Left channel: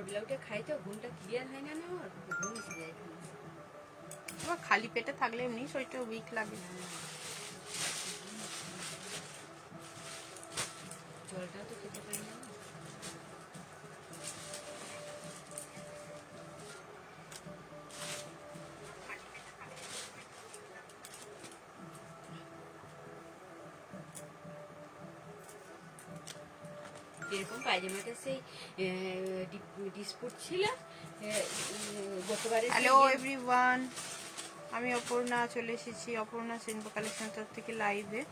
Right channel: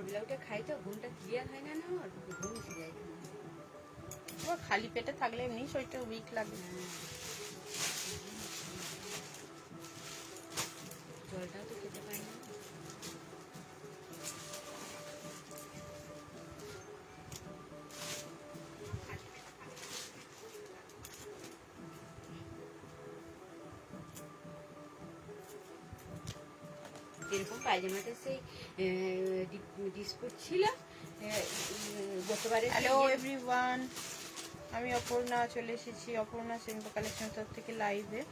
ভোরবেলা উঠে খাই তো ঘুমটা ক্লিয়ার হয় না, ঘুম এসে যায়। খালি পেটে থাকলে এমনি শরীরটা উইক লাগে। জলটাও তো খেতে পারি না। এরকম পায়জামাটা সেই ডিসপুট ছিল গতবারে। হ্যালো এভরিওয়ান, আমি অপর্ণা চলে এসেছি অপর্ণা সিম্পল কালেকশন তরফ থেকে লাইভে।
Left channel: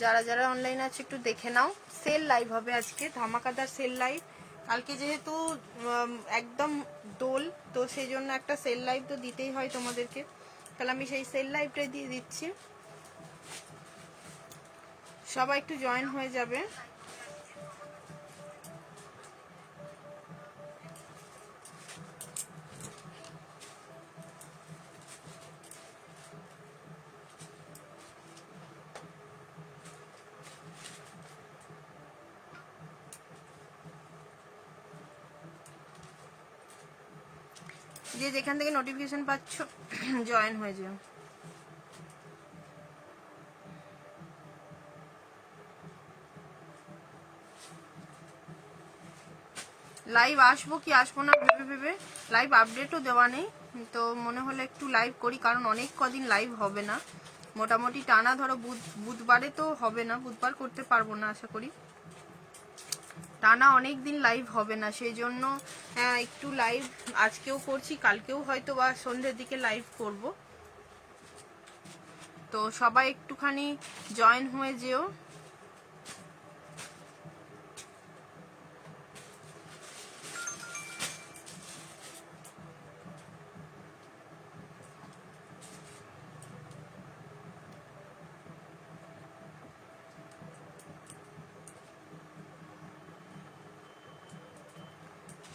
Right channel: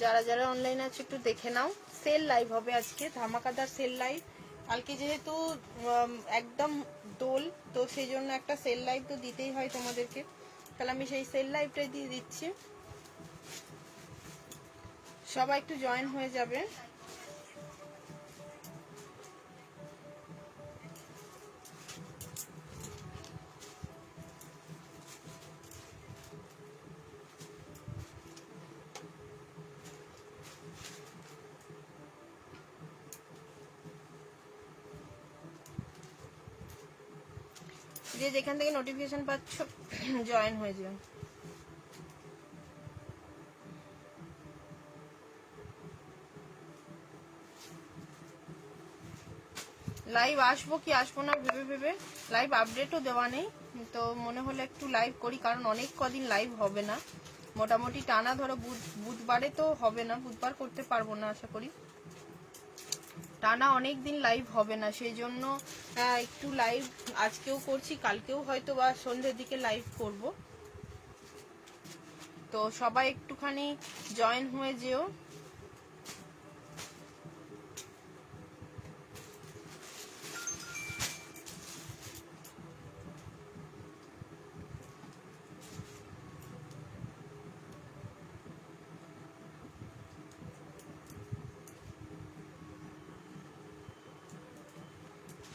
যারা যারা অনলাইন আছে একটু দেখে নাও, সেল লাইভ হবে আজকে, ধামাকাদার সেল লাইভ। কালকে যেহেতু একদম দোল, তো সেই জন্য একটা সেল লাইভ তো দিতেই হয় তোমাদেরকে, তাহলে আমি সেই সেল লাইভটাই দিয়ে দিচ্ছি। সবাই একটু জয়েন হয়ে যাবে। যে যেখান থেকে নোটিফিকেশন পাচ্ছ জয়েন হয়ে যাও। লাইভ আসবো কি আসবো না ভেবে ভেবে লাইভ আপডেটও দেওয়া নেই, তো মনে হলো একটু লাইভ করি, কারণ অনেক কদিন লাইভ হবে না, মোটামুটি টানা ধরো বুধবারে তো হবে না, বুধবার করতে পারবো না আশা করি, টানা অনেক দিন লাইভ হবে না, সেই জন্য একটু লাইভ আজকেও করছি, কালকেও হয়তো বা সন্ধ্যের দিকে লাইভ করব। তো সবাই একটুখানি জয়েন হয়ে যেও।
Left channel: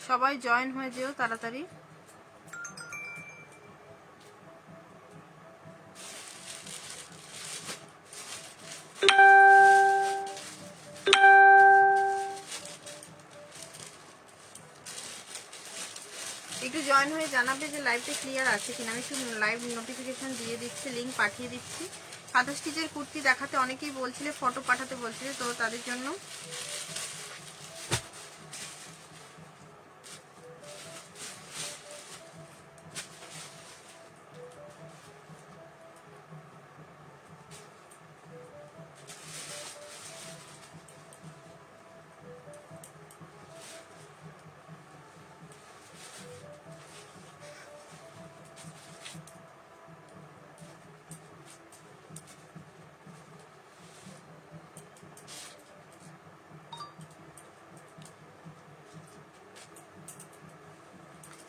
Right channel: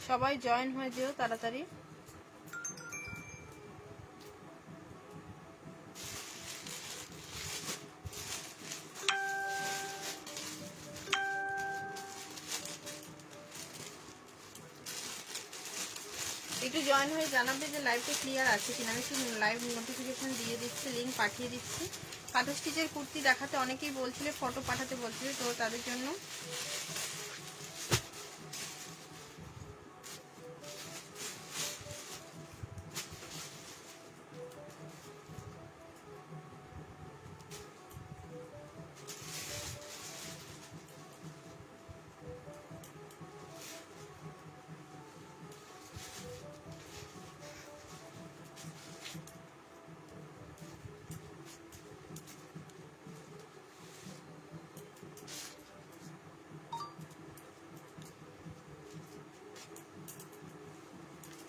সবাই জয়েন হয়ে যেও তাড়াতাড়ি। একটু জয়েন হয়ে জানাবে যে লাইভটা ক্লিয়ার আছে কিনা। আমি একটু লাইভ নোটিফিকেশন দিয়ে দিচ্ছি, লিঙ্ক পাঠিয়ে দিচ্ছি। সাদা স্টিচের কুর্তি দেখাতে অনেকেই বলছিলে, ফটো পাঠাতে বলছিলে, তো তাদের জন্য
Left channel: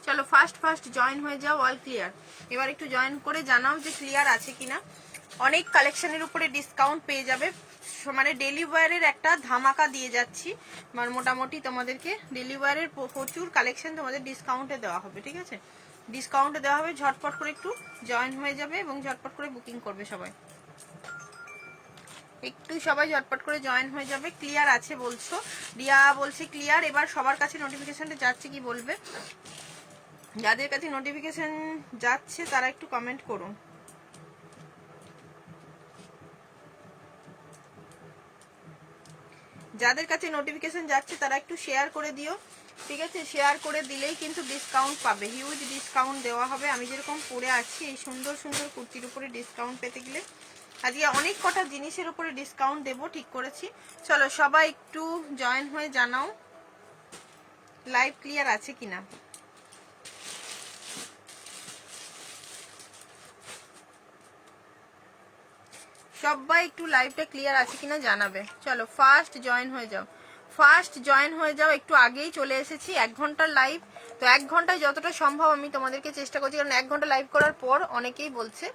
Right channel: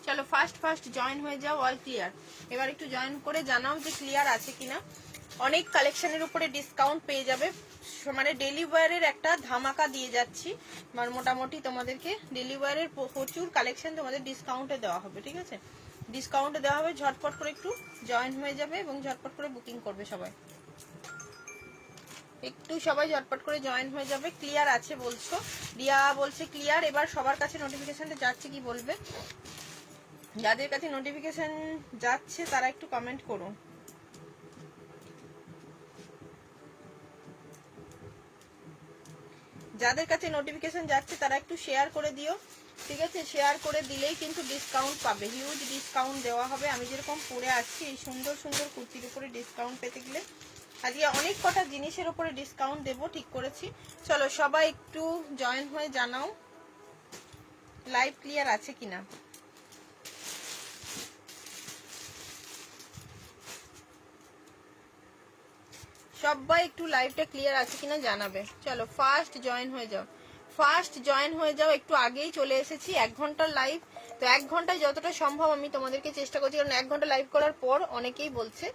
চলো ফার্স্ট জয়েন হয়ে যাও। All clear. এবার একটু জয়েন করে জানাও যে ক্লিয়ার আছে কিনা। অনেক কালেকশনের উপরে ডিসকাউন্ট পেয়ে যাবে, মানে ডেলি ওয়্যারের একটা ধামাকা দিয়ে যাচ্ছি, মানে মোটামুটি তোমাদেরকে ডেলি ওয়্যারের প্রচুর কালেকশন তোমাদের ডিসকাউন্টে দেওয়া হবে, ঠিক আছে, ডিসকাউন্টে দেওয়া হবে। ঝটপট করে একটু জয়েন হয়ে যাবে এবং ঝটপট করে বুকিং করবে সবাই, একটু সবাই ঝটপট করে জয়েন হয়ে যাবে। ক্লিয়ার আছে বলছো, রিয়া বলছে ক্লিয়ার। এবার সবার কাছে নোটিফিকেশনটা যাচ্ছে কি বলবে, যাদের কাছে নোটিফিকেশন যাচ্ছে তারা একটু কমেন্ট করুন। যাদের কাছে নোটিফিকেশন যাচ্ছে তারা একটু শেয়ার করে দিও, ঠিক আছে, শেয়ার করে দিলেই কিন্তু ডিসকাউন্ট পাবে, হিউজ ডিসকাউন্ট দেওয়া হবে। আমি যেরকম পরে আছি এই সুন্দর সুন্দর কুর্তির উপরে ডিসকাউন্ট পেতে গেলে আজকে অনেক কটা জিনিসের উপরে ডিসকাউন্ট দেবো ঠিক করেছি। চলো সবাই একটু জয়েন হয়ে জানাও লাইভ ক্লিয়ার আছে কিনা। সবাই একটু লাইভটা ক্লিয়ার আছে কিনা জানাবে। চলো ফার্স্ট জয়েন হয়ে যাও, ফার্স্ট জয়েন হয়ে যাও। একটু আগেই চলে এসেছি, 1 ঘন্টার লাইভ, তো 1 ঘন্টায় যতটা সম্ভব আমি তোমাদেরকে চেষ্টা করছি, কারণ 1 ঘন্টা লাইভ করার পর অনেকেই বলছে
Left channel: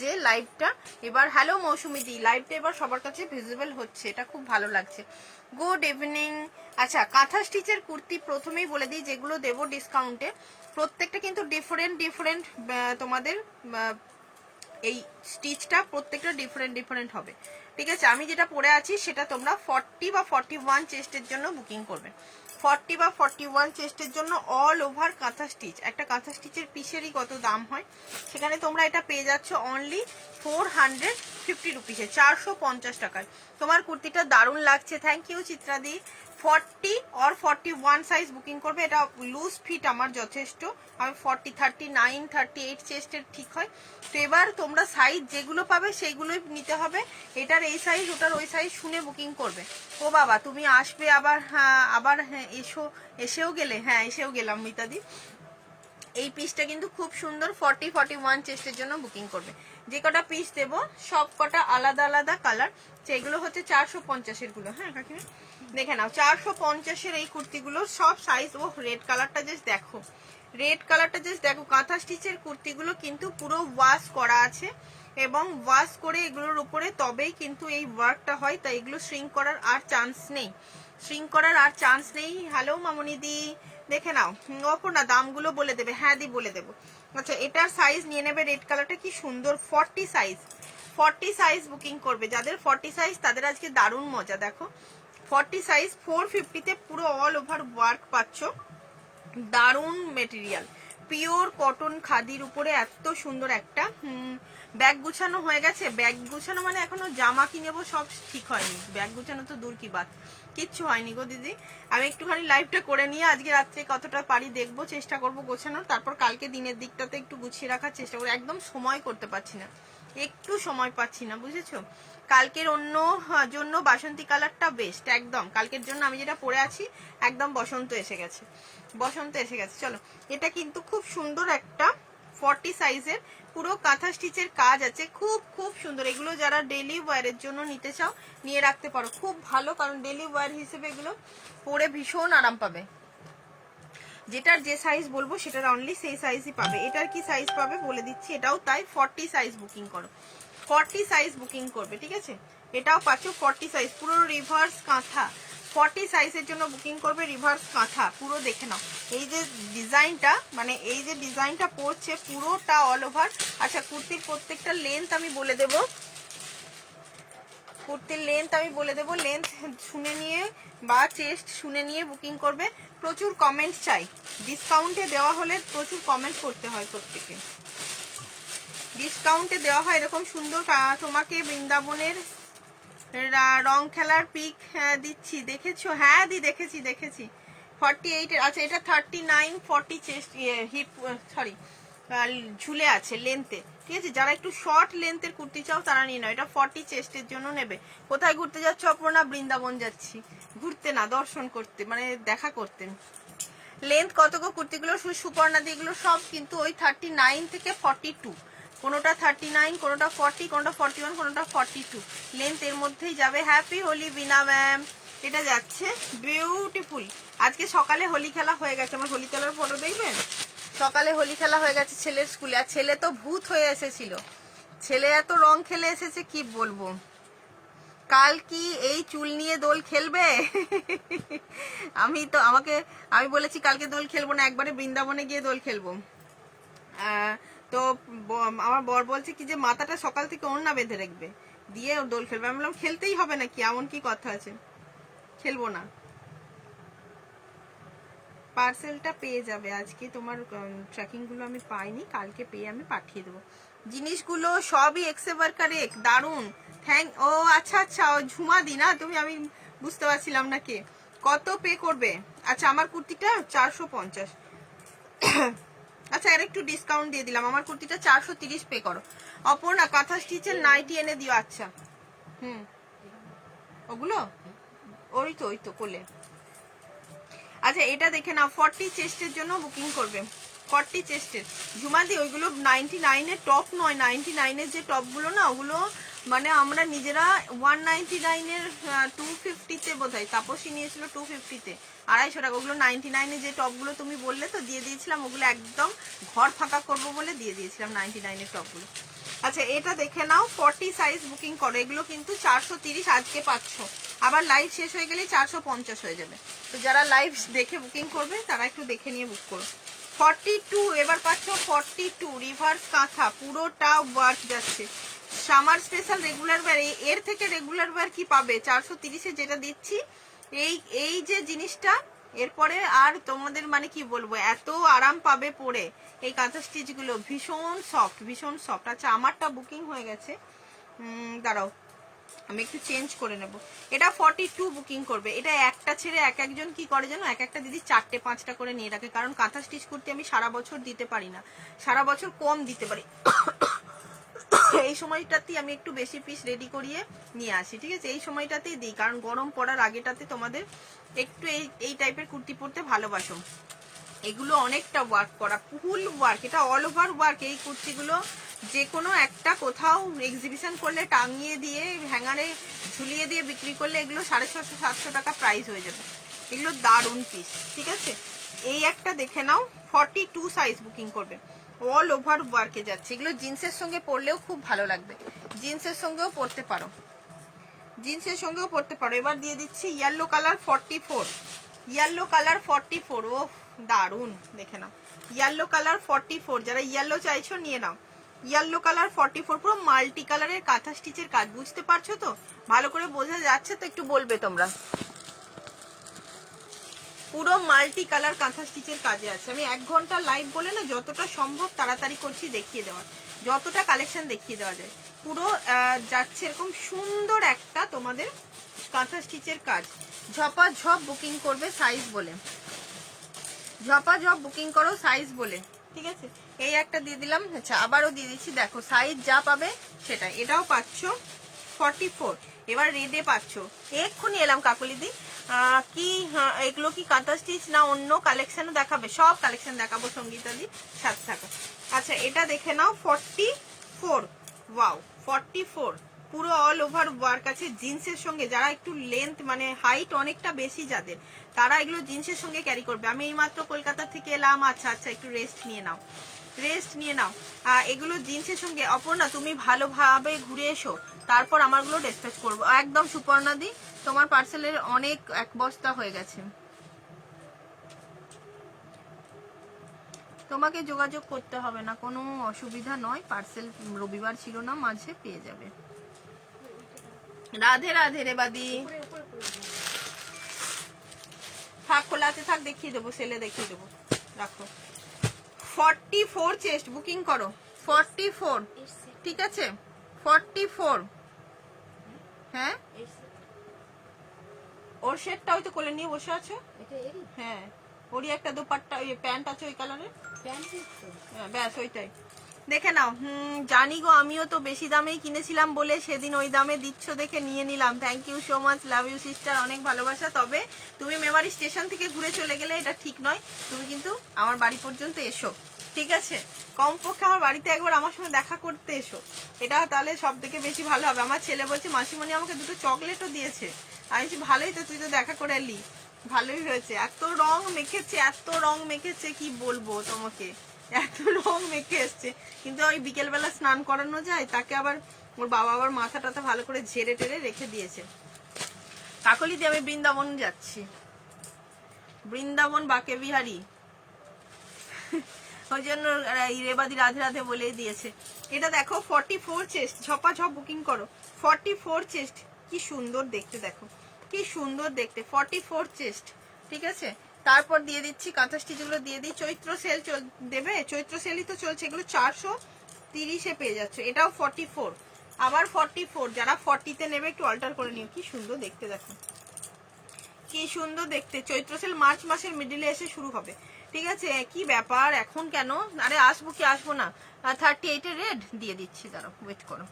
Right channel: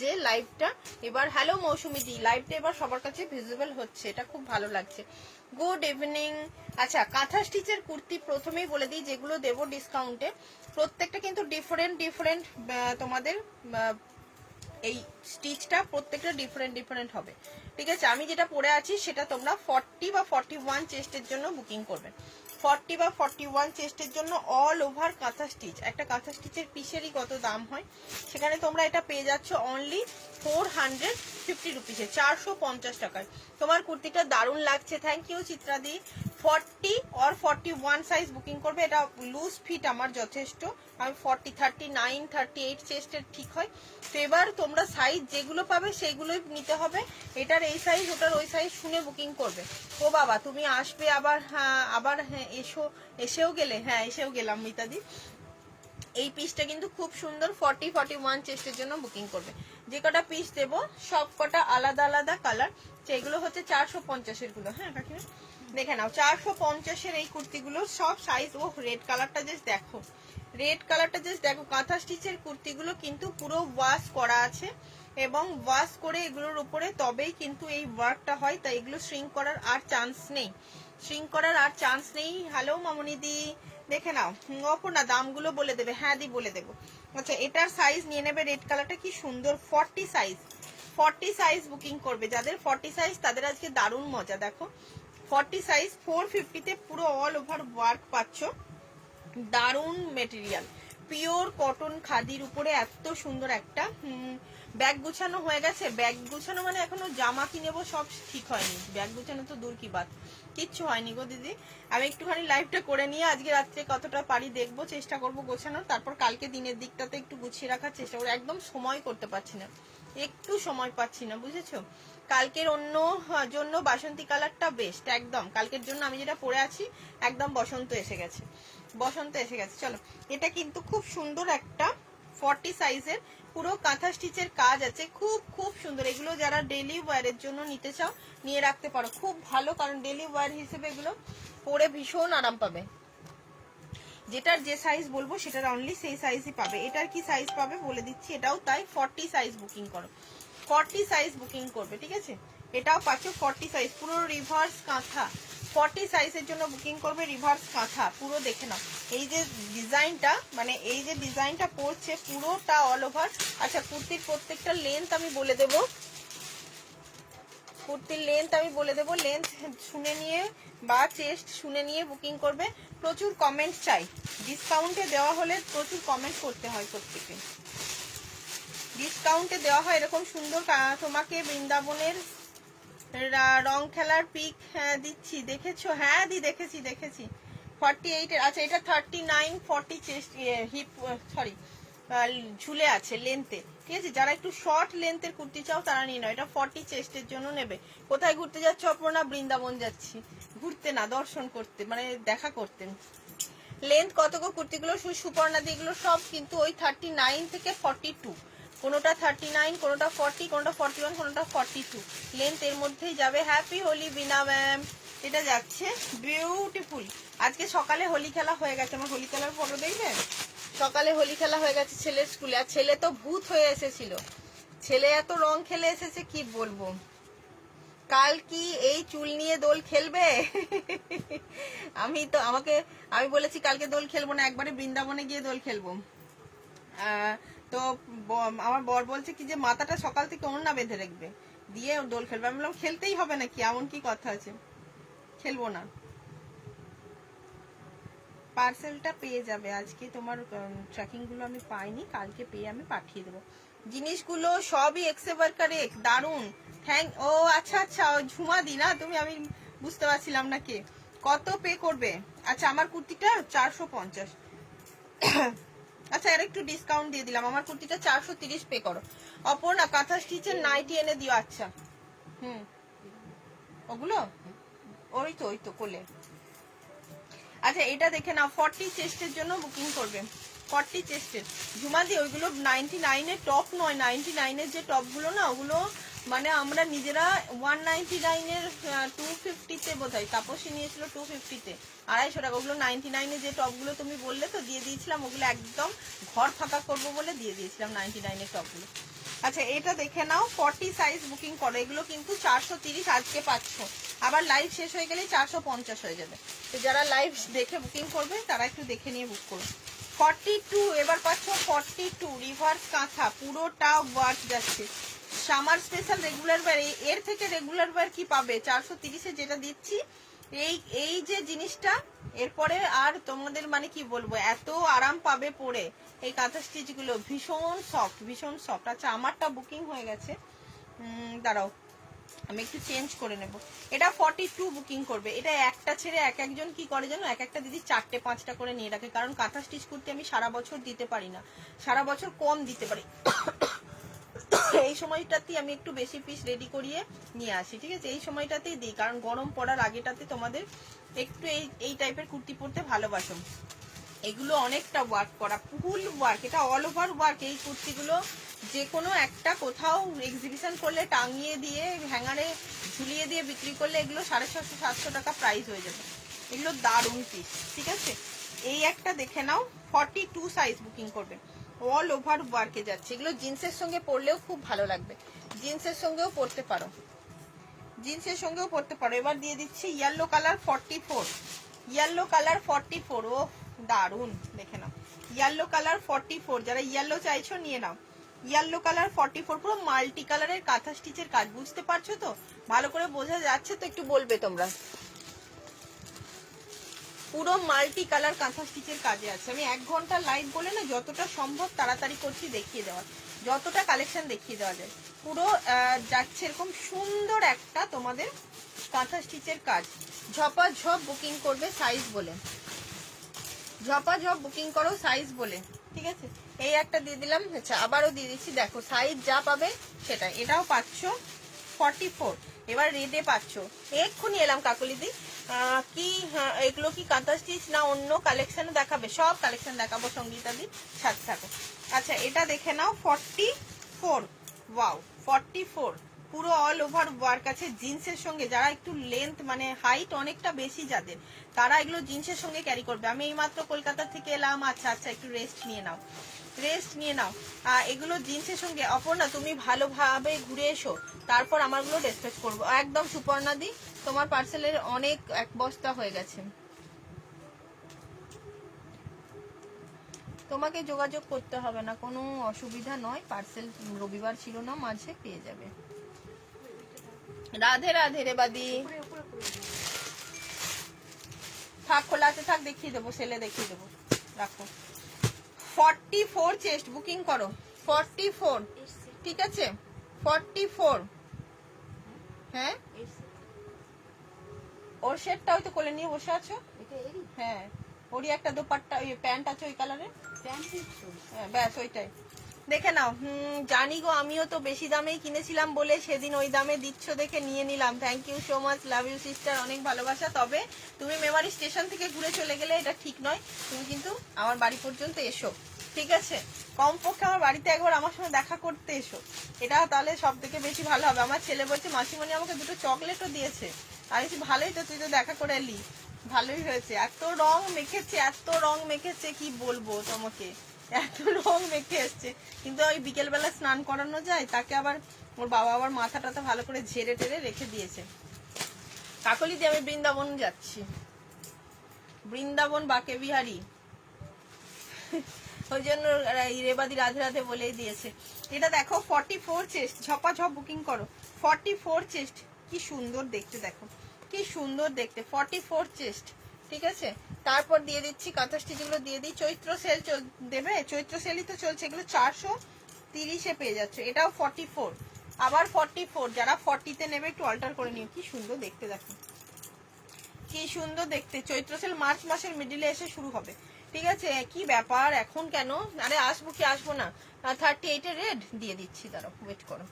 যে লাইভটা এবার, হ্যালো মৌসুমি দি, লাইভটা এবার সবার কাছে ভিজিবল হচ্ছে, এটা খুব ভালো লাগছে। Good evening. আচ্ছা, কাঁথা স্টিচের কুর্তি প্রথমেই বলে দিই, যেগুলো দেবো ডিসকাউন্টে প্রত্যেকটা কিন্তু ডিফারেন্ট ডিফারেন্ট তোমাদের এই স্টিচটা প্রত্যেকটা ডিফারেন্ট হবে, ঠিক আছে। আমি যেটা পরে আছি সেটা তোমরা 40 বা 41 চেস্টের জন্য বুকিং করবে। 40 বা 41 চেস্টের জন্য অল ওভার কাঁথা স্টিচ। একটা কাঁথা স্টিচের পিসেরই কত দাম হয়, সেখানে তোমরা এটা পেয়ে যাচ্ছ অনলি 450 রুপিসে, 450 টাকায়। তোমার কুর্তিটা দারুণ লাগছে, থ্যাংক ইউ চিত্রাদি। 40 or 41 সাইজ বুকিং করবে, এটা লুজ ফিট আমার যথেষ্ট, আমি 40, 39, 38 চেস্টের ঠিক হয়। তো এবার তোমরা সাইজ যেগুলো পাবে সেগুলোই নিতে হবে, এটার এই সাইজ ওটার ওই সাইজ শুনে বুকিং করবে। ও বাবা তুমি আসবে আবার, হ্যাঁ আবার, হ্যাঁ এসেও গেলে, হ্যাঁ এসেও গেলাম মিতাদি। এই পিসটা কিন্তু খুব সুন্দর, 40, 41 চেস্টের জন্য বুকিং করবে। যে কটা পিস দেবো সব কটা আলাদা আলাদা কালার, সেগুলো হচ্ছে 450 গুলো। হ্যাঁ কাকিমা দেখে নাও, 450 এই কুর্তিগুলো সব সাইজ। ও রেড কালারটা জাস্ট দেখো, রেড কালারটা জাস্ট দেখো। কাঁথা স্টিচের কুর্তিগুলো কিন্তু পুরো ওয়াশ করা আছে, এবং ওয়াশ করে এগুলোর উপরে তবেই কিন্তু এই ওয়ার্কটা হয়, তাই এগুলো শ্রিঙ্ক করার আর চান্স নেই, শ্রিঙ্ক করার আর চান্স নেই। হ্যালো মামনি দি, দেখে নাও। অপর্ণা দামগুলো বলে দেবে, হ্যাঁ দি বলে দেবো। আচ্ছা এটার সাইজ নিয়ে নেবে, রেড কালারটা কি সুন্দর, 40 সাইজ, 40 সাইজ বুকিং করবে। যাদের 40 সাইজ তাদের আজকে দারুণ মজা। দেখো 40 সাইজ 450-তে পুরো অল ওভার ওয়ার্ক পাচ্ছ, দারুণ মেটেরিয়াল, পিওর কটন খাদির উপরে এত সুন্দর একটা ব্যাগ গুছানো হয়ে গেছে। ব্যাগ গুছানো মানে এখনো জামা কিনেবো সব ঠিক হয়নি, ব্যাগ গুছানো তো দূর কি বাত, কিচ্ছু হয়নি গো দিদি। আমি একটুখানি লাইভটা করে নিয়ে আজকে রাত্রে কতটা পারি দেখবো, চেষ্টা করবো গোছানোর, তারপর কালকে দিনের দিকটাতে একটু গুছিয়ে রাখার চেষ্টা করবো। একদম সময় করতে পারছি না, একটু সময় পাচ্ছি না, বুঝেছো। কালকের অন্য জন্য বাসন্তী কালারটা বেস্ট একদম, কালকের জন্য আমি যেটা পরে আছি একদম বসন্ত এসে গেছে, বসন্ত এসে গেছে। চলো এটা কিন্তু খুব সুন্দর একটা 40 সাইজের, পুরো কাঁথা স্টিচের কাজ আছে, খুব খুব সুন্দর। এগুলো যারা ডেলি ওয়্যারের জন্য নিতে চাও নিয়ে রাখতে পারো, খুব ভালো, কারণ ডেলি ওয়্যার হিসেবে এগুলো পরে ভীষণ আরাম পাবে। যেটার যে সাইজ বলবো সেটার অনলি সেই সাইজই পাবে। এটার কি সাইজ পাবে বলে দিচ্ছি, এটাও তাই, 40 সাইজ বুকিং করো, 40 সাইজ বুকিং করবে, ঠিক আছে। এটাও পাচ্ছ 40 সাইজ, পুরো রিভার্স কাঁথা, 40 সাইজের জন্য বুকিং করবে, রিভার্স কাঁথা পুরো। দেখে নাও এই যে ডিজাইনটা, মানে এই যে ডিজাইনটা পড়ছে পুরোটা অল ওভার। আচ্ছা কুর্তির প্রত্যেকটা লেন্থ আমি বলে দেবো, কুর্তির লেন্থ আমি বলে দেবো, লেন্থ শুনে নিয়ে বা চেস্ট শুনে নিয়ে বুকিং করবে। প্রচুর কমেন্ট চাই, ডিসকাউন্টে দেওয়া হলে প্রচুর কমেন্ট করতে হয়, প্রত্যেকে ডিসকাউন্টে দেওয়া হয় এরকম সুন্দর। তোমাকে বৃন্দাবনের রং খেলার পিক দিচ্ছি, দেখেছো? হ্যাঁ দি দেখেছি দেখেছি। 48 এর, আচ্ছা এটা 39, 40 চেস্ট, হিপ সরি ঝুলে আছে লেন্থে, ঠিক আছে। যারা একটু শর্ট লেন্থের কুর্তি চাও তারা নিয়ে নাও, এটা 40 চেস্টের জন্য নেবে। কোথায় ঘুরতে যাচ্ছ অপর্ণা? বৃন্দাবন যাচ্ছি, ঘুরতে না দর্শন করতে, মানে দেখা করতে। লেন্থ কত গো কুর্তিগুলো? সুপর্ণা দিগুলো সব কিন্তু ওই 39 থেকে 42, কোনোটা 39, কোনোটা 40, কোনোটা 41, কোনোটা 42 লেন্থ এর মধ্যেই যাবে। হ্যাপি হোলি বিনা ম্যাম, এটা যাচ্ছে বিউটিফুল। আজকে সকালে হোলি খেলা হয়ে গেছে, আমার হোলি খেলার ফটো দেখবেন, সকালে হোলি খেলা হয়ে গেছে ছেলের স্কুলে। আর ছেলে তো ভূত হয়ে এসেছিল, ছেলে এত রং খেলে এসেছে কি বলবো। কাল কি এই চুল নিয়ে দোল খেলবে? আমি বলেছি কালকে দোল খেলবো না, একবারে বৃন্দাবনে গিয়ে দোল খেলবো। তো আমার বর বলছে কি যে মাথাটা সকাল থেকে ওড়না বেঁধে রাখবে, দিয়ে দোল খেলবে। আমি বললাম খেলতেই হবে নাকি, এমন কি কথা আছে, খেলবো না। পার্সেলটা পেয়ে যাবে আজকে, তোমার ট্র্যাকিং গুলো আমি পাইনি, কালকে পেয়ে আমি পাঠিয়ে দেবো। জিনিসগুলো সবই এক্সেভার কারেক্ট, দারুন, ও আচ্ছা আচ্ছা, ঝুমা দি না তুমি, আমি বুঝতে পারছিলাম না কে। কত পে করবে? আচ্ছা আমার কুর্তিটা 450, আচ্ছা আর একটু ডিসকাউন্ট দিয়ে দিলাম, আমার কুর্তিটা 430 পে করো। অপর্ণা কাঁথা স্টিচের নাইটি এনে দিও। আচ্ছা ওগুলো ওই তো কোলে। আচ্ছা এটা দেখে নাও, 40 চেস্টের জন্য বুকিং করবে, 40 চেস্টের। ঝুমাদি ওইগুলো 99 এর টপ নয়, 99 এর যে টপগুলো না ওগুলো মানে আমরা নিজেরা 199 এর 250-তে বোধহয় তাপসী নিয়েছিল, 250-তে 250 টাকা। ওগুলো 99 এর যে টপগুলো তুমি বললে তো দিয়ে দিয়েছিলাম, ওগুলো একদম ঘর ফাঁকা করবো বলে দিয়ে দিয়েছিলাম 99 এর টপগুলো। আচ্ছা এটা দেখে নাও, 40 সাইজ বুকিং করো, এগুলো কিন্তু 430 আজকে পাচ্ছ, আবার লাইভ শেষ হয়ে গেলে 450 হয়ে যাবে। তো যারা লাইভ দেখে বুকিং করবে তারা একটু দেখে নিয়ে বুক করো। 42 এবার পাচ্ছ, 42 রিভার্স কাঁথা, পুরোটা ওয়ার্ক যাচ্ছে। সামার স্পেশাল রেগুলার ওয়্যার, এর থেকে রেগুলার ওয়্যার কি পাবে? 430-এ যেটা দিচ্ছি এই এই যে জিনিসটা এরপরে আর তোমাদের মানে কি বলবো, এত আরাম পাবে পরে এই কাঁথা স্টিচ গুলো, ভীষণ সফট ভীষণ সফট। আচ্ছা আমারটা বুকিং হয়ে গেছে, দাঁড়াও আমি একটু চেঞ্জ করে নেব। এটা 42 বুকিং করবে। এটা একটা ছেড়ে এক একজন কি করে জানো, এক একটা দিদি 4টে 5টা করে নিয়ে রাখে, কারণ কাঁথা স্টিচ করতে আমি সারা বছর দিতে পারি না, সারা বছর কম দিতে পারি। এই সময়টাতেই আমি একটু বেশি পিস রেডি করিয়ে নিয়ে আসি, ঠিক আছে, এই সময়টাতেই দিই, কারণ গরম পড়ার আগেটাতে তোমাদের একটু এই টাইপের কুর্তি পরতে ভালোবাসো। এগুলো অনেকটা ওয়ার্ক করা, ফুল ওয়ার্ক, এটা অল ওভার ওয়ার্ক। এই কুর্তিগুলো যে কোনো একটা কোথাও এক্সিবিশন করলে টাঙিয়ে দিয়ে হ্যাঙ্গারে ঝুলিয়ে দিয়ে বিক্রি করলে এগুলো 650-700 টাকা প্রাইস হয়ে যাবে। এগুলো দারুণ পিস, ঠিক আছে। এই একটা দেখে নাও, 42 সাইজ বুকিং করবে, অল ওভার ওয়ার্কে যাচ্ছে। এগুলো জিন্সের সঙ্গে পরলেও খুব ভালো লাগবে, জিন্সের সঙ্গেও পরতে পারো, জিন্সের সঙ্গেও পরতে পারো। এবার দিয়ে দিচ্ছি ইয়েলো কালার 44, ইয়েলো কালার 44, ও দারুন, দেখে নাও ইয়েলো কালার 44, যারা ইয়েলো চাইছো নিয়ে নাও। ইয়েলো কালার 44, পুরো মাল্টি কালারের কাঁথা স্টিচের কাজ, বুঝতে পারছো তো, ভালো করে বোঝা যাচ্ছে তো, একটু বলবে তোমরা। পুরো মাল্টি কালার কাঁথা স্টিচের কাজে আছে। আমি 1 ঘন্টা লাইভ বলে না, যতটা সম্ভব তাড়াতাড়ি করছি দেখিয়ে দেওয়ার, যতটা কালেকশন দেখিয়ে দেওয়া যায়। পুরো যাচ্ছে এরকম সুন্দর একটা তোমাদের কাঁথা স্টিচের কাজ। ঝপাঝপ বুকিং করবে সাইজ বলে, ঝপাঝপ বুকিং করো সাইজ বলে, ঠিক আছে। এই একটা দিয়ে দিলাম। আচ্ছা আবারও দিয়ে দিচ্ছি, দেখো সাইজ যা পাবে সেটাই। এটাও পাচ্ছ 44, এবার রেডে পাচ্ছ। এক্ষুনি এলাম কাকুলিদি, কি এগুলো কি কাঁথা স্টিচ না অন্য কালেকশনও দেখাবে? সব কালেকশন দেখাবো সঙ্গীতাদি, সাথে থাকো। আচ্ছা এটা দেখে নাও 44, ওয়াও 44, পুরো অল ওভার ওয়ার্ক আছে জিন্সের সঙ্গে। যারা একটু লেন্থ মানে হাইট অনেকটা বেশি যাদের, তারা এগুলো জিন্সের সঙ্গে ক্যারি করবে। আমি এইমাত্র কলকাতা থেকে এলাম। আচ্ছা আচ্ছা একটু রেস্ট নিয়ে নাও, রেস্ট নিয়ে নাও। এগুলো জিন্সের সঙ্গে। অপর্ণা তুমি ভালোভাবে ঘুরে এসো, তারপর আমারগুলো ডিসপ্যাচ করবো একদম। সুপর্ণাদি তোমার পার্সেলের অনেক 1 বস্তা হয়ে গেছে, তোমাকে যোগাযোগ করতে হবে না, কোনো অসুবিধা নয়। পার্সেল রবিবার ছিল না, মাঝে পেয়ে যাবে। রাধে রাধে রে বাদি, থাক খোলা আছে, থাক দেখিয়ে দেবো, সেলে দেখিয়ে দেবো, রাখো। 44 চেস্ট বুকিং করো, 44, ঠিক আছে 44। হ্যাঁ ওর সেটটা হয়তো কোলে নিয়ে বসে আছে। হ্যাঁ ওরই একটা দোপাট্টা, ওই প্যান্ট আছে ওই কালারের, হ্যাঁ ব্যাস ওইটাই দেখে নাও। জানি গো, আমিও তো বেশি দামেই কিনেছিলাম বলে সেদিন ওই দামে দিচ্ছ দেখে নিয়ে নিলাম। Thank you so much, love you sister, অনেক ভালোবাসা। তবে তুমি মেমারি স্টেশন থেকে ঘুরে চলে গেলে এটা ঠিক নয়, তুমি কিন্তু আমার বাড়ি পর্যন্ত এসো, ঠিক আছে। কমপক্ষে আমার বাড়িতে একবার আমার সঙ্গে দেখা করতে এসো, এটা তাহলে সব থেকে বেশি ভালো হবে। আমার ছেলে বলছে মাসিমণি আমাকে 2টো চকলেটও দিয়েছে। আমি বলছি ভালোই তো, তুই তো দেখা করে এলি, ভালোই হয়েছে। এত রং মেখেছে, এত রং মেখেছে, কি বলবো তোমাকে, এত রং মেখে এসছে। কিন্তু ওই বিকেলবেলা স্নান করানো যায় তাকে, আবার ওর বাবা আবার মাথা টাথা ভালো করে ঝেড়ে টেরে রেখে দিয়েছে। কাকলি দিয়ে আমি বৃন্দাবন যাচ্ছি, বৃন্দাবন বাকে বিহারি, ওই জন্য রেবাদি রাধে রাধে বলেই দিয়েছে। এটা দেখো 44 চেস্ট, ঝপাঝপ বুকিং করো। 44 চেস্ট, কি সুন্দর দেখতে, দেখো কি সুন্দর দেখতে, 44 চেস্ট, ঠিক আছে। তারপর দিয়ে দিচ্ছি কাঁথা স্টিচগুলো দিয়ে দিই। চৈত্র সেল দেবে, চৈত্র সেলই তো চলছে, এগুলো 430-এ পেয়ে যাচ্ছে। এটাও 44, আবার 44, যারা 40-তে নেবে একটু অল্টার করে নিও। কি সুন্দর দেখতে, দেখো কি সুন্দর দেখতে। চৈত্র সেল মার্চ মাসের মিডিলে এসে শুরু হবে, ঠিক আছে। কি ব্যাপার এখন কেন, আরে আসবো কি আসবো না। 38-এর রেড দিয়ে দিচ্ছি, দাঁড়াও ওয়েট করো,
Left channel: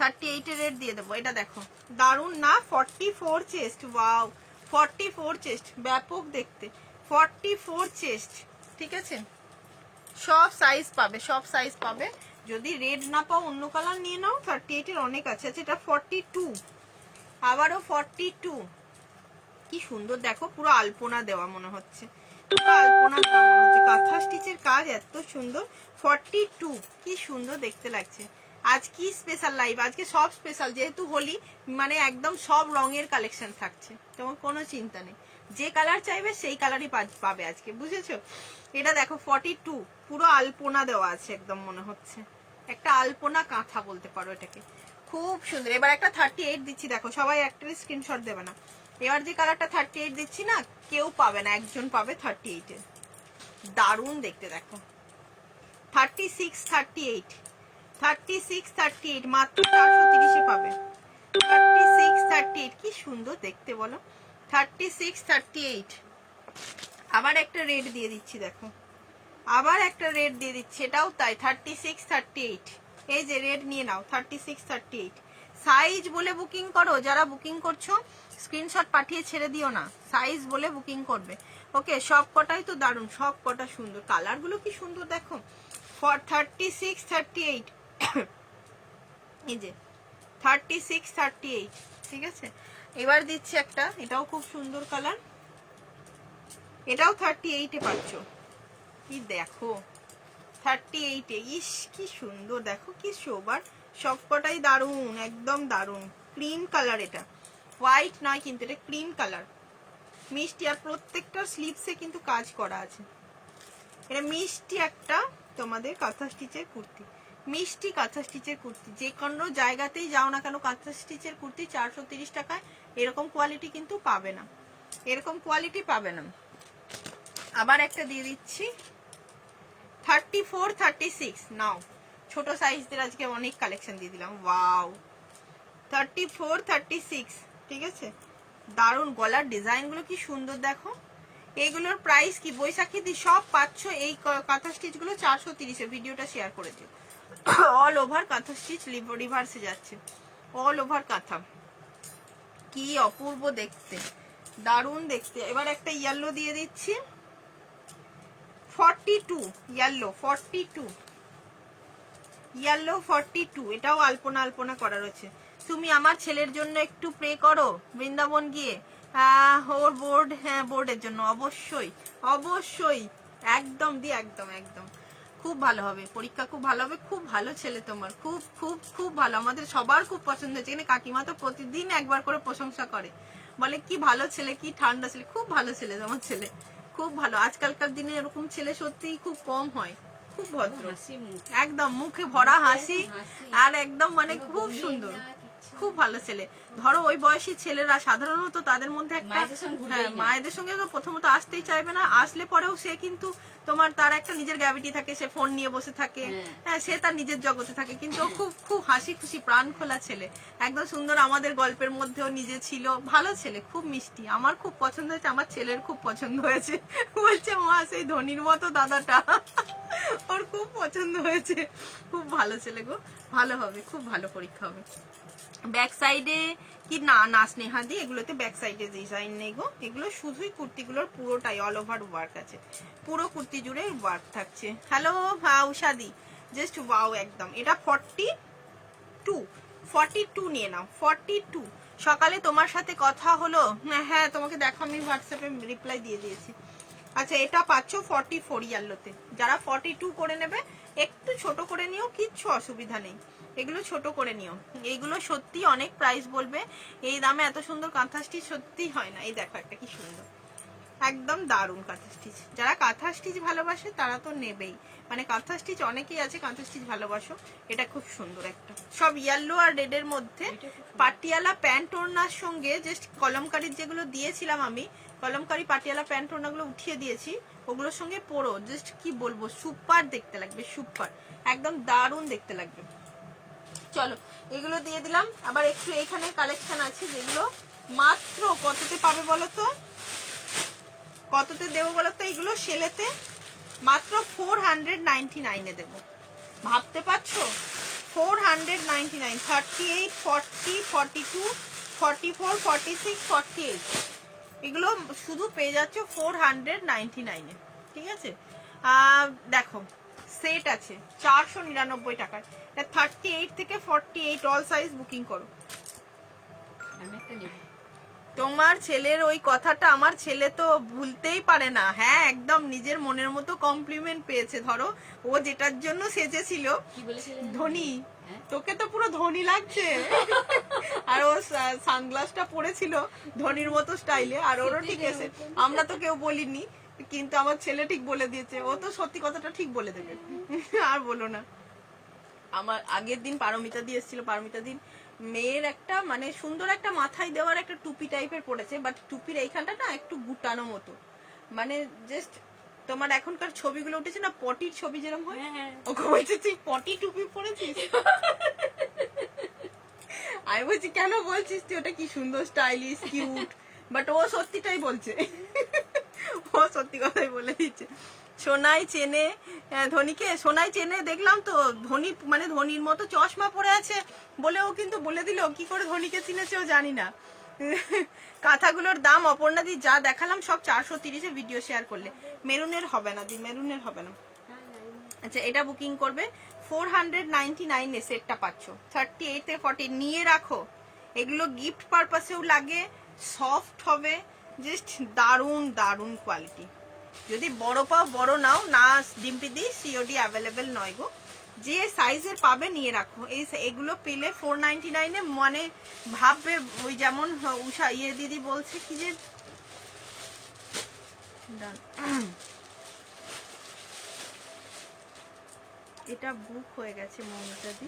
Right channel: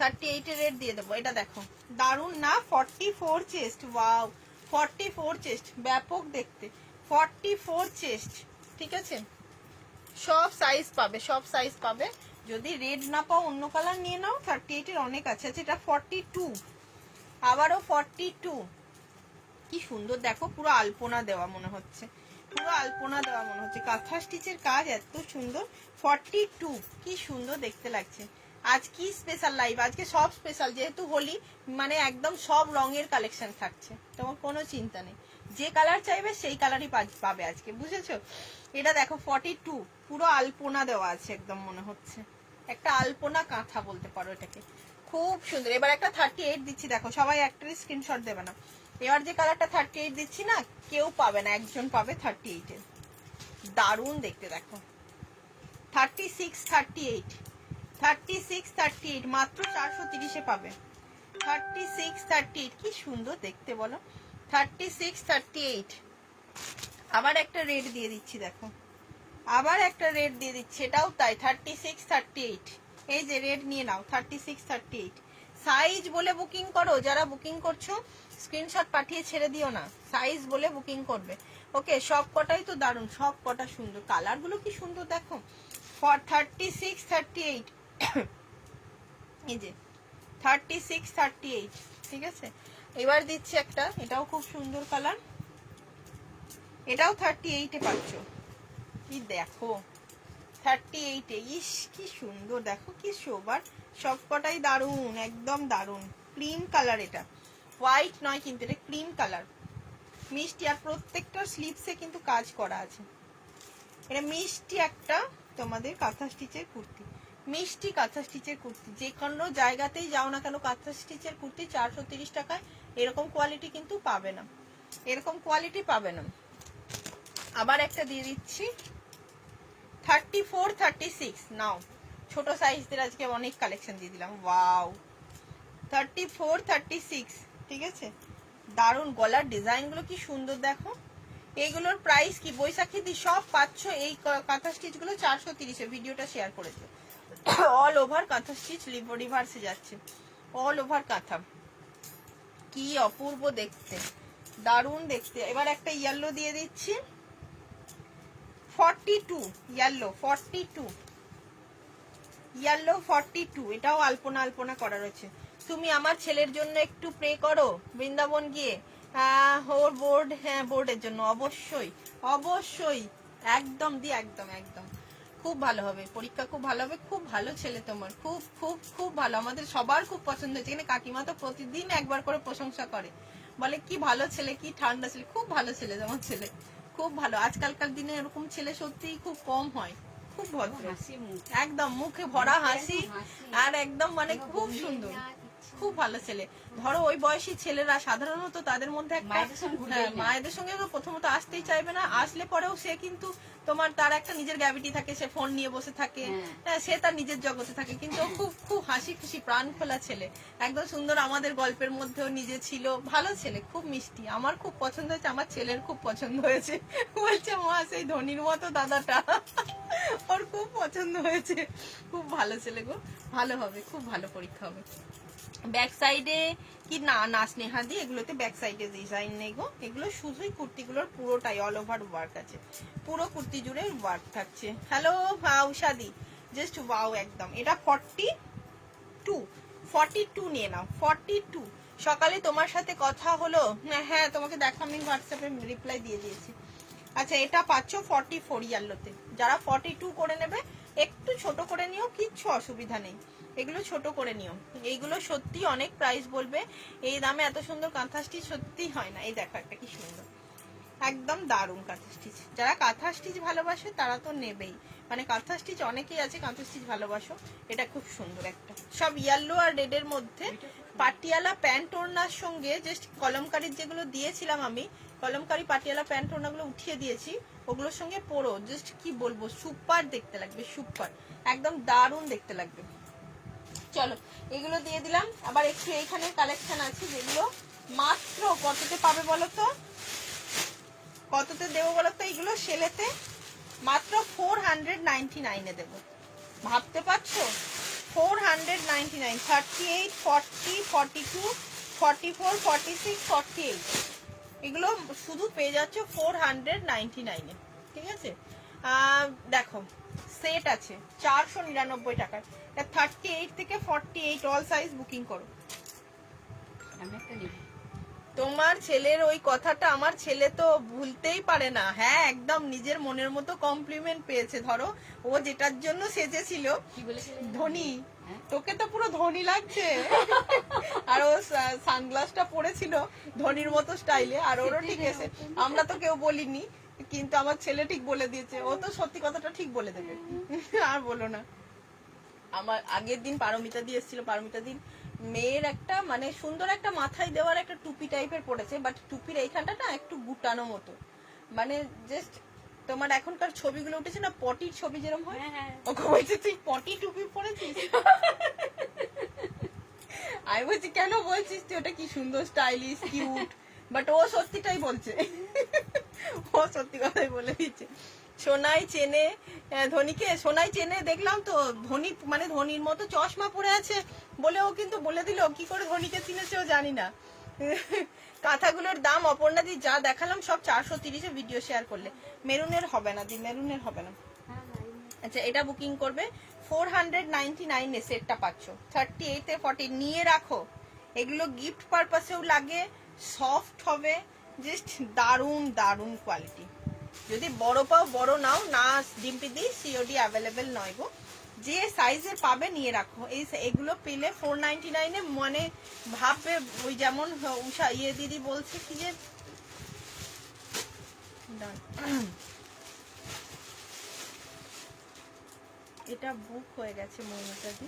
38-এর রেড দিয়ে দেবো। এটা দেখো দারুন না, 44 চেস্ট, ওয়াও 44 চেস্ট, ব্যাপক দেখতে, 44 চেস্ট, ঠিক আছে। সব সাইজ পাবে, সব সাইজ পাবে। যদি রেড না পাও অন্য কালার নিয়ে নাও, 38-এর অনেক আছে। আচ্ছা এটা 42, আবারও 42, কি সুন্দর দেখো, পুরো আলপনা দেওয়া মনে হচ্ছে, পুরো আলপনা দেওয়া মনে হচ্ছে। কাঁথা স্টিচের কাজ এত সুন্দর। 42, কি সুন্দর দেখতে লাগছে। আজ কি স্পেশাল লাইভ, আজকে সব স্পেশাল, যেহেতু হোলি মানে একদম সব রঙের কালেকশন থাকছে, তোমার কোনো চিন্তা নেই, যে কালার চাইবে সেই কালারই পাবে আজকে, বুঝেছো। এটা দেখো 42, পুরো আলপনা দেওয়া আছে একদম, মনে হচ্ছে একটা আলপনা কাঁথা বলতে পারো এটাকে, খুব সুন্দর। এবার একটা 38 দিচ্ছি, দেখো সবাই একটা স্ক্রিনশট দেবে না, এবার যে কালারটা 38 দিচ্ছি না, কেউ পাবে না, একজন পাবে 38 এর। দারুণ দেখতে দেখো। 36, 38, 36, 38 মাত্র 430-এ পাবে। 36, 38 কি সুন্দর দেখতে বলো। 36, 38। আবার একটা রেড দিয়ে দিচ্ছি দেখো, আবার একটা রেড দিয়ে দিচ্ছি, এটাও তাই 36, 38। এই যে রেড নিয়ে নাও 36, 38। সাইজ বলে বুকিং করো, যারা বুকিং করছো স্ক্রিনশট পাঠিয়ে ছেড়ে দিও না, সাইজ বলে বুকিং করবে। ওকে, সব কটাই তো দারুণ, সব কটা সুন্দর, কালারগুলো কি সুন্দর দেখো। ফর 36, 38 এই যে 36, 38, ঠিক আছে। এবার দিচ্ছি একটা, এটাও খুব সুন্দর কালার, এটাও 38-এ পাচ্ছ। কি দেখো 38-এ, ইস কি সুন্দর দেখো, কি সোবার, সবকটাই দারুণ, একদম দারুণ। ক্রিম কালার, এটা হোয়াইট নয় কিন্তু, এটা ক্রিম কালার, মিষ্টি। আর প্রত্যেকটা স্লিপসে কিন্তু কাজ করা আছে। এটা মিষ্টি একটা তোমাদের কাঁথা স্টিচের কুর্তি, মিষ্টি কাঁথা স্টিচের কুর্তি। যে কোনো জায়গাতেই যাও না কেন কাঁথা স্টিচের কুর্তি 430 টাকায় এরকম কোয়ালিটি কিন্তু পাবে না, এরকম কোয়ালিটি পাবে না। আবার একটা দিয়ে দিচ্ছি 34, 36 নাও। ছোট সাইজদের আজকে অনেক কালেকশন দিয়ে দিলাম। ওয়াও 34, 36, ঠিক আছে। দারুণ, গলার ডিজাইনগুলো কি সুন্দর দেখো। এইগুলোর প্রাইস কি বৈশাখী দি সব পাচ্ছ এই কাঁথা স্টিচ গুলো 430-এ। ভিডিওটা শেয়ার করে দিও। অল ওভার কাঁথা স্টিচ রিভার্সে যাচ্ছে, অল ওভার কাঁথা, কি অপূর্ব দেখতে, দারুণ দেখতে। এবার একটা ইয়েলো দিয়ে দিচ্ছি 42, ইয়েলো 42, ইয়েলো 42। এটাও আলপনা আলপনা করা রয়েছে। তুমি আমার ছেলের জন্য একটু প্রে করো বৃন্দাবন গিয়ে, ওর বোর্ড, হ্যাঁ বোর্ডের জন্য অবশ্যই অবশ্যই, একদম দি একদম একদম, খুব ভালো হবে পরীক্ষা, খুব ভালো হবে। খুব ভালো ছেলে তোমার, খুব খুব খুব ভালো, আমাদের সবার খুব পছন্দ হয়েছে। এখানে কাকিমা তো প্রতিদিন একবার করে প্রশংসা করে, বলে কি ভালো ছেলে, কি ঠান্ডা ছেলে, খুব ভালো ছেলে তোমার ছেলে, খুব ভালো। আজকালকার দিনে এরকম ছেলে সত্যিই খুব কম হয়, খুব ভদ্র, একদম মুখে ভরা হাসি, আর একদম মানে খুব সুন্দর, খুব ভালো ছেলে। ধরো ওই বয়সী ছেলেরা সাধারণত তাদের মধ্যে একটা, হ্যাঁ মায়েদের সঙ্গে তো প্রথমত আসতেই চাইবে না, আসলে পরেও সে কিন্তু তোমার তার একটা নিজের গ্র্যাভিটি থাকে, সে ফোন নিয়ে বসে থাকে, হ্যাঁ সে তার নিজের জগতে থাকে, কিন্তু ও খুব খুব হাসি খুশি প্রাণ খোলা ছেলে, একদম সুন্দর। আমাদের গল্পের মধ্যেও নিজে ছিল, ভালো ছেলে, খুব মিষ্টি। আমার খুব পছন্দ হয়েছে, আমার ছেলের খুব পছন্দ হয়েছে, বলছে মা সেই ধনির মতো দাদাটা ওর খুব পছন্দ হয়েছে, খুব ভালো ছেলে গো, ভালো হবে, খুব ভালো পরীক্ষা হবে। ব্যাক সাইডে কি না না স্নেহাদি, এগুলোতে ব্যাক সাইডে ডিজাইন নেই গো, এগুলো শুধুই কুর্তিগুলোর পুরোটাই অল ওভার ওয়ার্ক আছে, পুরো কুর্তি জুড়ে ওয়ার্ক থাকছে। হ্যালো উষাদি, জাস্ট ওয়াও একদম। এটা 42 নিয়ে নাও, 42। সকালে তোমার সাথে কথা হলো, হ্যাঁ তোমাকে দেখো আমি হোয়াটসঅ্যাপে রিপ্লাই দিয়ে দিয়েছি। আচ্ছা এটা পাচ্ছ 44 ইয়াল্লোতে, যারা 42 করে নেবে একটু ছোট করে নিও, কিচ্ছু অসুবিধা নেই, এগুলো ছোট করে নিও। এইগুলো সত্যি অনেক প্রাইস বলবে, এই দামে এত সুন্দর কাঁথা স্টিচ সত্যি হয় না। এই দেখো একটা কি সুন্দর, একদম দারুণ কাঁথা স্টিচ। যারা কাঁথা স্টিচ ভালোবাসে তারা তো নেবেই, মানে কাঁথা স্টিচ অনেকেই আছে কাঁথা স্টিচ ভালোবাসো। এটা খুব সুন্দর একটা, সব ইয়েলো আর রেড এর মধ্যে পাটিয়ালা প্যান্ট ওড়নার সঙ্গে জাস্ট কলমকারির যেগুলো দিয়েছিলাম আমি, কলমকারি পাটিয়ালা প্যান্ট ওড়নাগুলো উঠিয়ে দিয়েছি, ওগুলোর সঙ্গে পরো, জাস্ট কি বলবো, সুপার দেখতে লাগবে, সুপার একদম দারুণ দেখতে লাগবে। চলো এগুলো দিয়ে দিলাম। আবার একটু এইখানে কালেকশন আছে যেগুলো মাত্র কততে পাবে বলো তো, কততে দেবো বলো তো, এগুলো সেলেতে মাত্র 499-এ দেবো, ভাবতে পারছো 499। 38, 40, 42, 44, 46, 48 এগুলো শুধু পেয়ে যাচ্ছ 499-এ, ঠিক আছে। দেখো সেট আছে 499 টাকায়, 38 থেকে 48 অল সাইজ বুকিং করো। আমি একটা নেব। তোমার ছেলের ওই কথাটা আমার ছেলে তো ভুলতেই পারে না, হ্যাঁ একদম নিজের মনের মতো কমপ্লিমেন্ট পেয়েছে। ধরো ও যেটার জন্য সেজেছিল কি বলেছিলে? ধনী, তোকে তো পুরো ধনী লাগছে, আর ও সানগ্লাসটা পরেছিল ধনীর মতো স্টাইলে, আর ওরও ঠিক আছে, আমরা তো কেউ বলিনি, কিন্তু আমার ছেলে ঠিক বলে দিয়েছে, ও তো সত্যি কথাটা ঠিক বলে দেবে। আর বলো না, আমার আগের দিন পারমিতা দি এসেছিল, পারমিতা দিন মেয়ের একটা মানে সুন্দর একটা মাথায় দেওয়ার একটা টুপি টাইপের পড়েছে, বাট টুপির এইখানটা না একটু গুটানো মতো, মানে জাস্ট তোমার এখনকার ছবিগুলো উঠেছে না পটির ছবি যেরকম হয়, ওকে বলছে তুই পটি টুপি পরেছিস। আমি বলছি কেন বলছিস তুই, ওটা কি সুন্দর স্টাইলিশ কিউট, বাট ও সত্যিটাই বলছে, ও সত্যি কথাই বলে দিচ্ছে। সোনাই চেনে ধোনিকে, সোনাই চেনে দেখলাম তো, ধোনি মানে ধোনির মতো চশমা পরে আছে বলে ও কিন্তু বলে দিল কি করে ধোনিকে চিনেছেও জানি না। কাঁথাগুলোর দাম অপর্ণাদি যা দেখালাম সব 430-এ ভিডিও শেয়ার করলে। মেরুনের হবে না দি, মেরুনের হবে না। আচ্ছা এটা বুকিং করবে 499 সেটটা পাচ্ছ, 38 এ 40 নিয়ে রাখো, এগুলো গিফট পারপাসেও লাগে, সফট হবে, জাস্ট দারুন দারুন কোয়ালিটি। যদি বড় পাও বড় নাও, না ডিম্পি দি সিওডি অ্যাভেলেবেল নয় গো, যে সাইজের পাবে নিয়ে রাখো। এগুলো পেলে 499-এ মানে ভাববে ওই যেমন উষা ইয়ে দিদি বলছে কি যে এটা বুক হয়ে গেছে মমতা দি।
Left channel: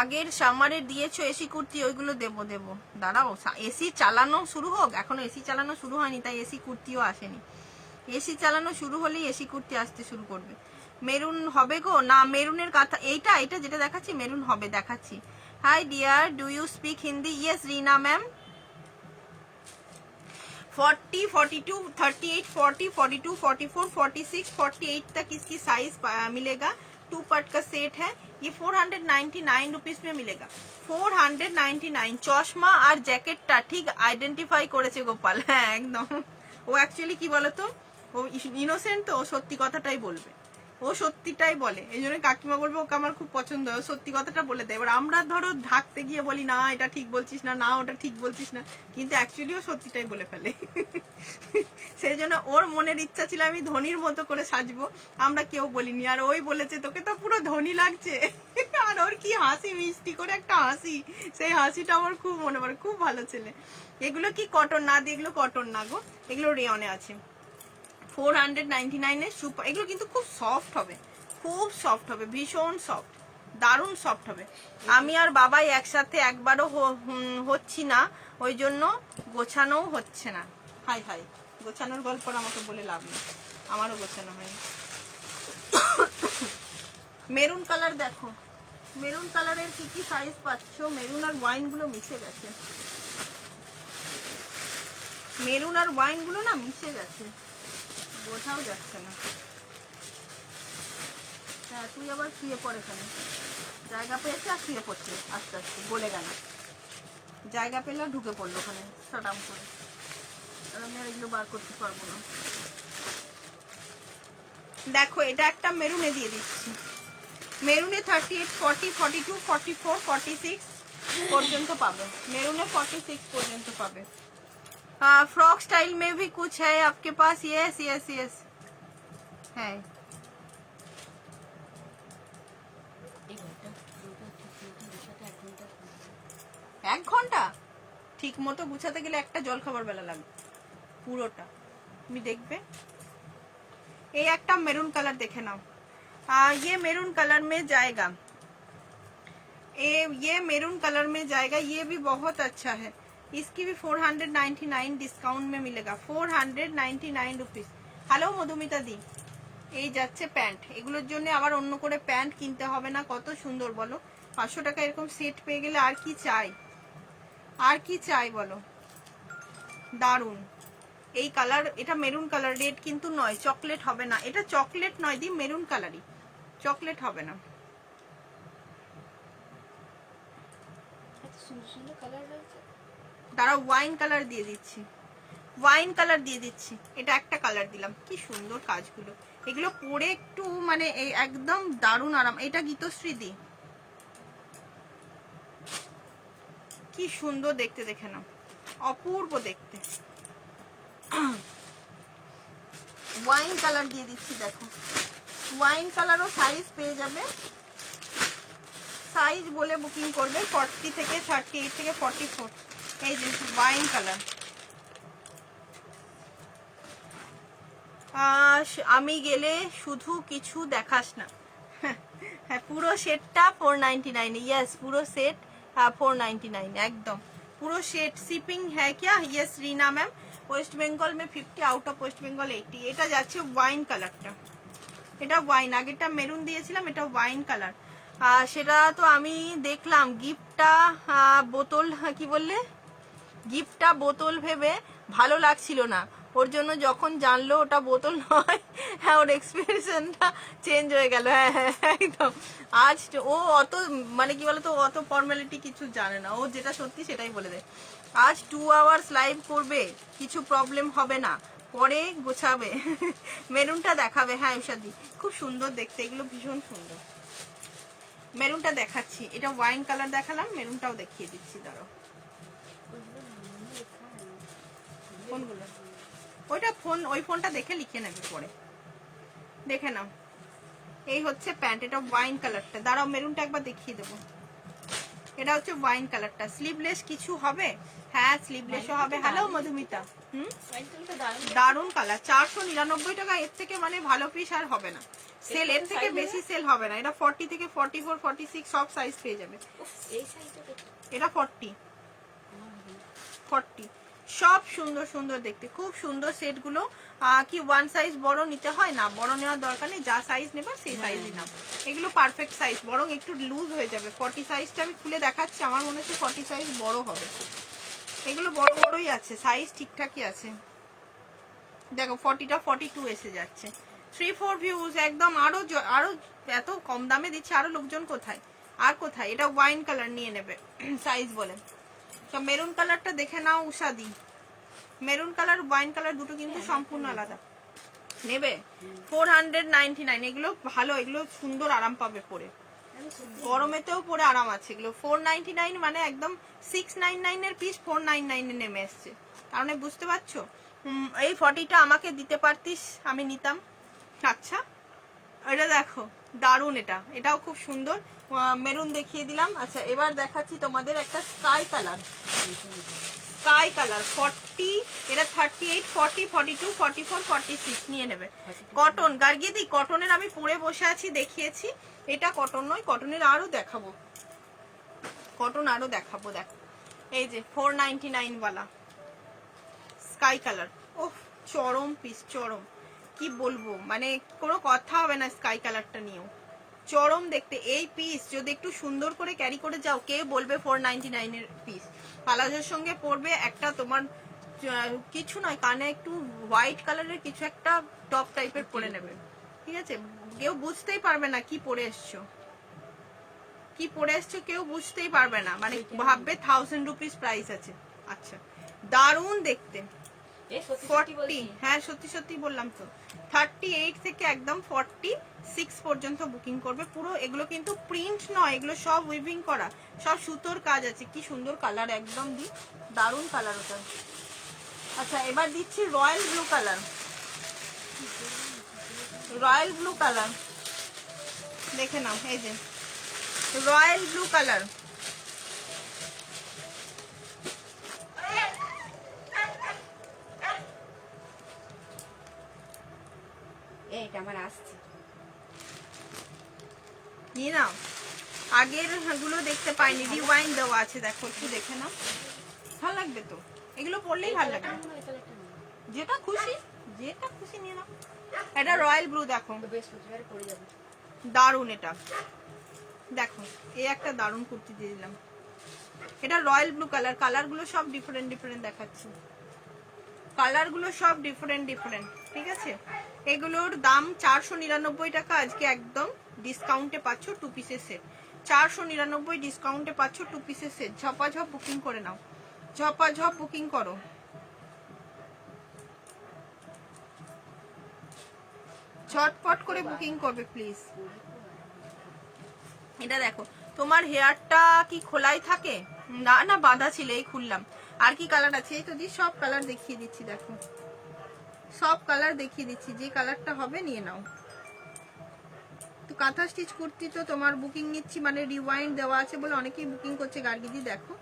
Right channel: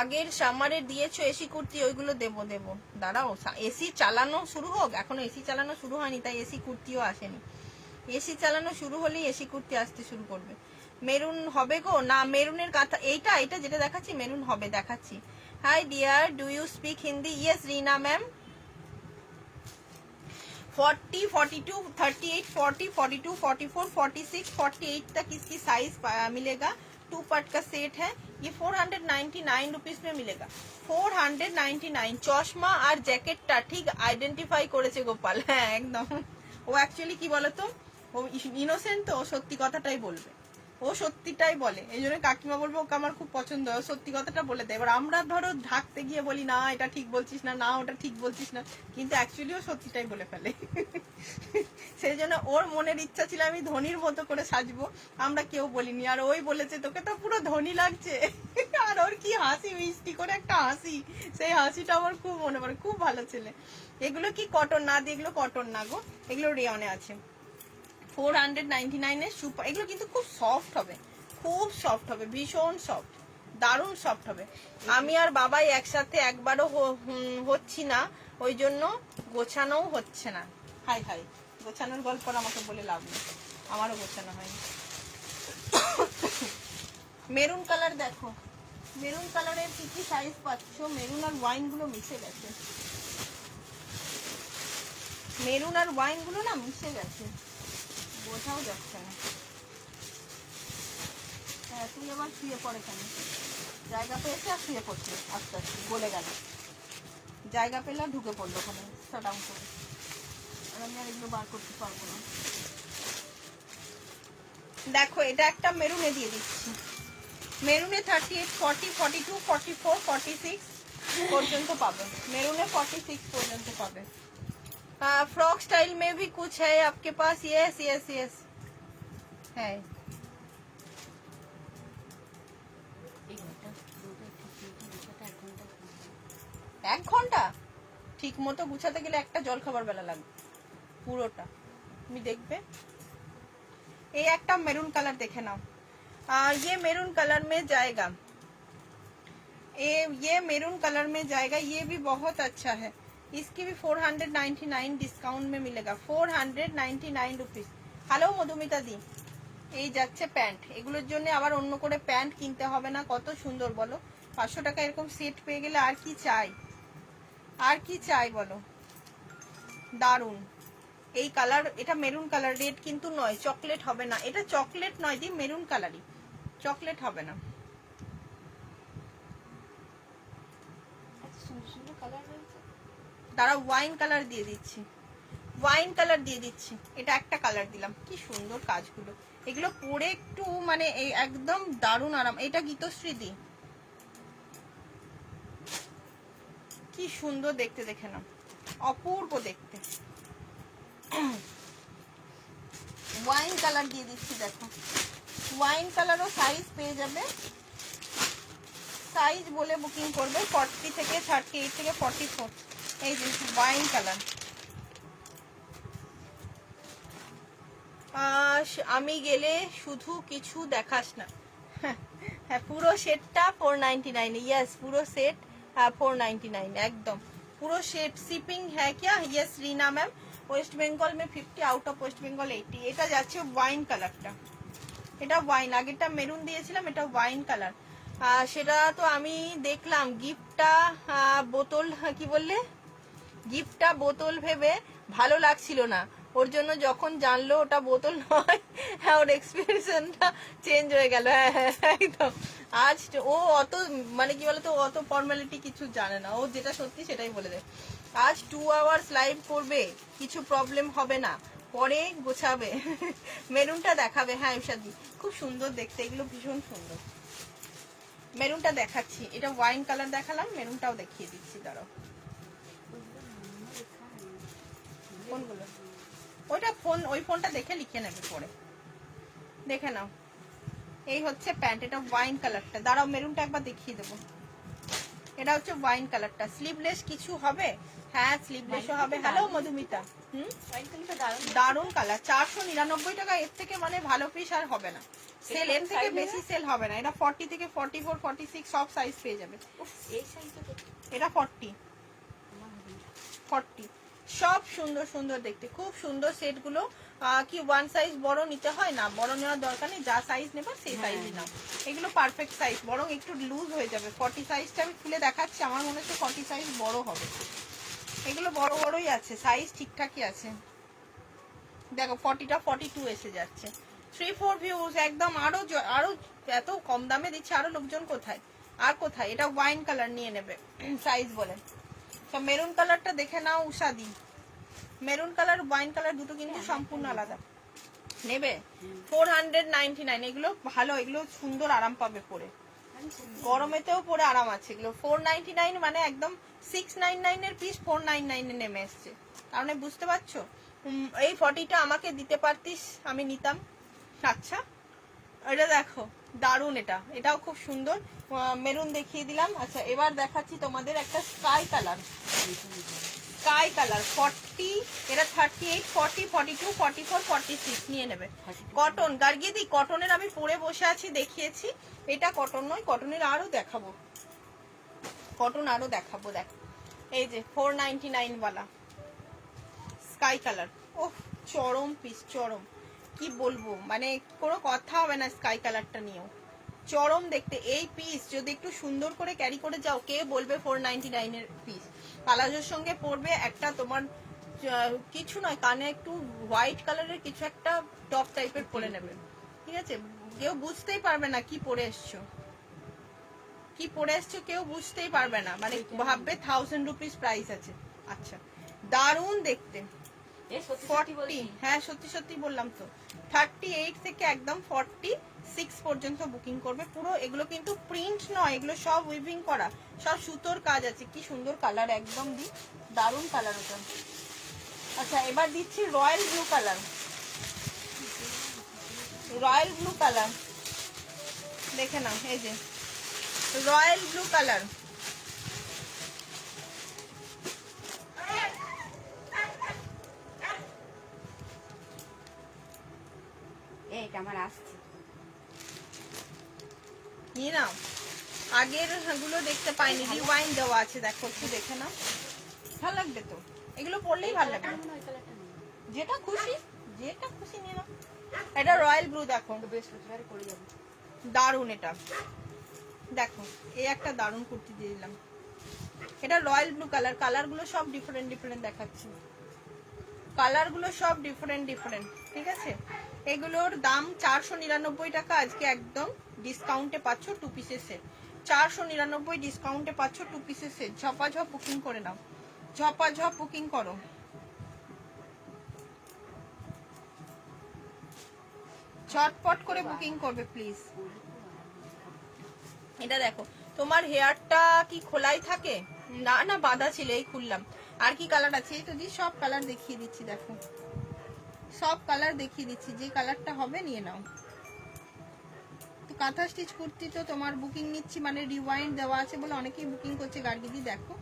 আগের সামারের দিয়েছো এসি কুর্তি, ওইগুলো দেবো দেবো, দাঁড়াও এসি চালানো শুরু হোক, এখনো এসি চালানো শুরু হয়নি তাই এসি কুর্তিও আসেনি, এসি চালানো শুরু হলেই এসি কুর্তি আসতে শুরু করবে। মেরুন হবে গো না, মেরুনের কাঁথা এইটা এটা যেটা দেখাচ্ছি মেরুন হবে, দেখাচ্ছি। Hi dear, do you speak Hindi? Yes Reena ma'am. 40, 42, 38, 40, 42, 44, 46, 48 तक इसकी साइज मिलेगा। 2 पार्ट का सेट है, ये 499 रुपीज में मिलेगा। 499। চশমা আর জ্যাকেটটা ঠিক আইডেন্টিফাই করেছে গোপাল, হ্যাঁ একদম। ও অ্যাকচুয়ালি কি বলতো, ও ইনোসেন্ট তো, ও সত্যি কথাটাই বলবে, ও সত্যিটাই বলে, এই জন্য কাকিমা বলবে ওকে আমার খুব পছন্দ, ও সত্যি কথাটা বলে দেয়। এবার আমরা ধরো ঢাকতে গিয়ে বলি না এটা ঠিক বলছিস না, না ওটা ঠিক বলছিস না, কিন্তু অ্যাকচুয়ালি ও সত্যিটাই বলে ফেলে। সেই জন্য ওর মনের ইচ্ছা ছিল আমি ধনির মতো করে সাজবো, আমরা কেউ বলিনি, আর ওই বলেছে তোকে তো পুরো ধনী লাগছে। আর ওর কি হাসি, মিষ্টি করে একটা হাসি, সেই হাসিটা আমার খুব মনে পড়ে, খুব ভালো ছেলে। এগুলো কি কটন না, এগুলো কটন না গো, এগুলো রেয়নে আছে। 499 সুপার, এগুলো কিন্তু খুব সফট হবে, খুব সফট হবে, ভীষণ সফট, দারুণ সফট হবে। আমি আর বাবাই একসাথে একবারও হচ্ছি না, ওই জন্য গোছানো হচ্ছে না। হাই হাই, গোছানোর গল্প আমাকে বলে লাভ নেই, আমারও গোছানো হয়নি। মেরুন কালার দেখো, মেরুন কালারের কি কি সাইজ পাচ্ছ, মেরুন আর ওয়াইন গুলো মিশে গেছে, মেরুন আর ওয়াইন গুলো না মিশে গেছে, বোঝাও যাচ্ছে না। হ্যাঁ তুই আবার শুয়ে পড়ে, এখানে জায়গা পেয়েছে আর শুয়ে পড়ছে, আস্তে আস্তে গলে গেল, জায়গা পেলে ঢুকে পড়লো ওখানে স্টাম করে, আর আমি আর এগুলো বার করতে পারবো না। দেখো এটা একটা মেরুনে দিয়ে দিচ্ছি, মেরুনে 38, 40, 42, 44, 46 পর্যন্ত পাবে, মেরুনে 46 পর্যন্ত পাবে। फ्रॉक स्टाइल में भी कुछ है आपके पास? यस यस यस है। এক ঘন্টা ঠিক মতো গুছাতে গেলে একটা জল খাবার বেলা লাগবে পুরোটা, তুমি দেখবে। এই একটা মেরুন কালার দেখে নাও, ये मेरून कलर में जाएगा, ये मेरून कलर में जाएगा, ये भी बहुत अच्छा है, इसकी भी 499 डिस्काउंट में मिलेगा, 499 रुपीज। হ্যালো মধুমিতা দি, এই যাচ্ছে প্যান্ট, এগুলোর জন্য আবার অন্য করে প্যান্ট কিনতে হবে না, কত সুন্দর বলো, 500 টাকা এরকম সেট পেয়ে গেলে আর কি চাই, আর কি চাই বলো, দারুন। এই কালার, এটা মেরুন কালার, রেড কিন্তু নয়, চকলেট হবে না, এটা চকলেট নয় দি, মেরুন কালারই, চকলেট হবে না। সুন্দর সুন্দর কালার রয়েছে, দাঁড়া ওয়াইন কালার দিয়ে দিচ্ছি, ওয়াইন কালার দিয়ে দিচ্ছি, এটা একটা কালার দিলাম, কি সুন্দর কাজগুলো, এগুলো পরে একটু মানে এই একদম দারুণ আরাম। এটা গীতশ্রী দি, কি সুন্দর দেখতে, দেখে না, অপূর্ব দেখতে। ওয়াইন কালার দিয়ে দিচ্ছি, দেখো ওয়াইন কালারও সাইজ পেয়ে যাবে, সাইজ বলে বুকিং করবে 40 থেকে 38 থেকে 44। এই যে ওয়াইন কালার। আমি গেলে শুধু কিছু দেখাস না। হ্যাঁ, পুরো সেটটা 499। ইয়েস, পুরো সেট 499 एकदम। पूरा सेट शिपिंग है क्या? Yes Reena ma'am. West Bengal May 50, out of West Bengal 80। এটা যাচ্ছে ওয়াইন কালারটা, এটা ওয়াইন, আগেরটা মেরুন দিয়েছিলাম, এটা ওয়াইন কালার। সেটা তো আমি দেখলাম গিফটটা বোতল, কি বললে, গিফটটা বোতল ভেবে ভালো লাগছিল না, ওর জন্য যখন জানলো ওটা বোতল নয়, হ্যাঁ ওর এক্সপ্রেশনটা চেঞ্জ হয়ে গেল। হ্যাঁ হ্যাঁ একদম। আজ ও অত মানে কি বলতো, অত ফর্মালিটি কিছু জানে না, ও যেটা সত্যি সেটাই বলে দেয়। আজ 2 আওয়ার্স লাইভ করবে, কিছু প্রবলেম হবে না, পরে গোছাবে। মেরুনটা দেখাবে। হ্যাঁ ইশাদি, খুব সুন্দর দেখতে, এগুলো ভীষণ সুন্দর। মেরুনটা দেখাচ্ছি, এটা ওয়াইন কালার দেখালাম, মেরুনটাও দেখিয়ে দিচ্ছি, দাঁড়াও। কোনগুলো? ওইটা ফোন, ওই ফোনটা দেখে লিখে নেবে পরে, দেখে নাও। এই হচ্ছে প্যান্ট, এটা ওয়াইন কালারটা, দাঁড়াও মেরুনটা একবার দেখিয়ে দেবো। এটা হচ্ছে ওয়াইন কালারটা। স্লিভলেস কিছু হবে? হ্যাঁ স্লিভলেসও হবে। হ্যালো মধুমিতা, দারুন কালার। 499 টাকা, এর থেকে মানে ভালো পিস আর হবে না, সেল এর থেকে বেশি সেল হবে না। এটা 40 থেকে 44, 46 সব সাইজ পেয়ে যাবে। এটা 40 সব সুন্দর সুন্দর দেখতে, খুব সুন্দর সেটগুলো। কি ওয়ান সাইজ বড় নিতে হয় না, বড় নেওয়ার দরকার নেই, যা সাইজ নেবে সেই সাইজই নাও। এগুলো পারফেক্ট সাইজ, বরং একটু লুজ হয়ে যাবে। 40 সাইজটা আমি খুলে দেখাচ্ছি, আমার মনে হচ্ছে 40 সাইজ বড় হবে। এগুলো বড় বড়ই আছে, সাইজ ঠিকঠাকই আছে। দেখো 40টা 42 এসে যাচ্ছে। 3-4 ভিউজ একদম। আরো এত কম দামে দিচ্ছে, আরো লোকজন কোথায় আর কোথায়। এটা ওয়াইন কালার নিয়ে নেবে সাইজ বলে। তো মেরুন কালারটা দেখে নাও উষাদি, মেরুন কালার ওয়াইন কালার দুটো কিন্তু সম্পূর্ণ আলাদা। নেবে 499। এগুলো ভালো, এগুলো সুন্দর, আরাম পাবে পরে, গরমেতেও পরে আরাম আছে। এগুলো 499 মানে একদম 699 এর পিস 499 এ নেমে এসছে, কারণ বুঝতে পারছো। এই 40টা আমাকে দিতে পারতিস, আমি নিতাম। আচ্ছা এটা দেখো দারুন, এটাও খুব সুন্দর। মেরুন দেখিয়ে দিলাম। আচ্ছা এবার দেখাচ্ছি তোমাদের একটা স্কাই কালার। 40, এটা 38, 40, 42, 44, 46 নিয়ে নেবে। কটন গার্গিদি, কটনের আমি পরে বসে আছি, দেখিয়েছি। এটা কটন নয়, কটনের আরো দেখাবো, কটন আরো দেখাবো। দেখো এই যে 499 ওয়ালা স্কাই কালার। ওহ চরম পিস, চরম, কি বলবো, মানে কোনো কথা হবে না স্কাই কালারটা নিয়েও, চরম দেখতে। এই পিস যদি একটু সুন্দর করে ক্যারি করে যাও, কে বলবে 499 এর পিস। পালাজোর সঙ্গে পরবে একটা, তোমার কিছু নয়, কানে একটু হোয়াইট কালারের কিছু একটা টপ টাইপের পরে নেবে, ঠিক আছে। কেউ বুঝতেই পারবে না কি পরে এসছো, কি পরে এসছো, কেউ বুঝতেই পারবে না, মানে ভাববে 1000 রুপিস প্রাইস আছে। আচ্ছা দারুন দেখতে। 40, হ্যাঁ সত্যি সত্যি বললাম তো। 38 থেকে একদম 46 পর্যন্ত বুকিং করবে। পুরো এগুলো কিন্তু প্রিন্ট নয়, এগুলো সব উইভিং করা, সব সুতোর কাজ আছে। কি সুন্দর কালার, একদম দি দারুন কালার ওটা। আচ্ছা এবার দিচ্ছি royal blue colour. Royal blue colour দেখে নাও, এই যে রয়্যাল ব্লু কালার। এইটা আমার আসছে, নিয়ে নাও। আগের গুলো দেখতে পাইনি, রিওয়াইন্ড দেওয়া আছে, দেখো একটু দেখে নাও, ভালো লাগবে তো। এগুলো পরলেই ভালো লাগবে, যেটা খুশি নিয়ে নাও। এটা রয়্যাল ব্লু, দেখো বৃহস্পতিবারে পরে যাবে, দারুন। এটা দেখো, এই একটা দারুন কুর্তি দিয়ে দিলাম। এটা রয়্যাল ব্লু কালার। কালার গুলো সব ডিফারেন্ট ডিফারেন্ট দেখাচ্ছি, কালার গুলো সব ডিফারেন্ট ডিফারেন্ট, ঠিক আছে। এগুলোর দাম 499 টাকা, আজকে একদম ডিসকাউন্টে পাচ্ছ 2 পিসের সেট। 499 ডিসকাউন্টে পাচ্ছ 2 পিসের সেট। ঝপাঝপ বুকিং করে নাও, ঝপাঝপ বুকিং করো। ঝটপট করে বুকিং করবে প্লিজ। এটা দেখো, তোমার হেয়ারটা কি খোলাই থাকে? না না বাঁধা ছিল, এই খুললাম। আর কি কালার আছে? এই তো দি সব কালার দেখিয়ে দিচ্ছি, দেখো সব কালার দেখিয়ে দিচ্ছি, যে কালারটা হবে নিয়ে নাও। কাঁথা স্টিচ কুর্তি তো তোমার বুকিং নিচ্ছি, মানে রিওয়াইন্ড দেওয়া আছে বলে অনেকেই বুকিং করছে। গার্গিদি দেখো,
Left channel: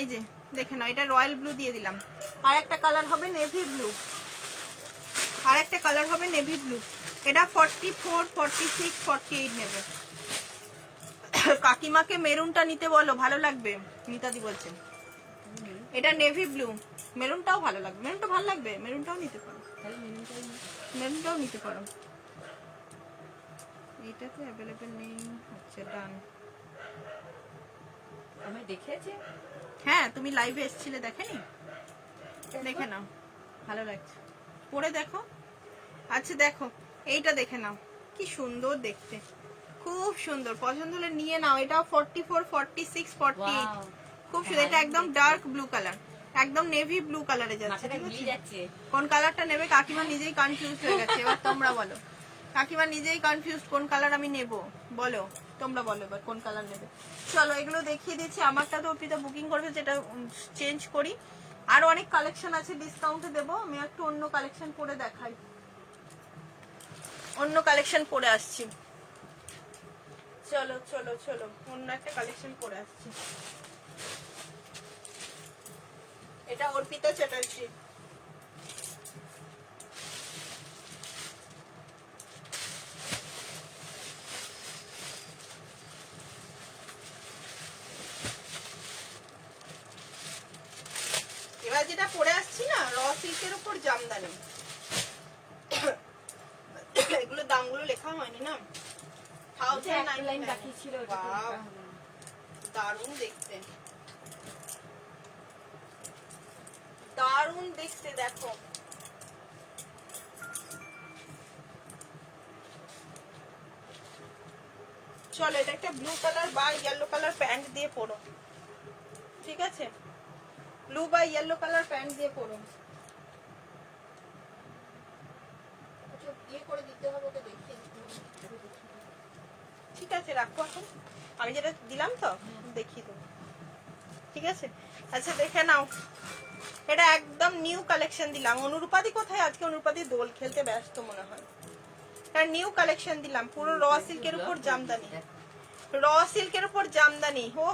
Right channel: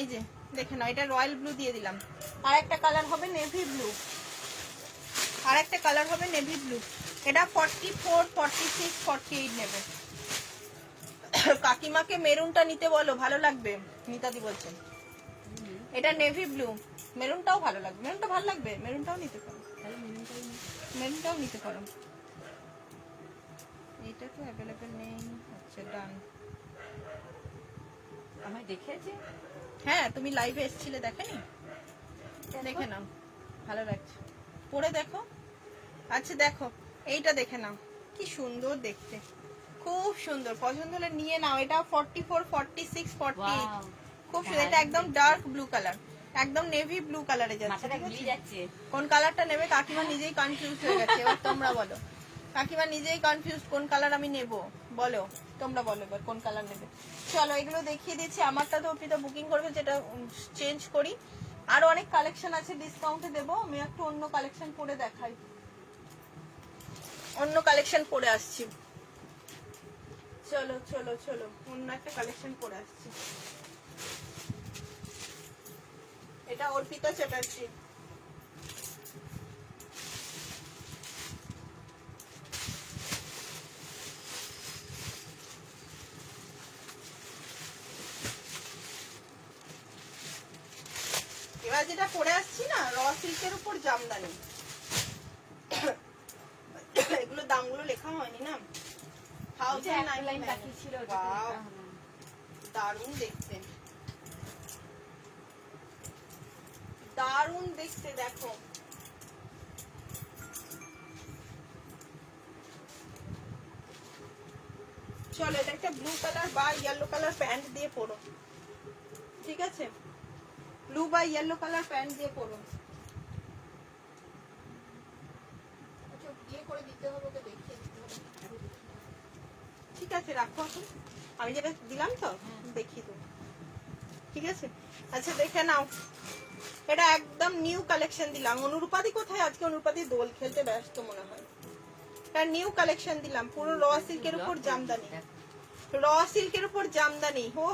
এই যে দেখে নাও, এটা রয়্যাল ব্লু দিয়ে দিলাম। আর একটা কালার হবে নেভি ব্লু, আর একটা কালার হবে নেভি ব্লু। এটা 44, 46, 48 নেবে। কাকিমাকে মেরুনটা নিতে বলো, ভালো লাগবে, মিতাদি বলছেন। এটা নেভি ব্লু, মেরুনটাও ভালো লাগবে, মেরুনটা ভালো লাগবে, মেরুনটাও নিতে পারো, মেরুনটাও নিতে পারো। এইটা তো অ্যাভেলেবেল নেই। আচ্ছা ডান। আমায় দেখেছে? হ্যাঁ তুমি লাইভে এসেছিলে, দেখেনি? দেখে নাও, ভালো লাগছে, পরে দেখো। আচ্ছা দেখো এইটা দেখে নাও, কি সুন্দর দেখতে, খুব সুন্দর। পছন্দ হলে নিয়ে নাও। এটা 44, 46, 48, খুব সুন্দর। এটা একদম ডার্ক ব্লু কালার, একদম নেভি ব্লু কালারে যাচ্ছে। কোন কালারটা নেবে? কাকিমা নিজেই কনফিউজ হয়ে গেছে। এবার তোমরা বলো, কাকিমা নিজেই কনফিউজ, কোন কালার আমি নেব বলো, তোমরা বলো এবার কোন কালার নেবে। চলো এগুলো দেখিয়ে দিচ্ছি। আমারটা তো অর্পিতা বুকিং করবে, যেটা চেঞ্জ করি। আরো অনেক কালেকশন আছে, ডিসকাউন্টে দেবো। আমি একটু অন্য কালেকশন পরে দেখাই, অন্য কালেকশন পরে আসছি। চলো চলো চলো, অন্য একটা কালেকশন পরে আসছি। এটা অর্পিতা চ্যাটার্জি। এবার যেটা পরে আসছি না, র সিল্কের উপর জামদানি। এগুলো দামগুলো লেখা হয়নি না। দারুণ দেখতে, দারুণ দেখতে দেখো। চলো এটা একটা ব্লু কালার বা ইয়েলো কালার প্যান্ট দিয়ে পরো, ঠিক আছে? ব্লু বা ইয়েলো কালার প্যান্ট দিয়ে পরো। ইয়ে করে দিতে হবে, ওকে দেখিয়ে দিতে হবে। ঠিক আছে রাখো এখন, আমি যেটা দিলাম তো দেখিয়ে দেবো, ঠিক আছে? আচ্ছা দেখে নাও, এটা একদম নিউ কালেকশন দিলাম। অনুরূপাদি কোথায়? আজকে অনুরূপাদি দোল খেলতে ব্যস্ত মনে হয়। এটা নিউ কালেকশন দিলাম, পুরো র সিল্কের উপর জামদানি, র सिल्क ऊपर जामदानी हो,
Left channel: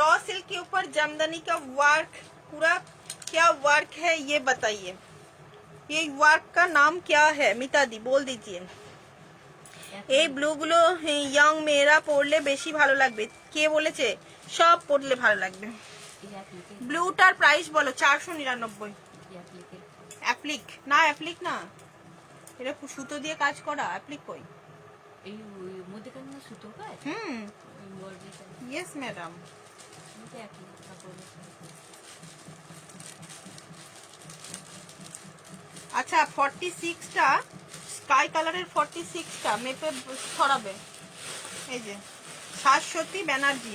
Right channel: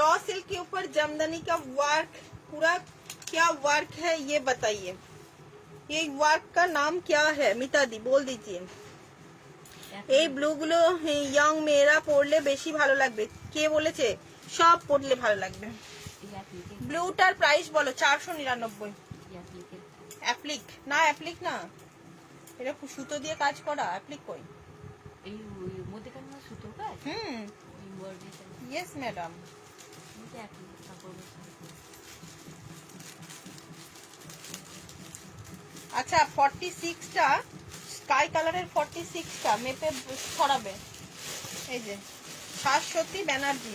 रॉ सिल्क के ऊपर जामदानी का वर्क, पूरा क्या वर्क है ये बताइए, ये वर्क का नाम क्या है? মিতা দি বল দিজিয়ে। এই ব্লু গুলো ইয়ং মেয়েরা পরলে বেশি ভালো লাগবে। কে বলেছে? সব পরলে ভালো লাগবে। ব্লুটার প্রাইস বলো। 499। অ্যাপ্লিক না, অ্যাপ্লিক না, এটা সুতো দিয়ে কাজ করা। অ্যাপ্লিক কই? Yes madam. আচ্ছা 46টা স্কাই কালারের 46টা মেপে ছড়াবে। এই যে শাশ্বতী ব্যানার্জি,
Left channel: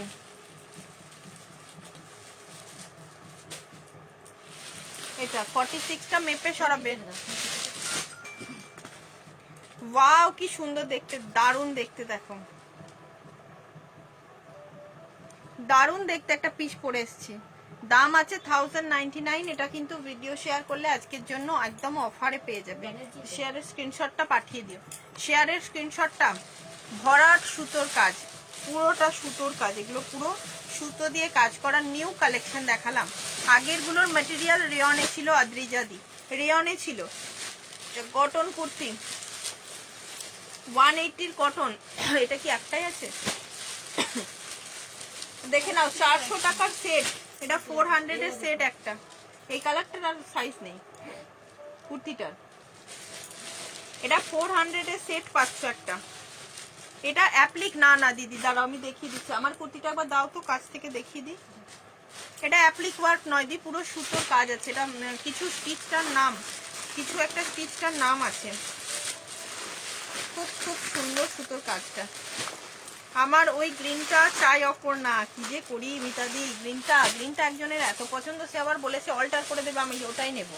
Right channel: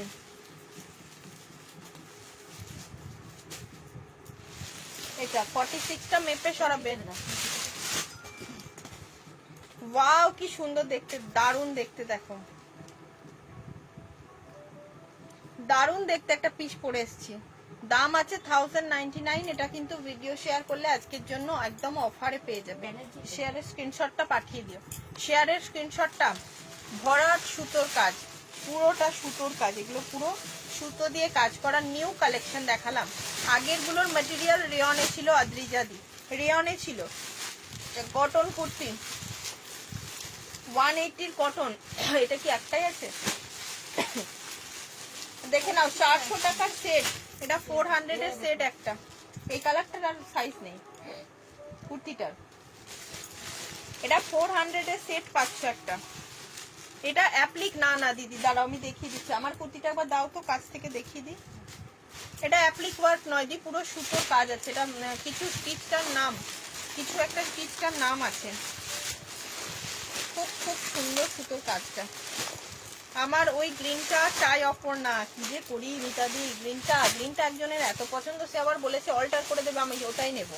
এটা 46টা মেপে ছড়াবে। ওয়াও কি সুন্দর দেখতে, দারুণ দেখতে, দেখো দারুণ দেখতে। একটা পিস পরে এসেছি, দাম আছে 1099। এটা কিন্তু ভিডিও শেয়ার করলে আজকের জন্য একদম অফারে পেয়ে যাবে। শেয়ারের স্ক্রিনশটটা পাঠিয়ে দিও, শেয়ারের স্ক্রিনশটটা। ভরাট সুতোর কাজ, পুরোটা সুতোর কাজ, এগুলো পুরো সুতো দিয়ে কাজ করা নিউ কালেকশন দেখালাম। আগের গুলোর ম্যাটেরিয়াল রেয়নে ছিল, আদ্রিজাদি রেয়নে ছিল। কটন কুর্তি 180 কটন, এটা কি একটাই আছে? দেখে নাও 400 টাকার সেট, এটা 400 এর সেট একটা। এই কালারটার আর সাইজ নেই কুর্তিটার, এটা 400 এর সেট পাচ্ছ একটা। এটা অ্যাপ্লিক না, না দিদি দাঁড়াও আমি দেখিয়ে দিচ্ছি। আমার কুর্তিটা একবার দাও তো, কাছ থেকে দেখিয়ে দিই। এটা অ্যাপ্লিক ওয়ার্ক নয় দি, পুরো সুতোর কাজ আছে। এটা কিছু স্টিচটার নাম, কিছু একটা স্টিচটার নাম আছে। খুব খুব সুন্দর সুতোর কাজটা। আমার ওই গ্রিনটা চাই অপর না, কি যে করি মিতাদি। গ্রিনটা একজনের এত পছন্দ, সে আবার বলেছে অল্টার করে দেবে, আমি ওটাই নেব।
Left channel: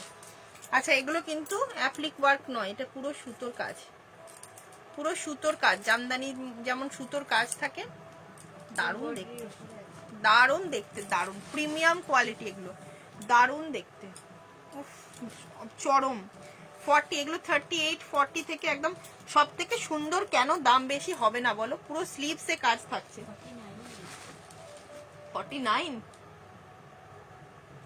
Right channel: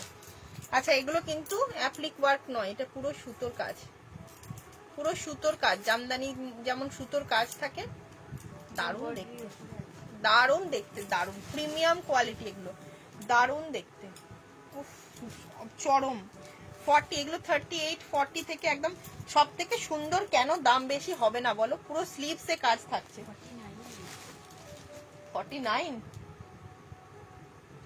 আচ্ছা এগুলো কিন্তু অ্যাপ্লিক ওয়ার্ক নয়, এটা পুরো সুতোর কাজ, পুরো সুতোর কাজ। জামদানি যেমন সুতোর কাজ থাকে, দারুণ দেখতে, দারুণ দেখতে, দারুণ প্রিমিয়াম কোয়ালিটি এগুলো, দারুণ দেখতে, চরম। 40, এগুলো 38, 40 থেকে একদম সব থেকে সুন্দর। কেন দাম বেশি হবে না বলো? পুরো স্লিভসে কাজ থাকছে। 49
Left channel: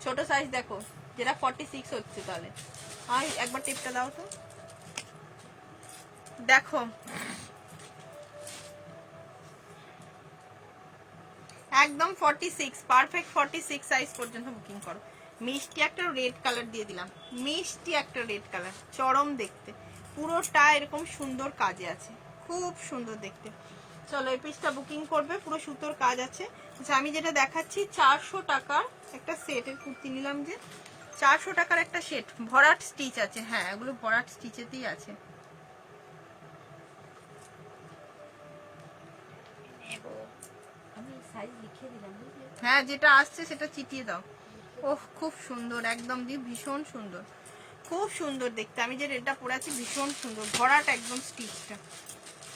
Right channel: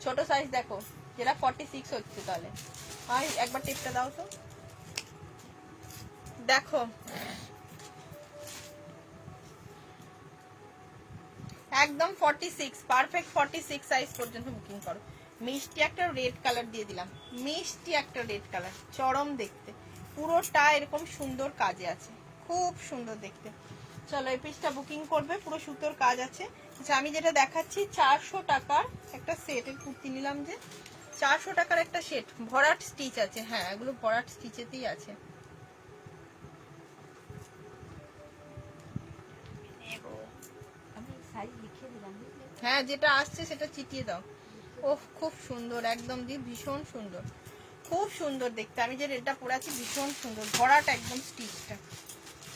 ছোট সাইজ দেখো, যেটা 46 হচ্ছে। তাহলে আর একবার টিপটা দাও তো, দেখো একদম 46, পারফেক্ট 46 সাইজ পর্যন্ত বুকিং করো। মিষ্টি একটা রেড কালার দিয়ে দিলাম, মিষ্টি একটা রেড কালার, চরম দেখতে, পুরোটা এরকম সুন্দর কাজে আছে, খুব সুন্দর দেখতে। চলো এই পিসটা বুকিং করবে, পুরো সুতোর কাজ আছে। আচ্ছা আমি যেটা দেখাচ্ছি 400 টাকার একটা সেটের কুর্তি নিলাম, যে 400 টাকার একটা সেট, ভরাট স্টিচ আছে। হ্যাঁ এগুলো ভরাট স্টিচেতেই আছে। আমি সাইজ লিখে দিলাম, বুঝলে? হ্যাঁ যেটা আসছে সেটা চিটিয়ে দাও। ওহ খুব সুন্দর, একদম দি ভীষণ সুন্দর, খুব সুন্দর দেখতে। আমি যে রেডটা পরে আছি ভীষণ সুন্দর, ভরাট একদম স্টিচটা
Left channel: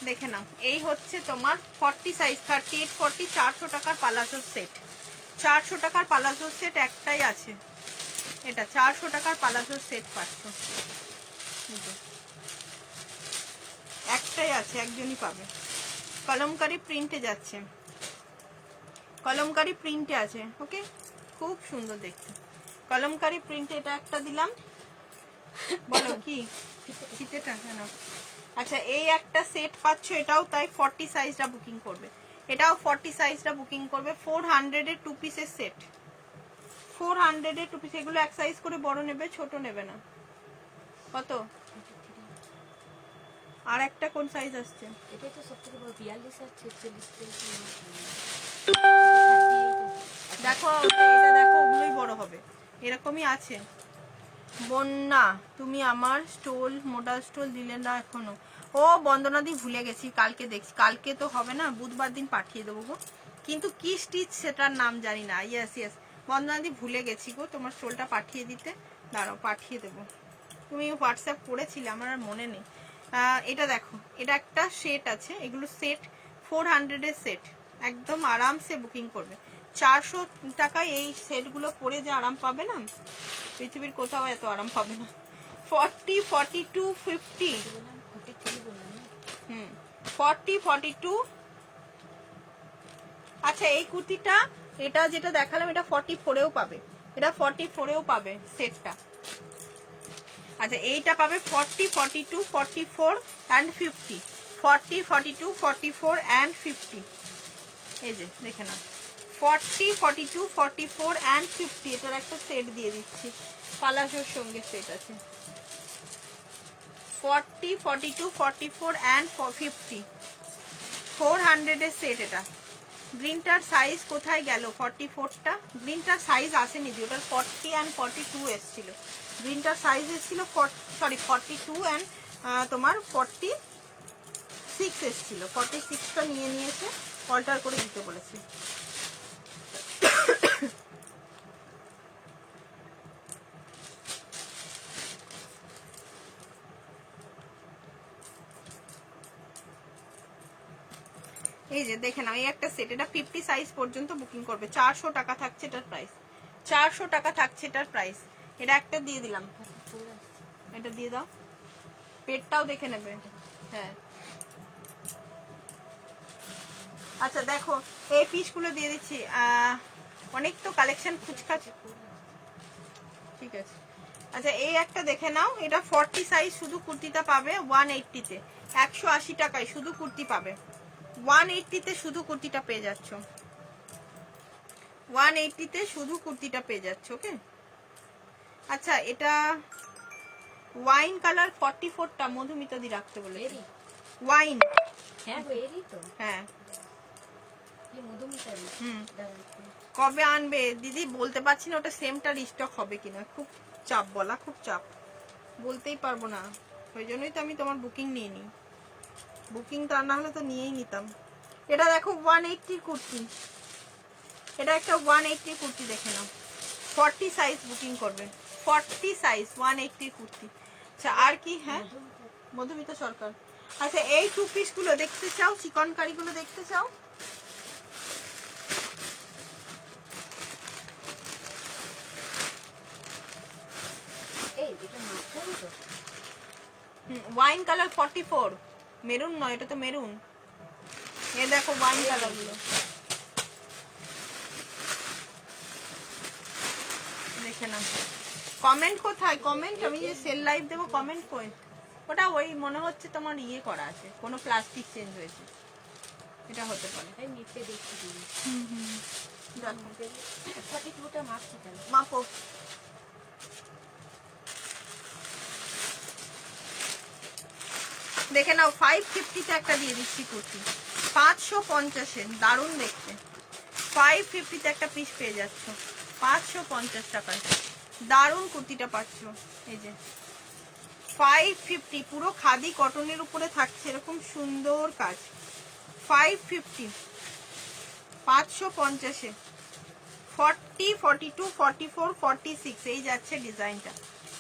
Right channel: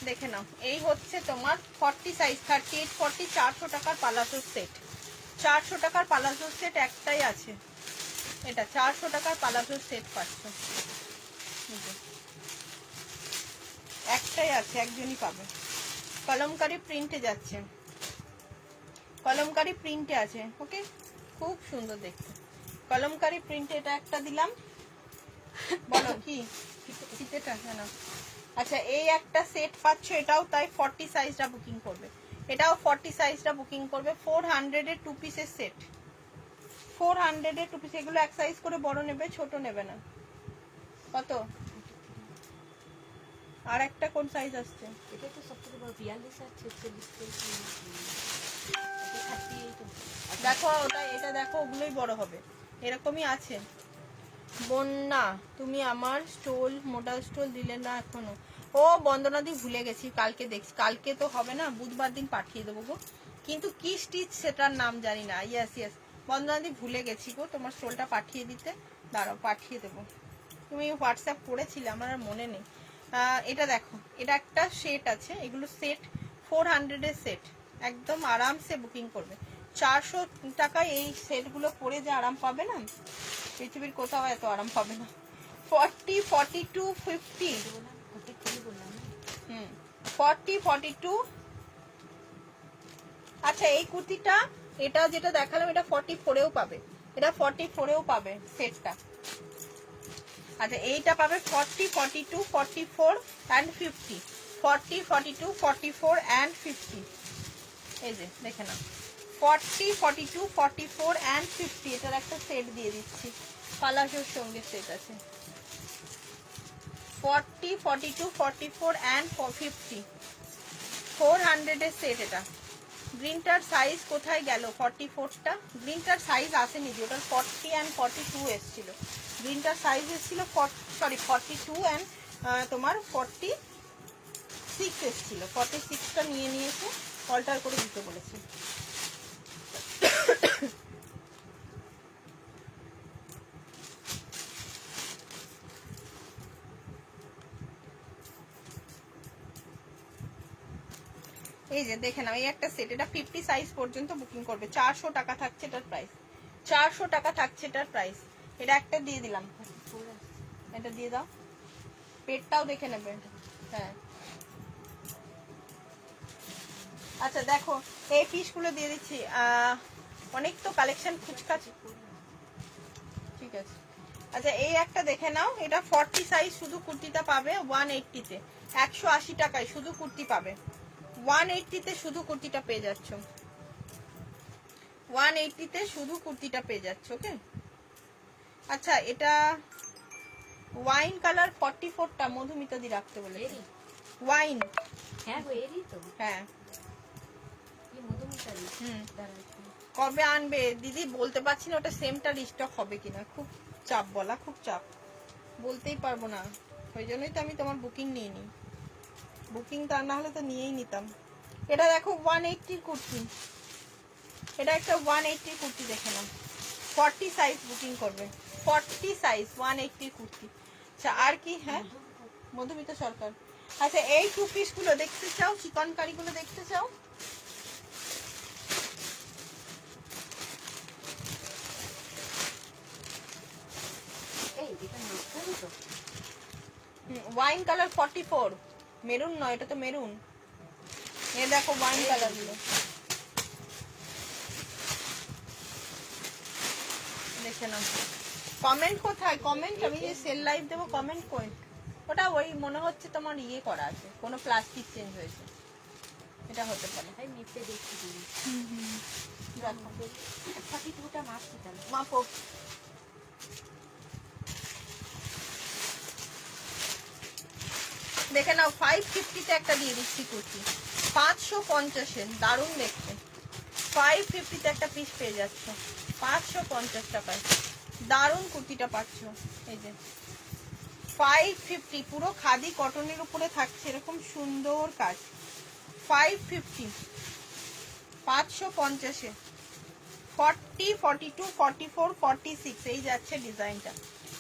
দেখে নাও। এই হচ্ছে তোমার 40 সাইজ, 38, 40, 400 টাকার পালাজো সেট। 400 টাকার পালাজো সেট একটাই আছে, এটা 400 টাকার পালাজো সেট পাচ্ছ, একটাই আছে, একজনই পাবে। কলমকারি প্রিন্টে যাচ্ছে, কলমকারি প্রিন্টে আছে। ওকে খুব সুন্দর দেখতে, কলমকারি প্রিন্টে এটা একটা দিলাম। বলো কি ফিতেটা কেন? আচ্ছা এই একটা সেট পাচ্ছ, এটাও তাই 40 সাইজটা বুকিং করবে, এটাও 40 সাইজটা বুকিং করবে। 400 এর 2 পিসের সেট, 400 এর 2 পিস। এগুলো এক সাইজ করে বড় নেবে, ছোট নেবে না। কত? আর একটা কোন সাইজ আসছে? এটা তো সবথেকে বড় 42 আর 46। দেখো এটা দেখো, ওগুলোই বড় হবে, এরকমই আছে। বন্যা তুমি আমার স্টোল, মোটা স্টোল দিলে না এখনো। ও বন্দনাদি ভুলে গেছি, কালকে দেখছি, কালকে তো হবে না, বুধবার দিন পাঠিয়ে দেবো গো, কিন্তু কি স্টিচ সেটার নাম জানি না। ইয়েস ইয়েস বন্দনাদি ভুলে গেছি গো, তোমার স্টোলটা পাঠিয়ে দিতে, দাঁড়াও পাঠিয়ে দেবো। তুমি হোয়াটসঅ্যাপ করেছিলে, আমার আর মনে নেই। এটা দেখো, এটা একটা সেট আছে, এগুলো সেট 400 এর সেট, একদম আরামসে বুকিং করবে। 400 টাকায় এই সেটগুলো পরে যে আরাম পাবে না, পৃথিবীর কোথাও এত আরাম পাবে না। 40, 42, 50, 40, 42। আচ্ছা এই কুর্তিটা, এটা যেটা দেখালাম এটা 44-এও পাবে, এটা 44-এও পাবে সেটটা। আচ্ছা এইটা পাবে 40, 42, 44 and 50, 40, 42, 44 and 50। এই যে দেখে নাও 40, 42, 44 and 50, এটার একটা সেট দিয়ে দিচ্ছি, পালাজোর সঙ্গে সেট আছে। 40, 42, 44 and 50, 400 এর সেট। এটা গ্রিনটার সাইজ কোথায় গেল? 44টা গ্রিনটার সাইজ আসেনি, ওটার 40 and 42 এসেছিল। গ্রিনটার সাইজ এসেছিল 42 and তোমার 46 এসেছিল, 46টা নিয়ে নিয়েছে, অল্টার করে দিতে বলেছি। এই যে দেখে নাও, এই একটা সেট, এটা 50 সাইজ পর্যন্ত বুকিং করবে, 400 টাকা থাকছে এটার প্রাইস, 400 টাকা থাকছে এটার প্রাইস। এটা একটা দিয়ে দিলাম, এটা দিয়ে দাও, পেটটাও দেখে নেবে। হ্যাঁ আচ্ছা দেখো এই পিসগুলো দিয়ে দিচ্ছি, অনেক তো কালেকশন খুচকাচ, ঠিক আছে। আচ্ছা এই একটা দেখে নাও, এটা 40 সাইজ, শুধু কুর্তিটা পাবে 180-তে, 180 টাকায় শুধু কুর্তি পাবে, 180-তে শুধু কুর্তিটা পেয়ে যাচ্ছ, 180-তে শুধু কুর্তিটা পেয়ে যাচ্ছ। ওকে আচ্ছা এটা ওয়াইন কালার 44টা মধুমিতা দি রাখতে বলে, ওয়াইন। হ্যাঁ এরই তো, হ্যাঁ মধুমিতা দি। কবে আনবে দিদি বলতে পারছি না, ওটা সেমটা রিস্টক হবে কিনা, খুব চাপ বলা, খুব চাপ, বলতেই পারবো না, ওই জন্যই তো আমি তোমার বুকিং নিয়ে নিই, বুকিং তা না হলে তো নিয়েই নিতাম। এটা দেখো 180 কুর্তি, এটা একটা 180 কুর্তি দেখে নাও, 40 সাইজ বুকিং করবে, 40 সাইজ 180 কুর্তি। আচ্ছা আর কি? হ্যাঁ মধুমিতা সরকার। আচ্ছা এই 2 পিস গুলো দেখতে চাও, চিকনকারি গুলো দেখতে চাও? এই এটা নতুন তো, ওয়াইন কালার 44, মেরুন নয়, এটা তো মেরুন। এ দেখো ওয়াইন কালার গুলো, দেখে নাও। কমেন্ট কোথায়? কমেন্ট আমি যে সেল লাইভ দেবো, কমেন্ট কই? ওটা ওই মনে হচ্ছে তোমার ইয়ে করা আছে, কোনো প্লাস্টিক চেঞ্জ হয়েছে, এটা হতে পারে। তাই নিচে দেখছি দিদি। দেখো 42টা মাপছি তাহলে। মাপো। দেখে নাও 550-তে একটা দিয়ে দিচ্ছি কুর্তি, 550-এ, দারুণ দেখতে। 550-তে একটা পিস পেয়ে যাচ্ছ 550 টাকায়, দারুণ কুর্তিটা পাচ্ছ। এই যে 550, পুরো খাদি কটনের উপরে থাকছে এরকম সুন্দর কাজ। 550, 550-এ 40, 42, 44, 46 এই যাচ্ছে ডিজাইনটা।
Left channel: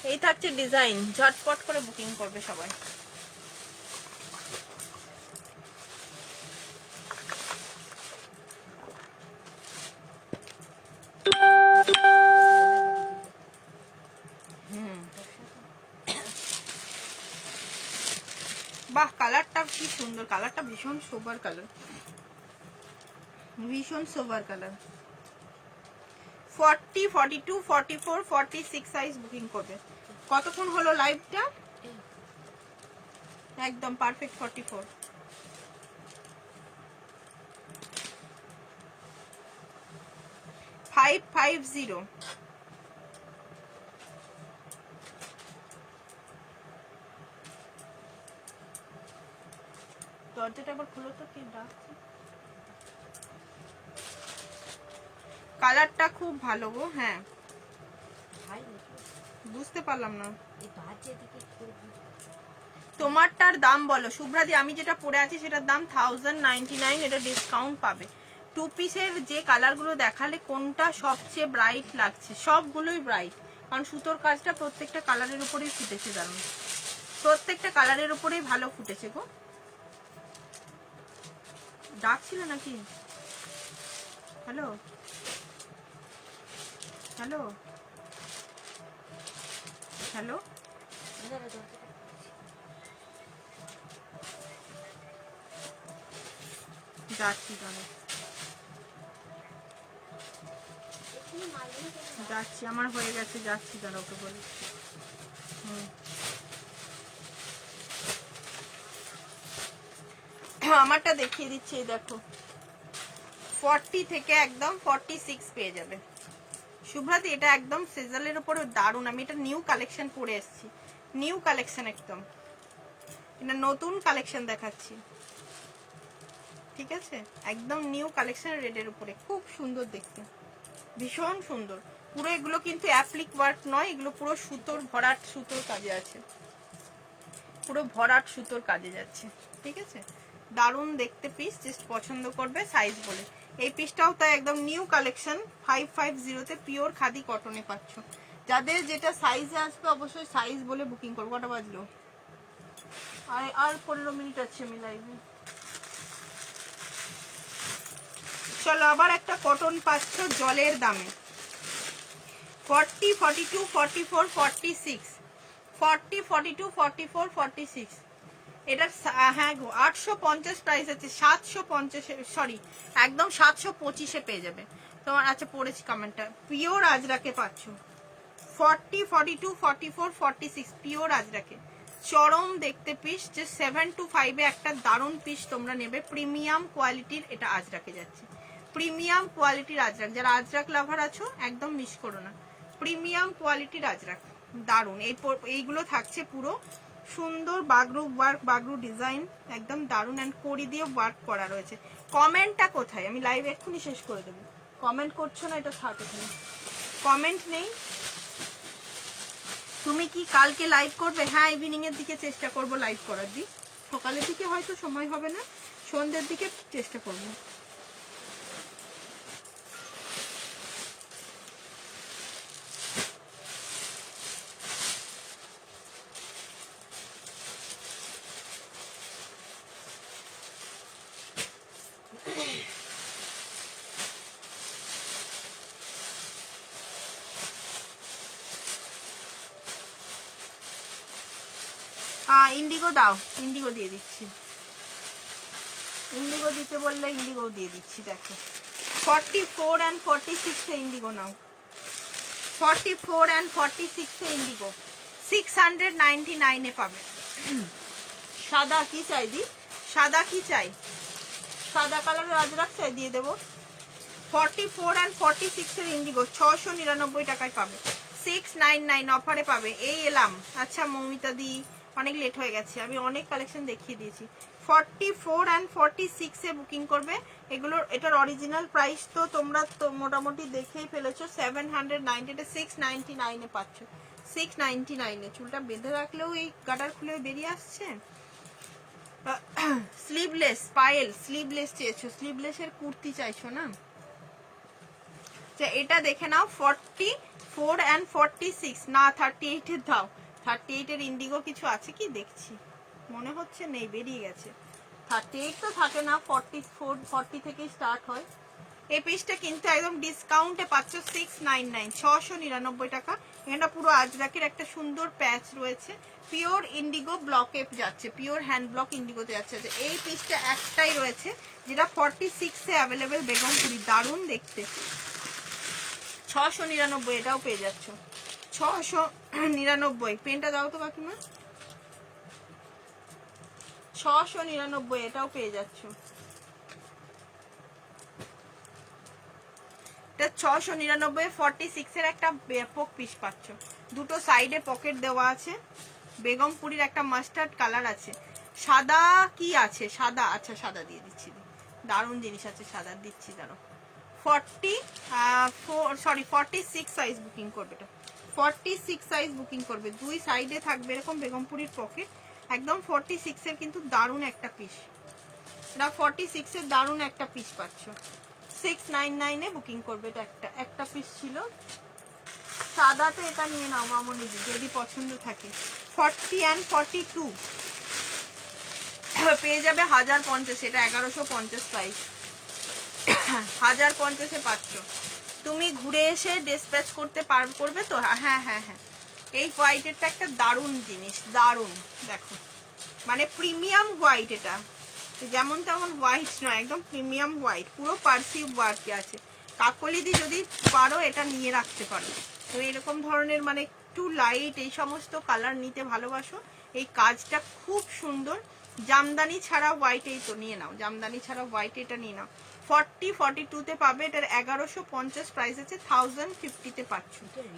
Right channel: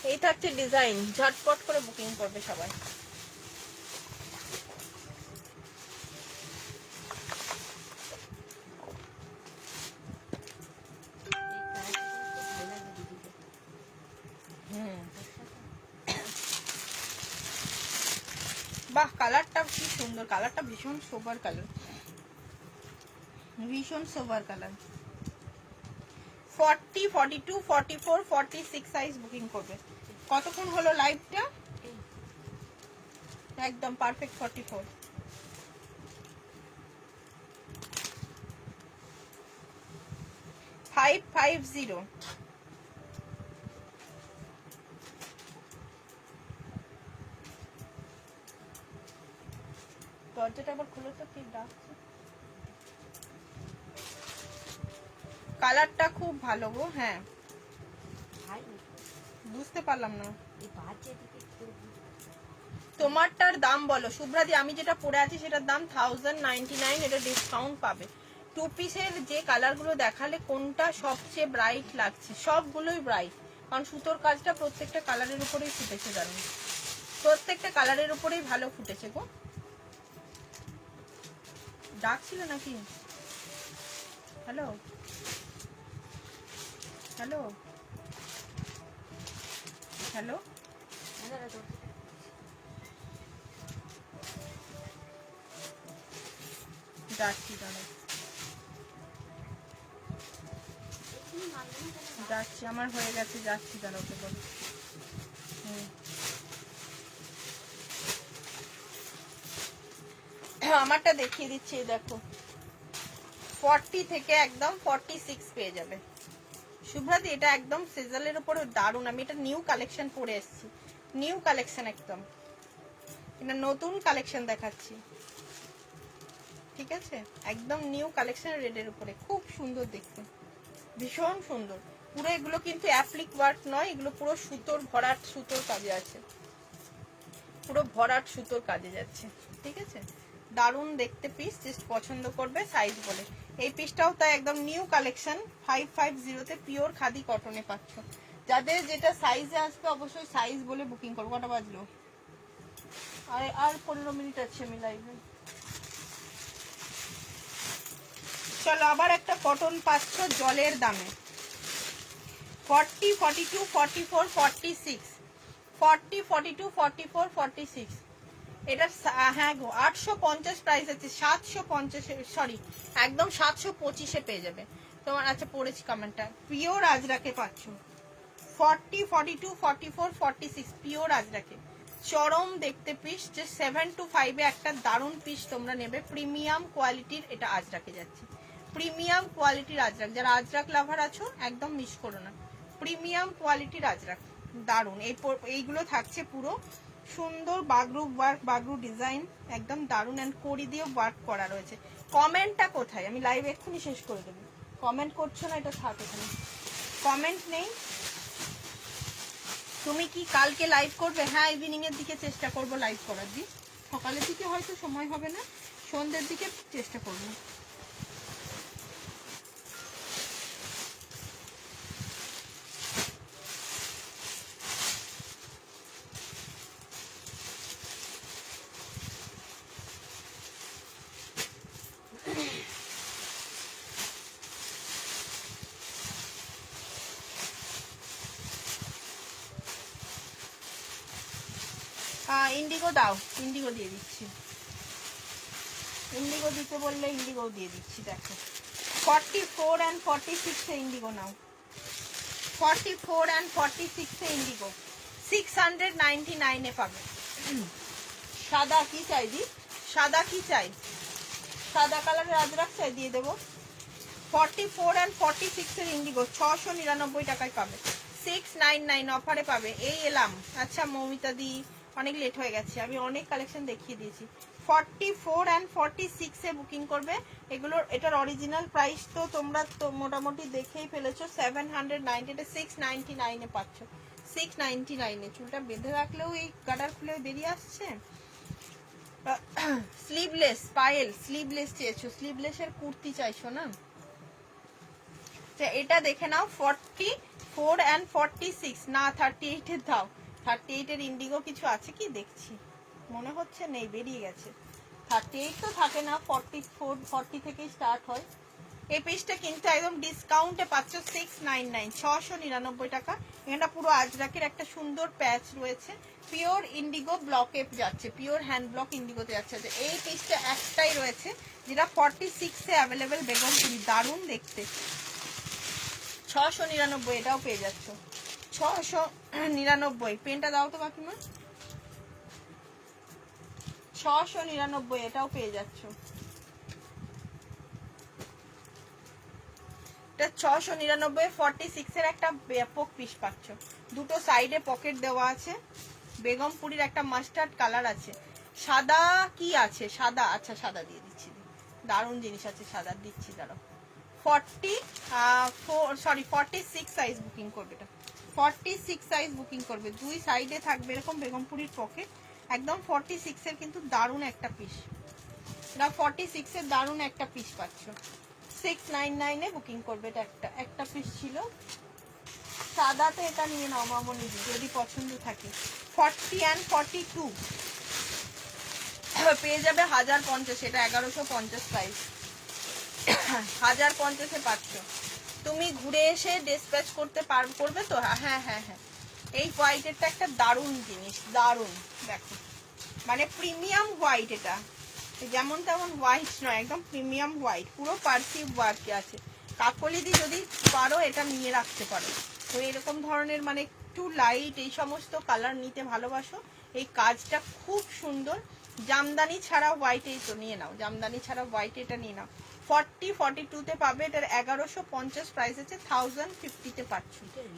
এই থাকছে ডিজাইন, ঝটপট করে বুকিং করবে সবাই। বাহ, কালারটা কি সুন্দর, কালারটা ভীষণ সোবার কালার, ভীষণ সোবার কালার। 40, 42, 44, 46 সাইজ বুকিং করবে। কতক্ষণ হলো লাইভটা? একদম পারফেক্ট 44। ফাইভ 50। দরজাটা আবার খুলো তো, কি ডাকছে। কালারটা খুব ভালো গো। হ্যাঁ, ভাই বুঝতে পারলাম না এই বাজে দিকে কি তোমারটার দাম বলো শুভ্রাদি। আমি যেটা পরে আছি সেটার দাম 1099, এটা ডিসকাউন্ট পাবে। টু পিসের যে কালারগুলো দেখালে কোনটা সবচেয়ে ব্রাইট লাগছে? সবগুলোই ব্রাইট, কারণ সুতোর কাজটা প্রত্যেকটা কালারের উপরেই ফুটেছে, দারুণ, প্রত্যেকটা কালারের উপরেই ভালো ফুটেছে গো। ডাকছিল নাকি? হ্যালো হ্যালো হ্যালো, যাচ্ছি দাঁড়া, যাচ্ছি, আমার হয়ে গেছে, যাচ্ছি দাঁড়া, ওকে বলি। আমারটা দেখিয়ে দিচ্ছি, এই দেখো 40 থেকে একদম 46 পেয়ে যাবে শুভ্রাদি। এটা একদম সিজলের উপরে দারুণ, আমি এটা নিউ কালেকশন পরে এসেছি, নিউ কালেকশন একদম, এটা নতুন কালেকশন দেখাচ্ছি, ঠিক আছে? একদম নিউ কালেকশন, রেডের উপরে খুব সুন্দর দেখতে, ভীষণ সুন্দর। পুরো এগুলো কিন্তু অ্যাপ্লিক ওয়ার্ক নয়, এগুলো পুরো সুতোর ভরাট, সুতোর কাজে আছে, পুরো ভরাট সুতোর কাজে যাচ্ছে, ঠিক আছে? দারুণ দেখতে পিস, জাস্ট পছন্দ করবে সাইজ বলে। এই পিসটাও তাই একদম নিউ কালেকশন, 550-তে পিওর খাদি কটনে পাচ্ছ। যাদের যেটা সাইজে আসবে অবশ্যই সাইজ বলে বুকিং করবো। কটা বাজলো? আর 15 মিনিট আছে আমি লাইভে। চলো, আবার একটা কটন পাচ্ছ জলের দামে, 40, 42, 44, 46, 40, 42, 44, 46। এটা হ্যাঁ গো 850 প্রাইস আছে, 750, সরি একদম 725-এ পেয়ে যাবে তোমার। আচ্ছা, পড়েছি কমেন্টটা, পিওর আজরাকে পাচ্ছ 40, 42, 44, 46 পিওর আজরাকে, চরম দেখতে পিস। যে 7 to 5-এ একটা দারুণ পিস তোমরা নেবে, প্রিমিয়াম কোয়ালিটির এটা আজরাকে যাচ্ছে, প্রিমিয়াম কোয়ালিটির আজরাক। যারা আজরাক লাভার আছো একদম মিস করো না, প্রিমিয়াম কোয়ালিটির আজরাক দারুণ। এইগুলো থাকছে পুরো সুন্দর বাগরু ওয়ার্ক, বাগরু ডিজাইন, একদম দারুণ, অ্যান্ড কড়ি দিয়ে ওয়ার্ক করা রয়েছে। কমেন্টটা কোথায়? আমি লাইভ এক্ষুনি শেষ করে দেবো। কমেন্ট করছো না, এটা থাক এখানে, কমেন্ট নেই। তুমি কি কালকে লাইভ করবে? হ্যাঁ, ইভিনিং এর দিকে চেষ্টা করব লাইভ করার দিন, সকালের দিকে হয়তো সময় হবে না, সন্ধ্যের দিকে চেষ্টা করবো। ইন্ডিগো দাও, ইন্ডিগো দিয়ে দিচ্ছি, ইন্ডিগো দিতে বললে ইন্ডিগো দিয়ে দিচ্ছি। দেখো 44 and 46 A Indigo now, 44 and 46 A Indigo 699 এ পাবে। সাদা কি চাই দি, সাদা কি চাই, সাদা কালারের আজরাক চাই, দিয়ে দেবো। 44 and 46 এর ইন্ডিগো 699 টাকায় পাবে, 699 অফারে পাবে। এই এলাম। আচ্ছা মৌমিতা দি অনেক লেট হয়ে গেছে, আমি অনেক কালেকশন দেখিয়ে দিয়েছি। 44 and 46 এ বুকিং করবে এগুলোর। এটার অরিজিনাল প্রাইস তো তোমরা তো মোটামুটি দেখেই ফেলেছো, 790, এটা 699 এ পাচ্ছ, 699 এ। চুলটা বেঁধে রাখলেও এই গাটার খুলে বেরিয়ে আসছে। স্লিভলেস পায়েল, স্লিভলেস চেয়েছো, স্লিভলেসের কুর্তি চাইছো না? এটা দেখে নাও 44 and 46 না 38 এর দাও। 38 এর ইন্ডিগো কিছু আছে কি দেখছি, মনে হচ্ছে নেই, বেরিয়ে গেছে। 38 তো থাকে না, 44 40 থেকেই স্টার্ট হয়। এই পিসটা কিন্তু একদম ডিসকাউন্টে পাচ্ছ 699, 699 টাকা। এটা পুরো আজরাকের একটা সুন্দর প্যাচ রয়েছে, পিওর ইন্ডিগো ব্লকে যাচ্ছে, পিওর হ্যান্ড ব্লক ইন্ডিগোতে যাচ্ছে। এই পিসটা একটাই রয়েছে যেটা 46 এ অ্যাভেলেবেল, বেগমপুরি, দারুণ দেখতে। 699 এটাও পেয়ে যাচ্ছ, 699। পেনটা দাও তো কাকিমা, 699 এটাও পেয়ে যাচ্ছ। এটা 699 46 এর একটা ব্যাপক পিস পাচ্ছ। দুটো সাইডে পকেট দেওয়া আছে, বেগমপুরির একটা মাস্টার্ড কালার আছে। সাদা কি আছে, সাদা, আচ্ছা সাদা দিয়ে দিচ্ছি, দারুণ জিনিস আছে, সাদা দিচ্ছি। দাঁড়াও 46 সাইজ বুকিং করবে, এটা 46 সাইজ বুকিং করবে। দুই সাইডে থাকবে এরকম বেগমপুরির পকেট, একদম 46 এর কিন্তু দারুণ একটা পিস। এটা 46 এর দারুণ একটা পিস পাচ্ছ, 699 এ বুকিং করবে। এটা একটা পিস ছিল সাদাতে, এটা নিয়ে নাও মামনি যদি পছন্দ থাকে। 40 and 42 পেয়ে যাবে 1050, এটা 1150 প্রাইস, 1050 এ পাচ্ছ। তুমি ঘুরে এসে ডিসপ্যাচ করবে তো? হ্যাঁ হ্যাঁ হ্যাঁ। এই হোয়াইটেরটা একটা দারুণ জিনিস, দারুণ। দেখো মানে প্রিমিয়াম হোয়াইট, এটা যেমন তেমন হোয়াইট নয়, একদম প্রিমিয়াম হোয়াইট, পুরো পার্সিভ ওয়ার্ক আছে। কাকলিদি যদি পারো এটা নিয়ে রাখতে পারো। তো এরকম ধরনের মানে একটু লাইট এই সমস্ত কালার নিতে ভালোবাসো, এই কাজটা খুব সুন্দর। জামদানি ছাড়া হোয়াইট, এই তো নিয়ে নাও, জামদানি ছাড়া হোয়াইট এটা নিয়ে নাও। 42 তে পাবে, এটার 1150 প্রাইস আছে, 1050 তে পাচ্ছ,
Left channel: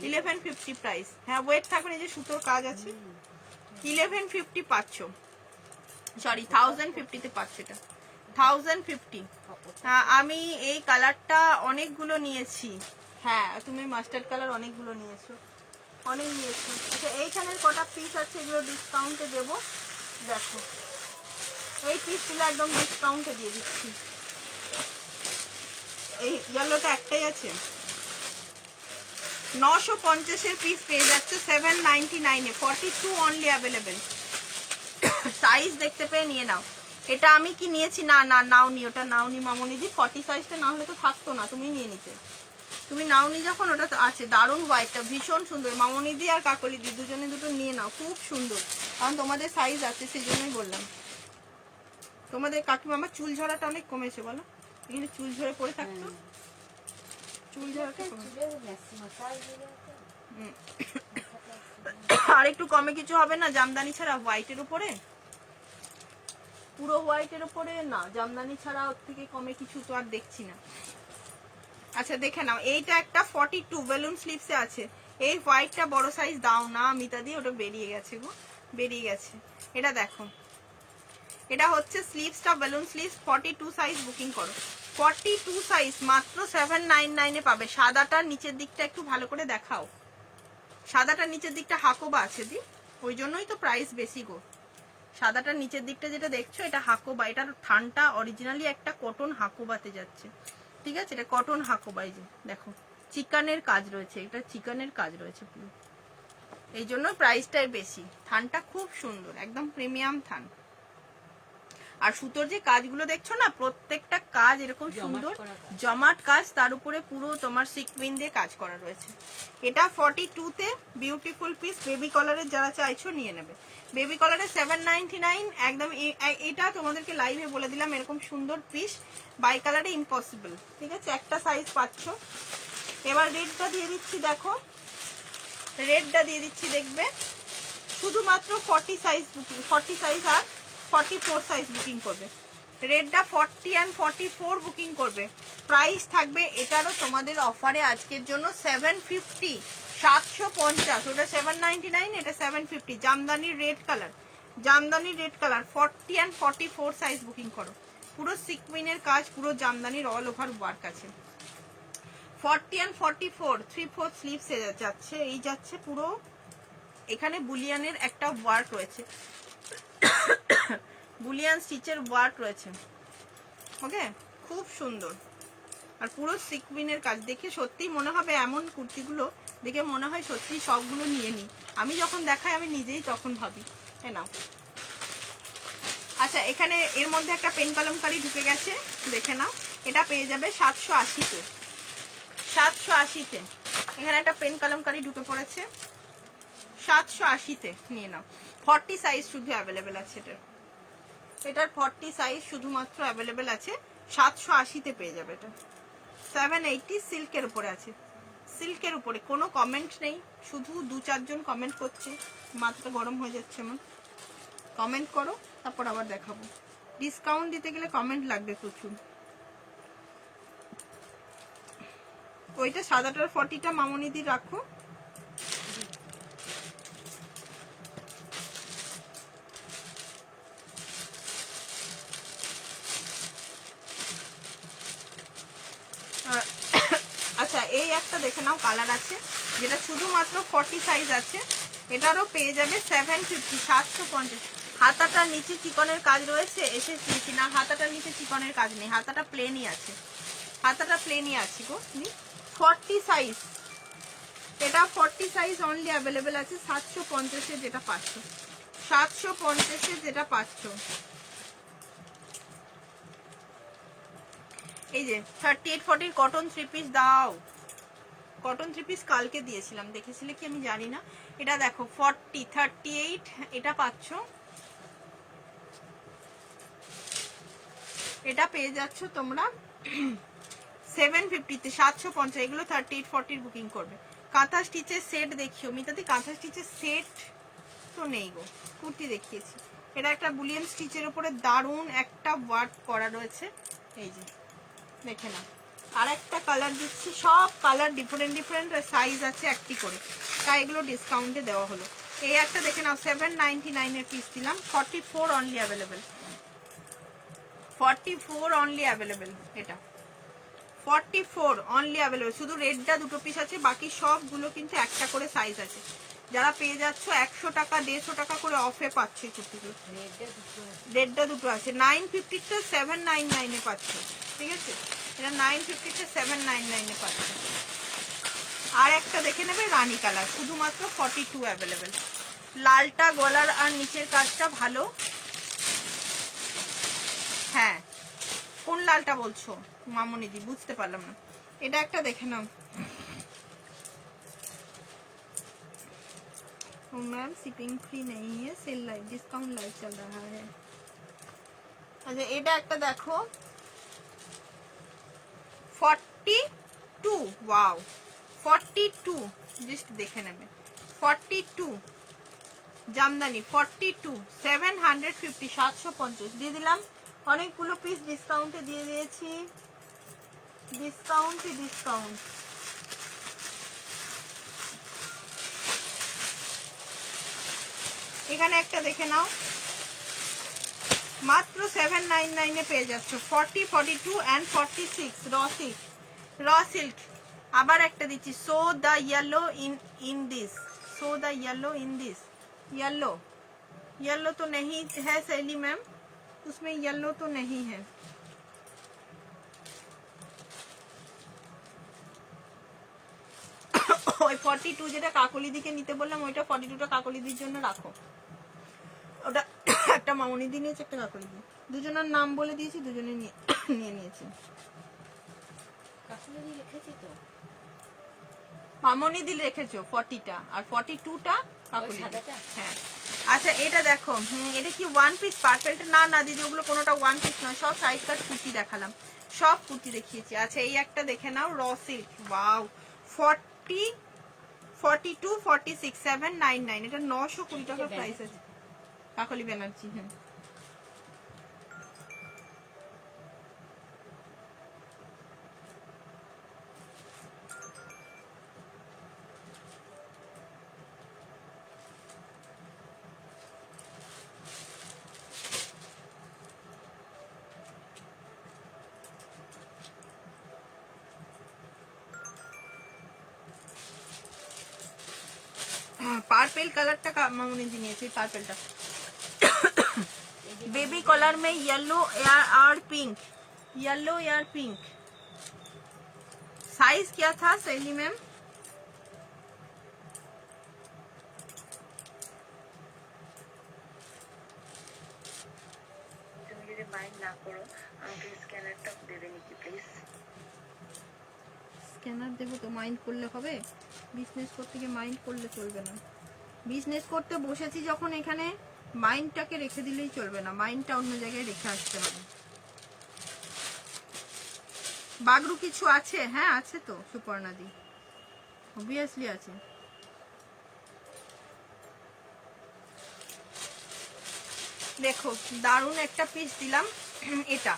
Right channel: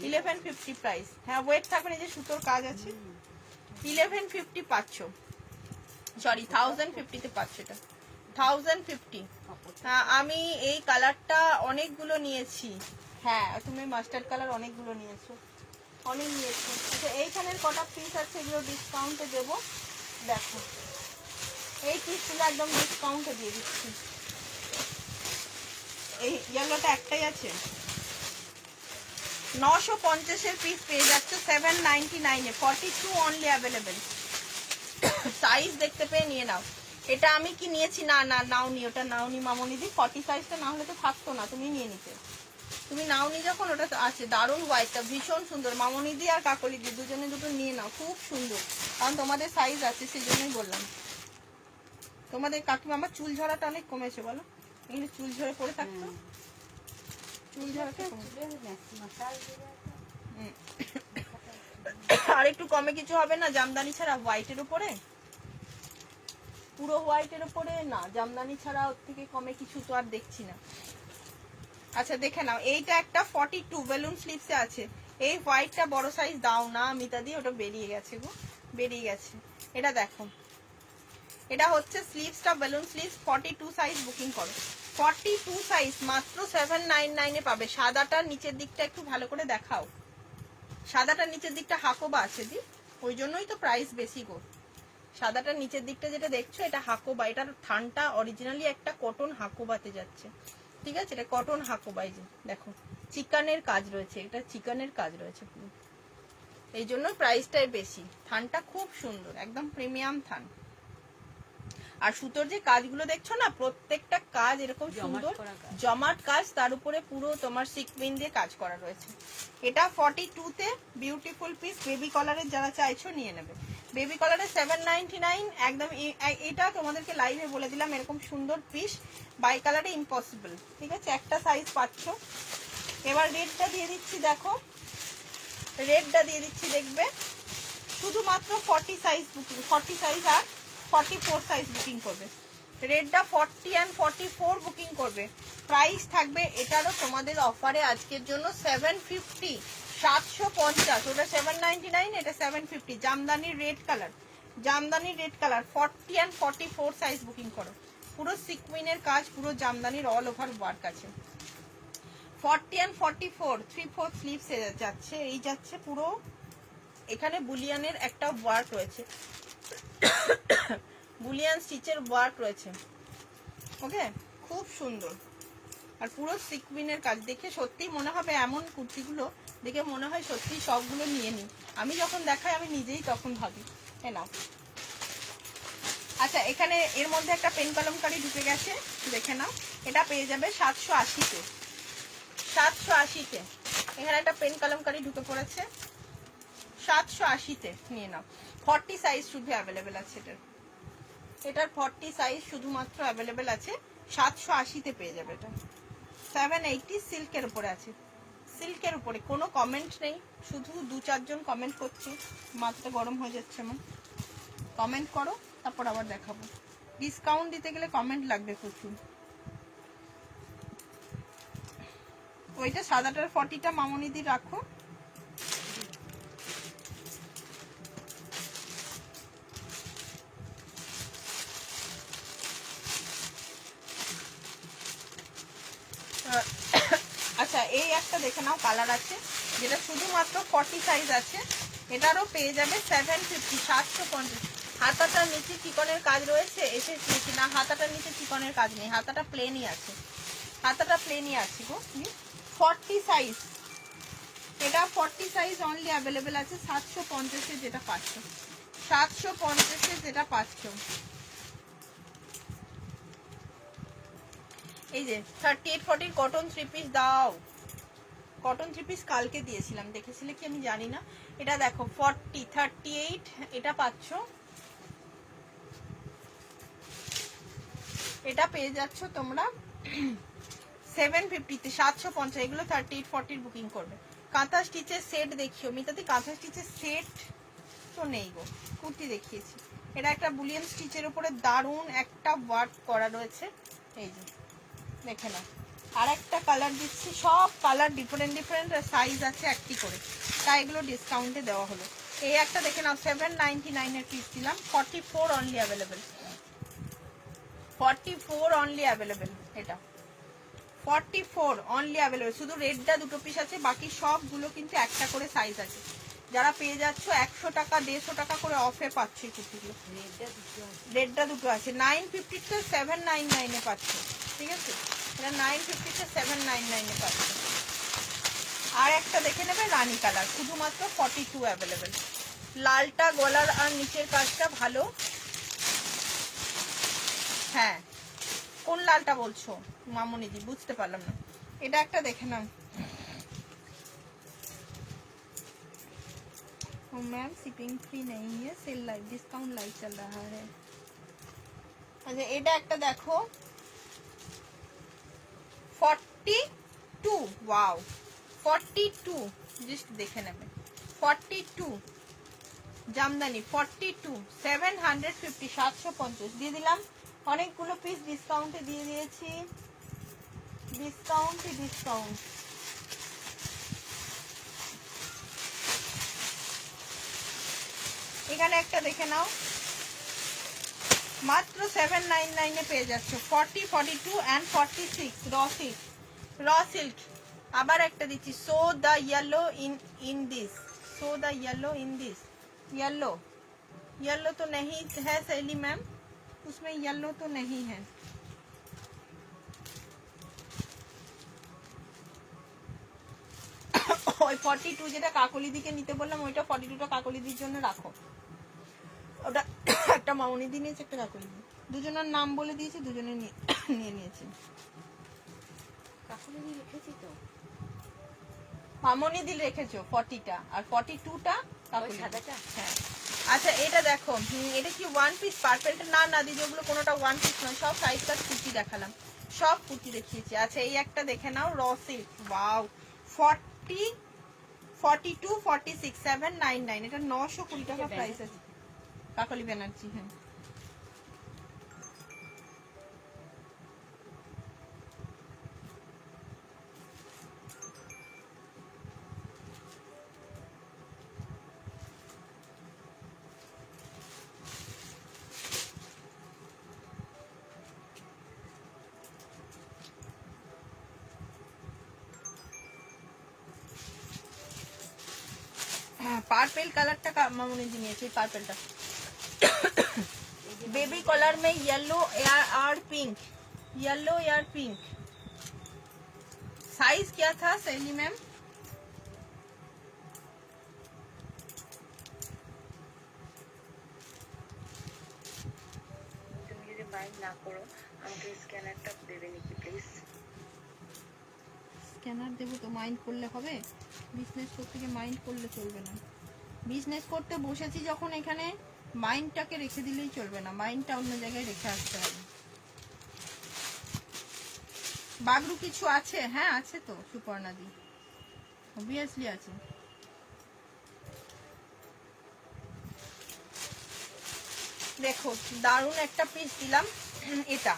1150 প্রাইস। হ্যাঁ ওয়েট থাকুন, এই যে সুতোর কাজ আছে, 1150 পাচ্ছ, সরি 1050 তে পাচ্ছ, এটা 1050। আমি এই কালারটা অনেকগুলো নিয়েছি। হ্যাঁ তুমি মাস্টার্ড কালার অনেকগুলো নিয়েছো, অনেক নিয়েছো। আচ্ছা এইখানের কটা পিস আছে এগুলো ডিসকাউন্টে দেবো। দেখো এই পিসগুলো একদম ডিসকাউন্টে দিয়ে দিচ্ছি। এই ইয়েলোটা একটাই আছে, 950 এর পিস পেয়ে যাচ্ছে 799 এ, 42 অনলি অ্যাভেলেবেল। সাইজ দেখতে পেয়ে নিয়ে নাও। এটা আমি কি নিয়েছি, না না নাওনি, ওটা নাওনি মামনিদি, 40 সাইজটা না হলে তো থাকতো না, তুমি নিয়ে নিতে। তুমি নাওনি যখন, ওটা তো আছে। দারুণ হোয়াইটটা ভীষণ সুন্দর, মামনিদি আর কাকলিদি দুজনে দুটো নিয়ে নাও, খুব সুন্দর, কারণ তোমাদের সাইজ আছে সেই জন্যই বললাম। তোমাদের কাকিমা, আমার চুল ঝরাটা অনেক কমেছে বলো, এখানে চুল ঝরে পড়ে থাকতো, চুল ঝরাটা আর একটু কমে কিছু হবে না জামদানি ছাড়া হোয়াইটের উপরে, পুরো হোয়াইটের উপরে না, জামদানি ছাড়া ওর থেকে কমে কিছু তো আর দেখছি না। আচ্ছা দেখে নাও, এইটা একটা 42 বেলুন স্লিভসে আছে। এই হোয়াইটটা বড় সাইজ দাও না মিতা দিয়ে, ওটা বেরিয়ে গেছে গো, বেরিয়ে গেছে। এটা দেখো, এটা হচ্ছে স্লিভসটা বেলুন স্লিভস, 42 সাইজ বুকিং করো, 42 সাইজ মাত্র 799 এ পাবে। সাদাটার নিচের দিকটা একটু ভালো করে দেখাও, সাদাটার নিচের দিকটা হাকোবা আছে দি, ওই জন্যই তো প্রাইস বেশি গো। সাদাটার নিচের দিকটা যেটা দেখছো এটা হাকোবা, এটার থানটা অরিজিনালি একটা কটন হাকোবাতে যাচ্ছে, ঠিক আছে? এটা কটন হাকোবা, এই যে দেখো চিকানের কাজ রয়েছে, এটা চিকানের কাজ রয়েছে পুরো, এই জন্য প্রাইসটাই বেশি। থানটা খুব সুন্দর, একদম প্রিমিয়াম থান। আর সুতোর যে কাজগুলো দেখছো না, প্রত্যেকটা কাজ এরকম সুন্দর জমাট কাজ, তার উপরে পুরো তোমার সিকউইন দিয়ে কাজ করা রয়েছে। এটা 42 তে বিউটিফুল পিস, বেবি কলারের যারা চাইছো নিয়ে নেবে। বেবি কলারে 799 একদম। এটা তোমাদেরকে লাইভে বলে দিলাম, এরকম সুন্দর পিস বাই কালারে ইম্পসিবল, ঠিক আছে? একটা সাইজ পাচ্ছ। এবার রেডটা দিয়ে দিচ্ছি, দেখো রেডটা দিয়ে দিচ্ছি, দেখবে শুধুমাত্র 40 সাইজ বুকিং, 40 সাইজ আর 44 সাইজ বুকিং করবে। রেডটা 40 অ্যান্ড 44 বুকিং করবে। প্রাইস থাকবে এটারও তোমাদের অফারে আজকের জন্য 750, 750। ওটা 799, এটা 750। জামদানির রেড কালার, জামদানির red colour 40 and 44 size booking করো। পুরো সিকুইনের কাজ, পুরো জামদানির অল ওভার ওয়ার্ক আছে। 40 অ্যান্ড 44 3/4 স্লিভস যাচ্ছে, এই যাচ্ছে পুরো। এখানে বুলিয়ানের একটা ওয়ার্ক রয়েছে, বুলিয়ান স্টিচের ওয়ার্ক রয়েছে, ওকে? খুব সুন্দর। আর পুরো সিকুইনের কাজ দেখে সত্যি মনে হবে, এমন কুর্তিগুলো দেখে মনে হয় সত্যি সবগুলো নিয়ে নিই। আমি যখন দেখাই আমি নিজেই তখন ভাবি এ নাও। আচ্ছা, এখানে এর মধ্যে একটা পেন কলমকারি ঢুকে গেছে, দেখে নাও। এটা পেয়ে যাবে 780-তে, 780-তে। এখানে একটা পেন কলমকারি ঢুকে পড়েছে 780-তে, নিয়ে নাও। 40 সাইজ শুধু অ্যাভেলেবেল আছে এটার, এটার 40 সাইজ শুধুমাত্র অ্যাভেলেবেল আছে। 780-তে পেয়ে যাবে এটা। 780 সিল্কের উপরে আছে, সিল্কের উপরে। কোনো কমেন্ট নেই, শুধু 2-4 জন কমেন্ট করছে, মাথাটা গরম হয়ে যাচ্ছে আমার। কমেন্ট করো, তারপর আবার দেখাবো। ডিসকাউন্ট দিতে গেলে কমেন্ট লাগবে প্রচুর। ওইটা সাদাটার 40টা মামনিদি রাখো। আচ্ছা, এই একটা দেখে নাও, কালার আছে যেটা শুধুমাত্র 40 সাইজ আছে। এটারও পেয়ে যাবে 750, 750। হাতাটার নিচে চিকনের কাজ রয়েছে, এসেছি না? হাতাটার নিচে চিকনের কাজ নেই, হাতাটা প্লেনই আছে, হাতাটা প্লেনই আছে গো। 40 সাইজ, এটা 40 সাইজ অনলি অ্যাভেলেবেল আছে। 750-এ যেটা পাচ্ছ, 750-এ যেটা পাচ্ছ। এই যে 38-40 কটন 3 পিস দাও, কটন 3 পিস কালকে দিয়েছিলাম, দেখেছিলে কি আমি জানি না। এটা দেখো 40, 38 এটা পাচ্ছ। এটা পেয়ে যাচ্ছ তোমরা 750-তে, 750। এগুলো 38-40 বুকিং করবে। কাঁথা স্টিচের সেট দেখিও মিতাদি, কাঁথা স্টিচের সেট তো নেই গো, কুর্তি দেখিয়েছি। এটা একটা বুলিয়ান স্টিচের উপরে দারুণ একটা ওয়ার্ক করা রয়েছে, এই যে দেখে না। আর একটা কালার দিচ্ছি, সব কালার ডিফারেন্ট ডিফারেন্ট সাইজ আছে একটি করে, তাই এগুলো ডিসকাউন্টে দেওয়া হলো। এই একটা দেখে নাও, 799-এর পিস দিলাম। 44 অনলি অ্যাভেলেবেল, 44 অনলি অ্যাভেলেবেল। এটা 44 অনলি অ্যাভেলেবেল। শুধু রেডটা 2 পিস আছে, বাকি সবগুলো কিন্তু একটা করে সাইজ আছে। যারা পেয়ে যাচ্ছ 100 টাকা 150 টাকা করে অফে পাচ্ছে কুর্তিগুলো। রেডটা 2 আছে। 950-টা 799-এ পাচ্ছে, ঠিক আছে? এটা 950-টা 799-এ পাচ্ছে। আর একটা দেখে নেবে রানী কালার, শুধুমাত্র 42 অ্যাভেলেবেল। লালটা গলার আর নিচের কাজটা ভালো। হ্যাঁ, কোন লালটা বলছো মামনিদি? বুঝতে পারলাম না। এটা একটা দেখে নাও। मैम शिपिंग फ्री नहीं है, सेल लाइव डिस्काउंट लाइव चल रहा है। अच्छा, এটা একটা দেখো 42, ওয়াও 42, জাস্ট দেখে নেবে। 42 জামদানি 42, 750, 750 দিয়ে দিলাম। অনেকগুলো পিস ডিসকাউন্টে দিয়ে দিয়েছি, ডিসকাউন্ট ডিসকাউন্ট। এখানে একটা দেখে নাও, মাত্র 799-এ পেয়ে যাচ্ছ। 40, 42 অ্যান্ড 46 র সিল্ক। আবার একটা দিচ্ছি, so the yellow in this, so the yellow in this. Yellow, yellow तो नहीं है सैली मैम, उसमें येलो तो नहीं है। ওই 42 যেটা কাকলিদিকে নিতে বললাম, ওইটা 42টা কাকলিদির জন্য রাখো। ওটা একটা মামনিদি নিয়েছে, একটা কাকলিদি, দুজনের নাম বলে দিয়েছি, দুজনে নিয়ে নিয়েছে। কাকুলি লিখেছি তো, মামনিদি রেখেছো 40টা, আর 42টা কাকলি। সাদাটা? হ্যাঁ, আচ্ছা এটা দেখো, এটা কি ওয়ান পিস পার্পেলটা? না না দিদি, ওগুলো কোনোটা ওয়ান পিস নয়, সব সাইজ কাট কুচি দেখালাম, সব কুচি দেখিয়েছি। আচ্ছা এই একটা দেখে নাও, র সিল্ক, ওয়াও, 40, 42, 46, 799, এটা 920 টাকা প্রাইস আছে। কাকলি ব্যানার্জি, হ্যাঁ। पार्पल कलर टा मामूनी दिए पार्पल टा बेबी कलर में येलो और पिंक, येलो और पिंक। साइज क्या था सैली मैम? স্ক্যানার দেবো তো মাইন্ড করলে হবে? বিজনেস করতে গিয়ে মাইন্ড করলে চলবে না। বিজনেস করতে বসেছি যখন, এখানে মাইন্ডটাকে রেখে দিলেই চলবে না, মাইন্ডটা অন্য জায়গায় রেখে আসতে হবে। বাগরু কিছু আছে? হ্যাঁ আছে তো সুপর্ণাদি, অবভিয়াসলি আছে। দেখো দারুণ একটা পিস দিলাম, এটা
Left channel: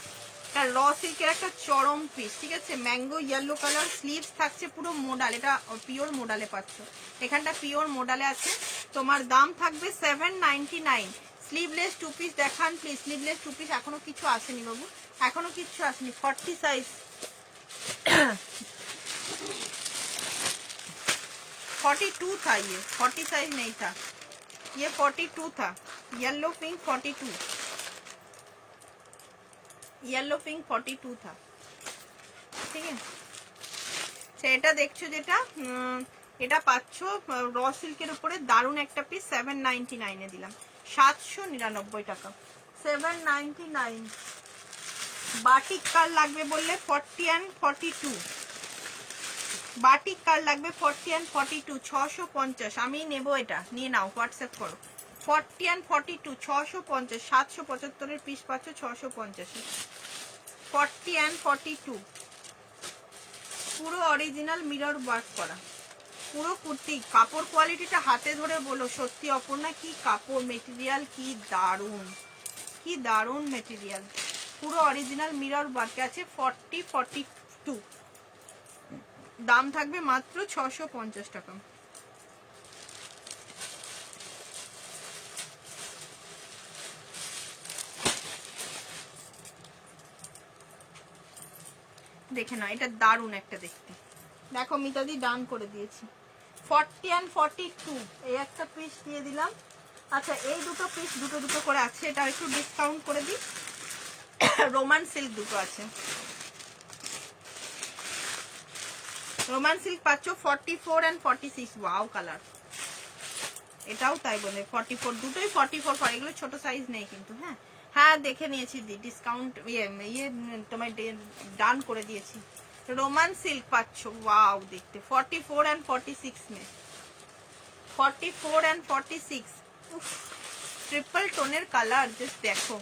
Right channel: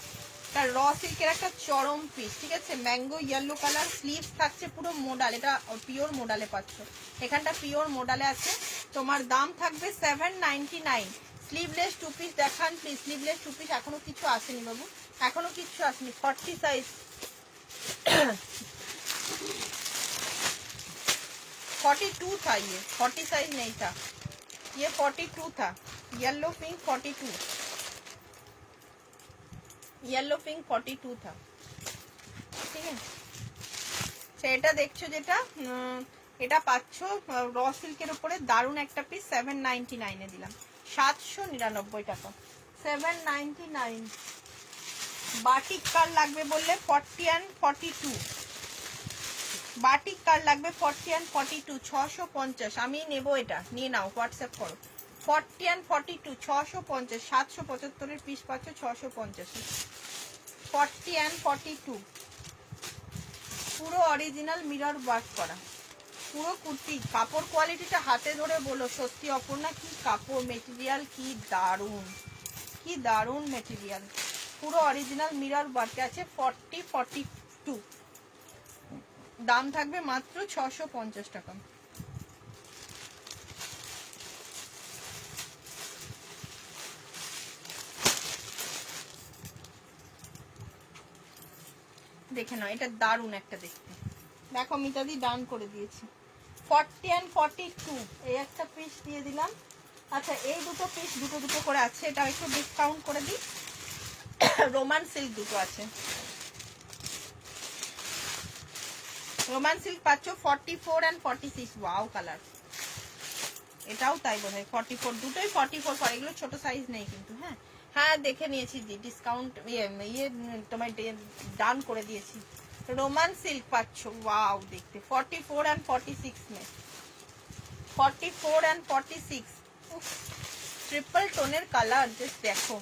তার র সিল্কের একটা চরম পিস, ঠিক আছে, ম্যাঙ্গো ইয়েলো কালার, স্লিভস থাকছে পুরো মোডাল, এটা পিওর মোডালে পাচ্ছ, এখানটা পিওর মোডালে আছে। তোমার দাম থাকবে 799। স্লিভলেস টু পিস দেখান প্লিজ, স্লিভলেস টু পিস এখনো কিছু আসেনি বাবু, এখনো কিছু আসেনি। 40 সাইজ, 42 था ये, 40 साइज नहीं था ये, 42 था। येलो पिंक 42, येलो पिंक 42 था, ঠিক আছে। সেটা দেখছো যেটা, এটা পাচ্ছ র সিল্কের উপরে দারুণ একটা পিস, 799 এ দিলাম, 799 টাকা, 799। বাটিক কার লাগবে বললে 40 and 42, বাটিক কার লাগবে 40 and 42, 650। আমি নেব, এটা নিয়ে নাও, হোয়াটসঅ্যাপ করো। 40 and 42, 650, 775 এর পিস পাচ্ছ 650। 40 and 42 পুরো অরিজিনাল মিরর ওয়ার্ক করা, পুরো কুর্তি। কাপড় কোয়ালিটিটা হাতে ধরে বলো, সত্যি অপূর্ণা কি কাপড়, মেটেরিয়াল কি দারুণ, কি দারুণ মেটেরিয়াল, পুরো অরিজিনাল মিরর ওয়ার্ক আছে। 40, 42 দাম থাকবে মাত্র 650 টাকা। দেখে নাও, এটা দারুণ একটা দেখতে, দেখো মিতাদি ডান করে দিয়েছি। 40 and 42 এই একটা পিস দিয়ে দিলাম। আচ্ছা এই দুটো পিস দুটো দুটো করে আছে, এটা একটু ডিসকাউন্ট করে দিই। রোমান সিল্ক দুটো আছে, রোমান সিল্ক পাচ্ছ 44 and 46, ওয়াও কালার, এটাও তাই বোধ হয় 44, দুটোই 44 পরে, এগুলো ছোট সাইজ নেই কিন্তু। হ্যাঁ হ্যাঁ দেখে নিয়েছি, ডিসকাউন্ট ইয়ে তোমায় ডান করে দিয়েছি। রোমান সিল্ক পাচ্ছ, ওয়াও দেখতে, 44 and 46 মে, 44 and 46, ট্রিপল টোনের কালার, জাস্ট দেখো।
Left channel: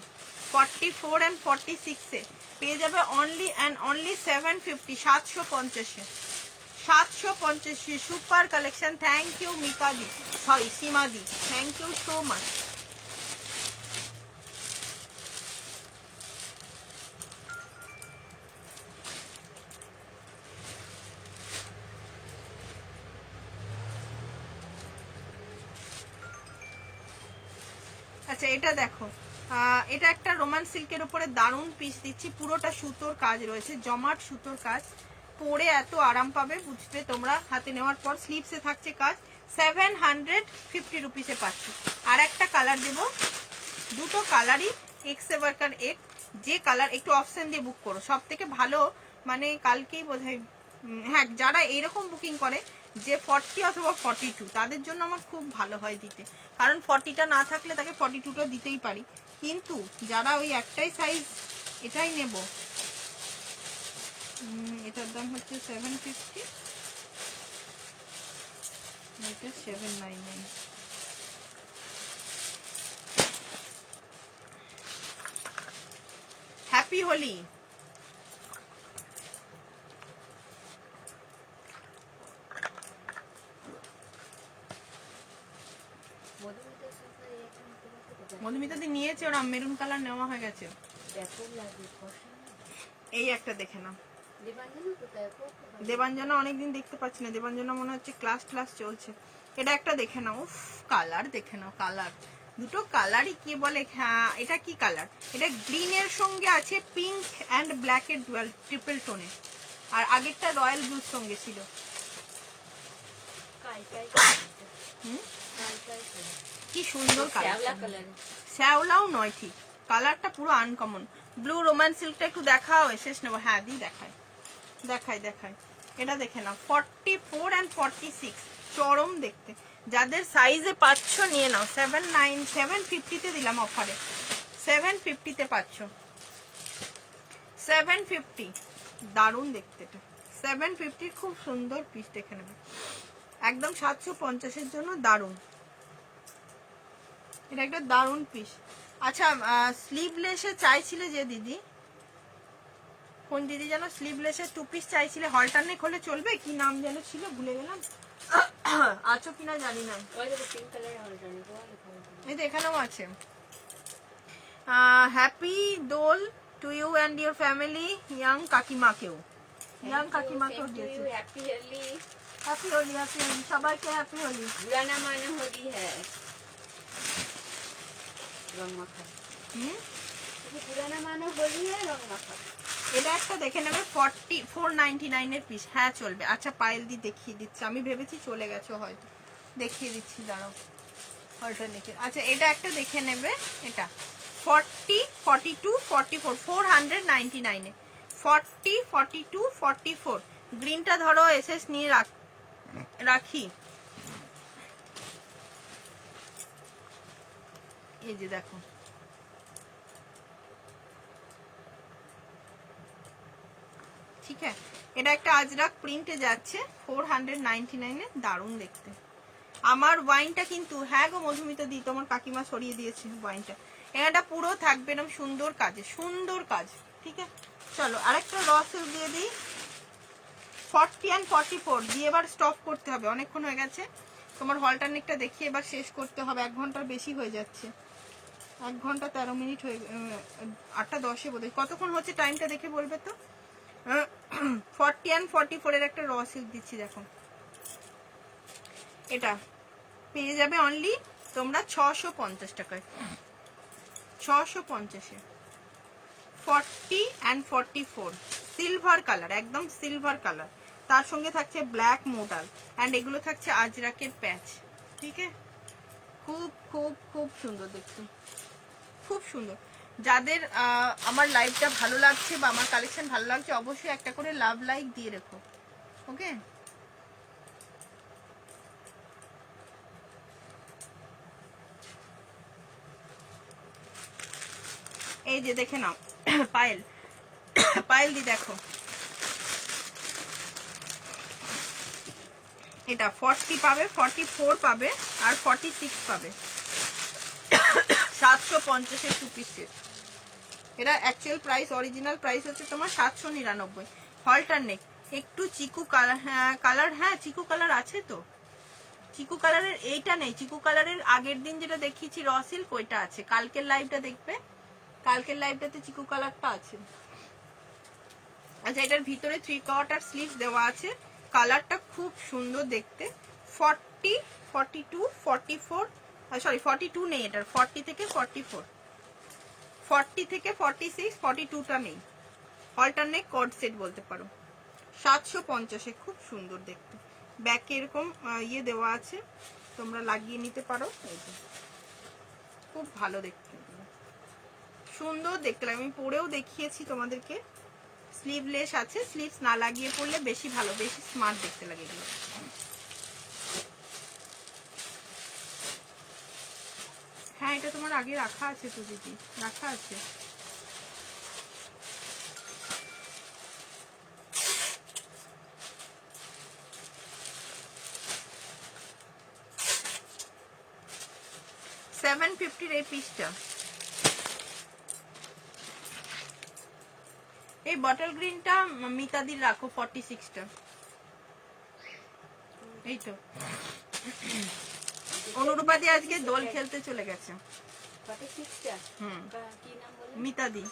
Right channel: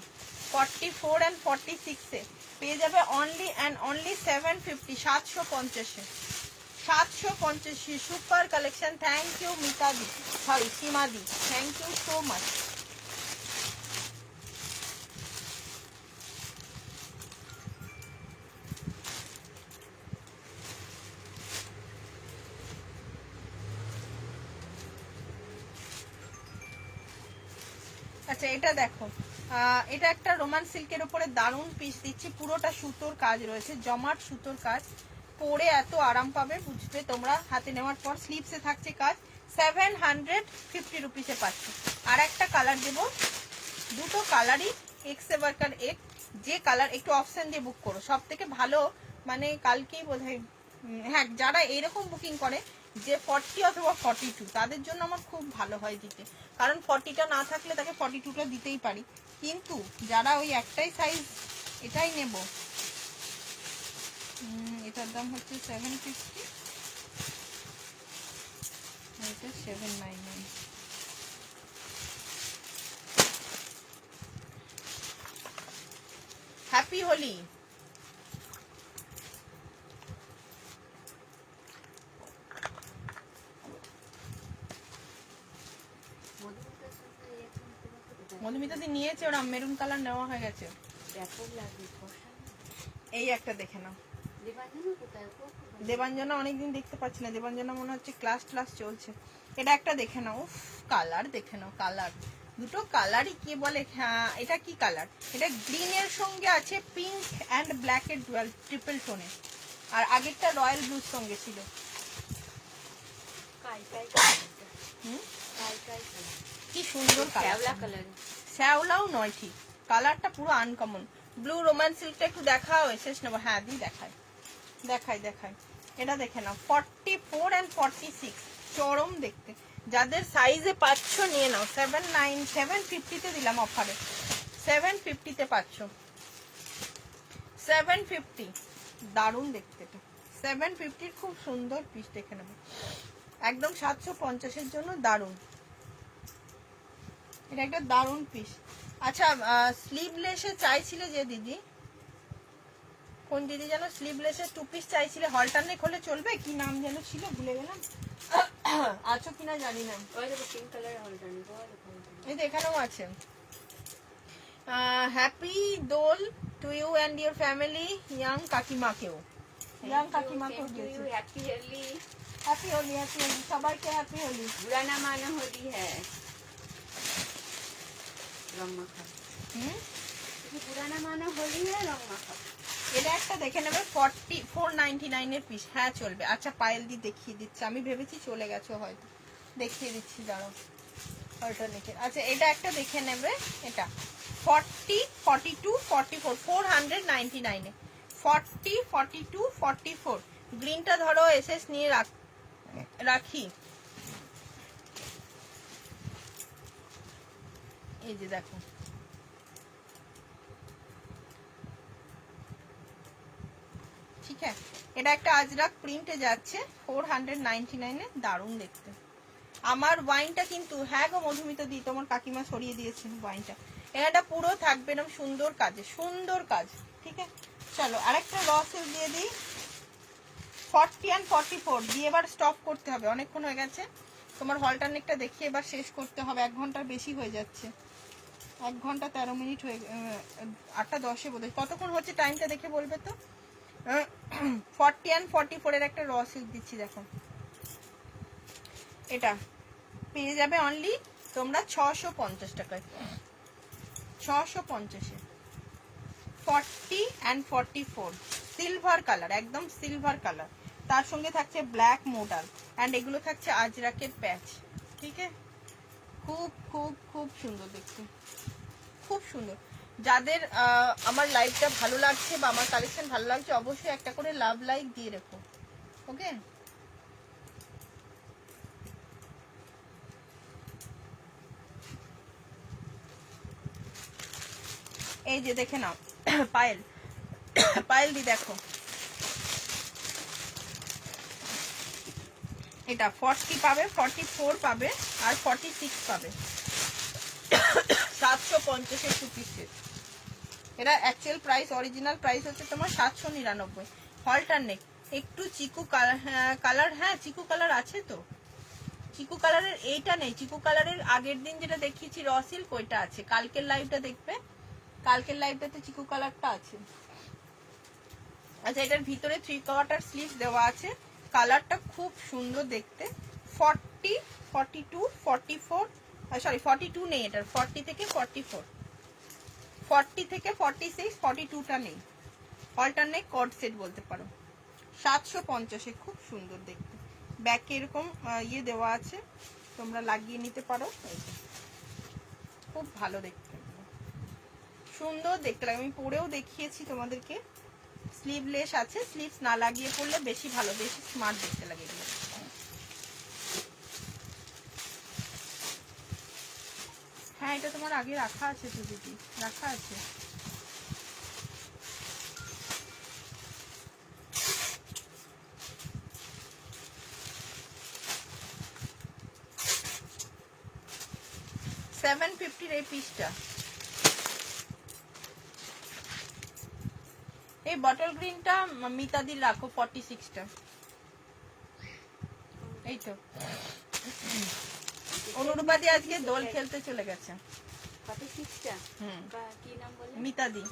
44 and 46 এ পেয়ে যাবে only and only 750, 750, 750। Super collection, thank you Mita দি, সরি সীমা দি, থ্যাংক ইউ সো মাচ। আচ্ছা এটা দেখো, এটা একটা রোমান সিল্কের উপরে দারুণ পিস দিচ্ছি, পুরোটা সুতোর কাজ রয়েছে, জমাট সুতোর কাজ, পরে এত আরাম পাবে বুঝবে তোমরা হাতে নেওয়ার পর। স্লিভসে থাকছে কাজ, 750 রুপিসে পাচ্ছি। আর একটা কালার দেবো, দুটো কালারই এক্স ওয়ার্কার এক, যে কালার একটু অপশন দিয়ে বুক করো, সব থেকে ভালো, মানে কালকেই বোধহয়, হ্যাঁ যারা এইরকম বুকিং করে যে 40 অথবা 42, তাদের জন্য আমার খুব ভালো হয় দিতে, কারণ 40টা না থাকলে তাকে 42টা দিতেই পারি, কিন্তু যারা ওই একটাই সাইজ এটাই নেব, এটার দাম হচ্ছে 750, এটা 799। হ্যাপি হোলি। মধুমিতার সাথে এখন তোমার সাথে মধুমিতা দি নিয়েছে, ওরা মেরুন কালার নেওয়া হয়ে গেছে। ব্যাপক লাগবে ফর্সা না? এই একটা দেখে নাও। দেবাঞ্জনা কোথায় গো? দেবাঞ্জনা অনেকদিন দেখতে পাচ্ছি না, দেবাঞ্জনা মনে হচ্ছে ক্লাস চলছে। এটা একটা দেখে নাও, উফ কালার দেখে নাও, কালার দুটো কালারই কি বলে। হ্যাঁ এটা কি কালার, এটা গ্রিনের সঙ্গে আছে পিঙ্ক অ্যান্ড ব্ল্যাক এর ডুয়াল ট্রিপল টোনে, আর আগেরটা রয়্যাল ব্লুর সঙ্গে ছিল। কাই হুম, কালার। কি সুন্দর শ্যাওলা কালার। কালার। শ্যাওলাও নয় ঠিক, কালারটা পুরো আনকমন। ব্লু রোমান সিল্কটা একটু দেখাও, শেষ নেবো। হ্যাঁ দি দেখায় দেখায় দেখায়। এটা দেখে নাও 44 and 46, চরম দেখতে। যাদের সাইজে পাচ্ছ নিয়ে নাও। 750 দিলাম অফারে, 750 পাচ্ছ, 750। দারুণ দেখতে এটা, 750 খুব সুন্দর পিস, দেখে নেবে একদম 750 জন্য দারুণ। এটা একটা দারুণ পিস। আচ্ছা স্লিভলেসে চাইছিলে যে দিদি, কোন দিদি যেন স্লিভলেসের 2 পিস চাইছিলে, হলটারনেক হলে চলবে, কি নাম যেন ছিল ভুলে গেলাম। আছো কিনা জানি না। ওই দেখো পিঙ্ক কালার হলটা নেবো। এই তো এখানেও আছে। Happy Dol to you and your family, young কাকিমাকেও, ইয়াং কাকিমাকেও দিয়েছে। Happy Holi. Happy Holi, happy Holi, সবাইকে হ্যাপি হোলি। बुरा ना मानो होली है रंग माखा। बुरा ना मानो होली है रंग माखा। এটা একটা দেখে নেবে 499 এর পিস। হ্যাঁ চলবে। আচ্ছা পায়েল দি দেখিয়ে দিচ্ছি, আমি ভেবেছি চলে গেছো হয়তো, দেখিয়ে দিচ্ছি দাঁড়াও অল্টারনেটিভ। আচ্ছা এটা একটা দেখে নেবে, এটা 40, 42, 44, 499 এ 40, 42, 44। গ্রিনটা ধরো এসএস নিয়ে রাখি। এই যে দেখো, ঠিক আছে। এটা একটা আজরাক প্রিন্টে যাচ্ছে 499 এ, দারুণ দেখতে। আমার ওয়াইনটা কিন্তু, হ্যাঁ গো মধুমিতা দি তোমার কাকিমা সরিয়ে দিয়েছে ওয়াইনটা। এটা পুরো থাকবে এরকম সুন্দর কাজে, সুন্দর কাজ, ঠিক আছে। চলো আরেকটা র সিল্ক দিয়ে দিই, 40 and 44 দিয়ে এবার স্টপ করতে হবে, অনেকক্ষণ হয়ে গেছে। তোমার হলটারনেকটা দেখিয়ে এবার শেষ করতে হবে, 1 ঘন্টার বেশি হয়ে যাচ্ছে, 1 ঘন্টা 13 মিনিট হয়ে, 8টা 10 বোধহয়। কতক্ষণ হচ্ছে টাইমটা দেখে বলবে তো। 40 and 44 এর একটা র সিল্ক দিচ্ছি, দেখো এটা পেয়ে যাবে অনলি তোমরা 650 টাকায়, 650-এ 40 and 44, সিলভার কালার, একদম সিলভার কালার, তার সঙ্গে থাকছে ব্ল্যাক মোডাল অ্যান্ড এগুলো থাকছে আজরাকের প্যাচ, ঠিক আছে। খুব খুব খুব সুন্দর দেখতে, খুব সুন্দর। যাদের আমার লাইভটা ভালো লাগছে বা আমার কালেকশন ভালো লাগছে, অবশ্যই একটা করে লাভ লাইক দিয়ে রেখো, ওকে। এই যে দেখে নাও পায়েল, পায়েল দি দেখো, এটা 40 পাবে, 44 পাবে আর 46 পাবে, 750-এর 2 পিসের। এটা অ্যাকচুয়াল প্রাইস, অরিজিনাল প্রাইস হচ্ছে তোমার 799। হলটারনেক একটু চিকু কালার, হ্যাঁ চিকু কালার আছে তো, চিকু কালারের এইটা নেই, চিকু কালারের আগের দিন যেটা দেখিয়েছি র সিল্ক ওইটা আছে, কালকের লাইভটা দেখবে, কালকের লাইভটাতে চিকু কালারটা আছে। আচ্ছা এটার ভিতরে 3/4 স্লিভস দেওয়া আছে, কালারটা খুব সুন্দর দেখতে। 40, 42, 44, সরি 42 নেই এটার, 40 থেকে 44, 40 থেকে 46, 42টা নেই। অল্টারনেট কর্ড সেট বলতে পারো, 750-এ, খুব সুন্দর দেখতে। ব্যাকে এরকম ইয়ে দেওয়া আছে, তোমরা লাগিয়ে নিতে পারো, এই যে খুব ভালো দেখতে, সুন্দর দেখতে লাগে। আমি পরেও দেখিয়েছি তোমাদেরকে, স্লিভলেস আছে, স্লিভস না লাগিয়ে পরলে বেশি ভালো, বেশি স্মার্ট দেখতে লাগে এগুলো। হ্যাঁ এটা তোমার আগে রাখা আছে তো দিদি, রাখা আছে। $750 এই পিসটা, এই বটল গ্রিনটা মিতাদির রাখো 46টা। এই তো অনুরূপাদি আজকে দোল খেলতে চলে গেছে। 46টা হুম কি নাম বললে? মিতাদি।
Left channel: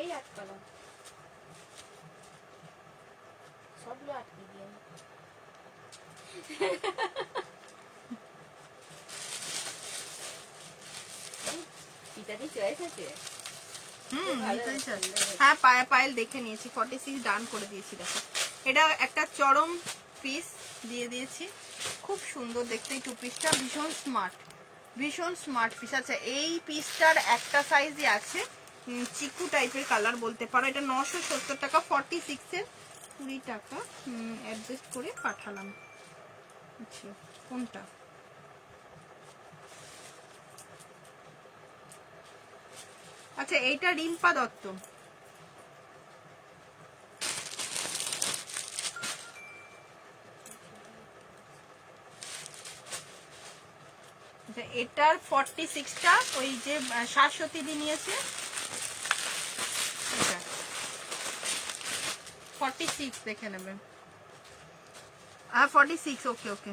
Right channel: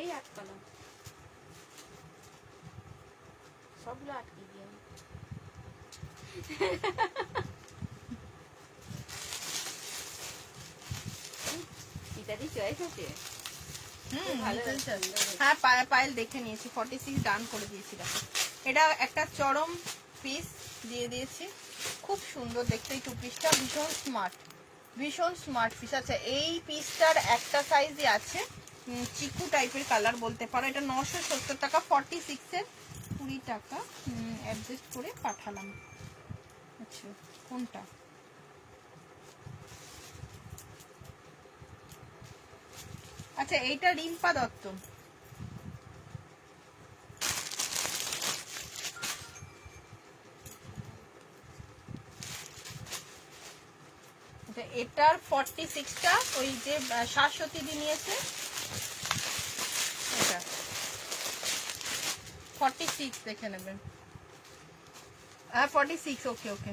এই আটকালাম সবগুলো আটকে দিয়ে পিতাদি চয়েস আছে। হ্যাঁ পায়েল দেখে নিয়েছি, 46 ডান করে দিয়েছি। দেখো এটা একটা চরম পিস দিয়ে দিয়েছি, খুব সুন্দর দেখতে। এই টু পিসটা ভীষণ স্মার্ট পিস। আচ্ছা এই পিসটার একটা সাইজই আছে, চিকু টাইপের কালার বলতে পারো। এটা 970 টাকা, 46-এর 20 টাকা অ্যাডজাস্ট করে পাঠালাম। আচ্ছা কোনটা? আচ্ছা এইটা রিম্পা দত্ত। এটার 46টা ওই যে শাশ্বতী দি নিয়েছে, এটা 46 দেখে নেবেন। হ্যাঁ 46, ওকে ওকে।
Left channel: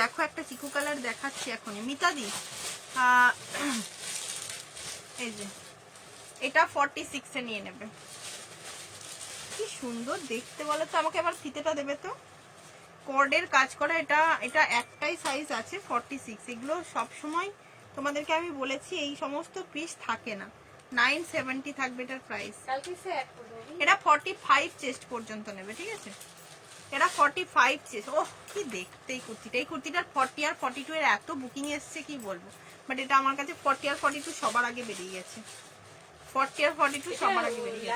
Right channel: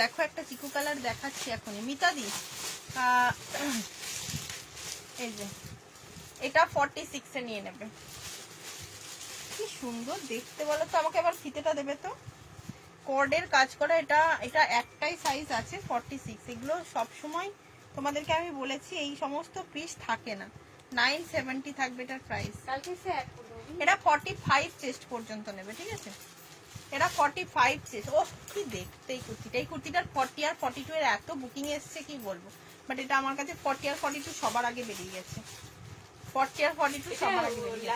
দেখো একটা চিকু কালার দেখাচ্ছি এখনই মিতাদি। এই যে এটা 46-এ নিয়ে নেবে। কি সুন্দর দেখতে বলো তো, আমাকে আবার ফিতেটা দেবে তো। কর্ডের কাজ করা, এটা একটাই সাইজ আছে 46। এগুলো সব সময় তোমাদেরকে আমি বলেছি এই সমস্ত পিস থাকে না। 970 থাকবে এটার প্রাইস। এটা 45 চেস্ট পর্যন্ত নেবে, ঠিক আছে? এটা 45 চেস্ট। ওহ কি দেখতে এই কুর্তিটা। এই কুর্তিটার 40 আর 42 এর এত বুকিং এসছে কি বলবো, বাট এটা আমার কাছে 40 আর 42 সবার আগে বেরিয়ে গেছে। 40 আর 42 সবার আগে বেরিয়ে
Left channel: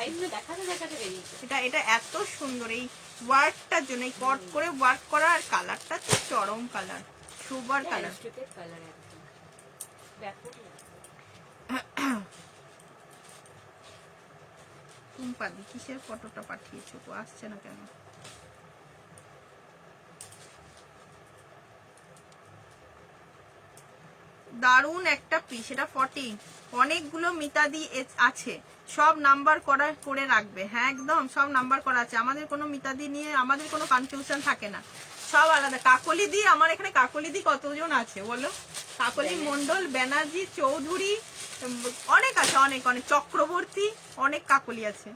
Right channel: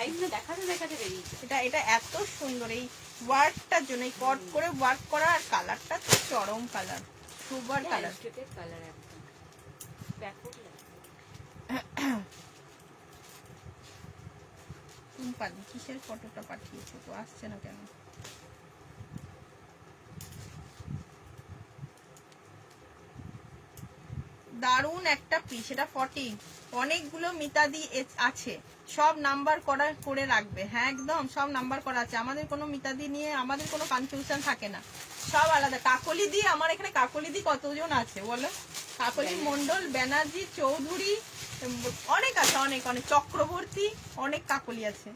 গেছে। এটা এত সুন্দর এই ওয়ার্কটার জন্য, এই কট করে ওয়ার্ক করা, আর কালারটা তো চরম কালার, সুপার কালার। টুম্পাদি কিসের ফটোটা পাঠিয়েছো, আসছে না কেন? দারুন একটা পিস। এটা 40, অনেকগুলো মিতাদি আছে, সব নাম্বার করা করে রাখবে। হ্যাঁ একদম সব নাম্বার করা আছে। আমাদের কোনো মিতাদি নিয়ে আমাদের কোনো কনফিউশন থাকে না, সব আলাদা। কাকলি দি, আমার এখানে কাকলি দি কতজন আছে বলো? কাকলি মন্ডল, ব্যানার্জি, চৌধুরী, অনেক আছে, অনেক অনেক চক্রবর্তী, অনেক কাকলি আছে।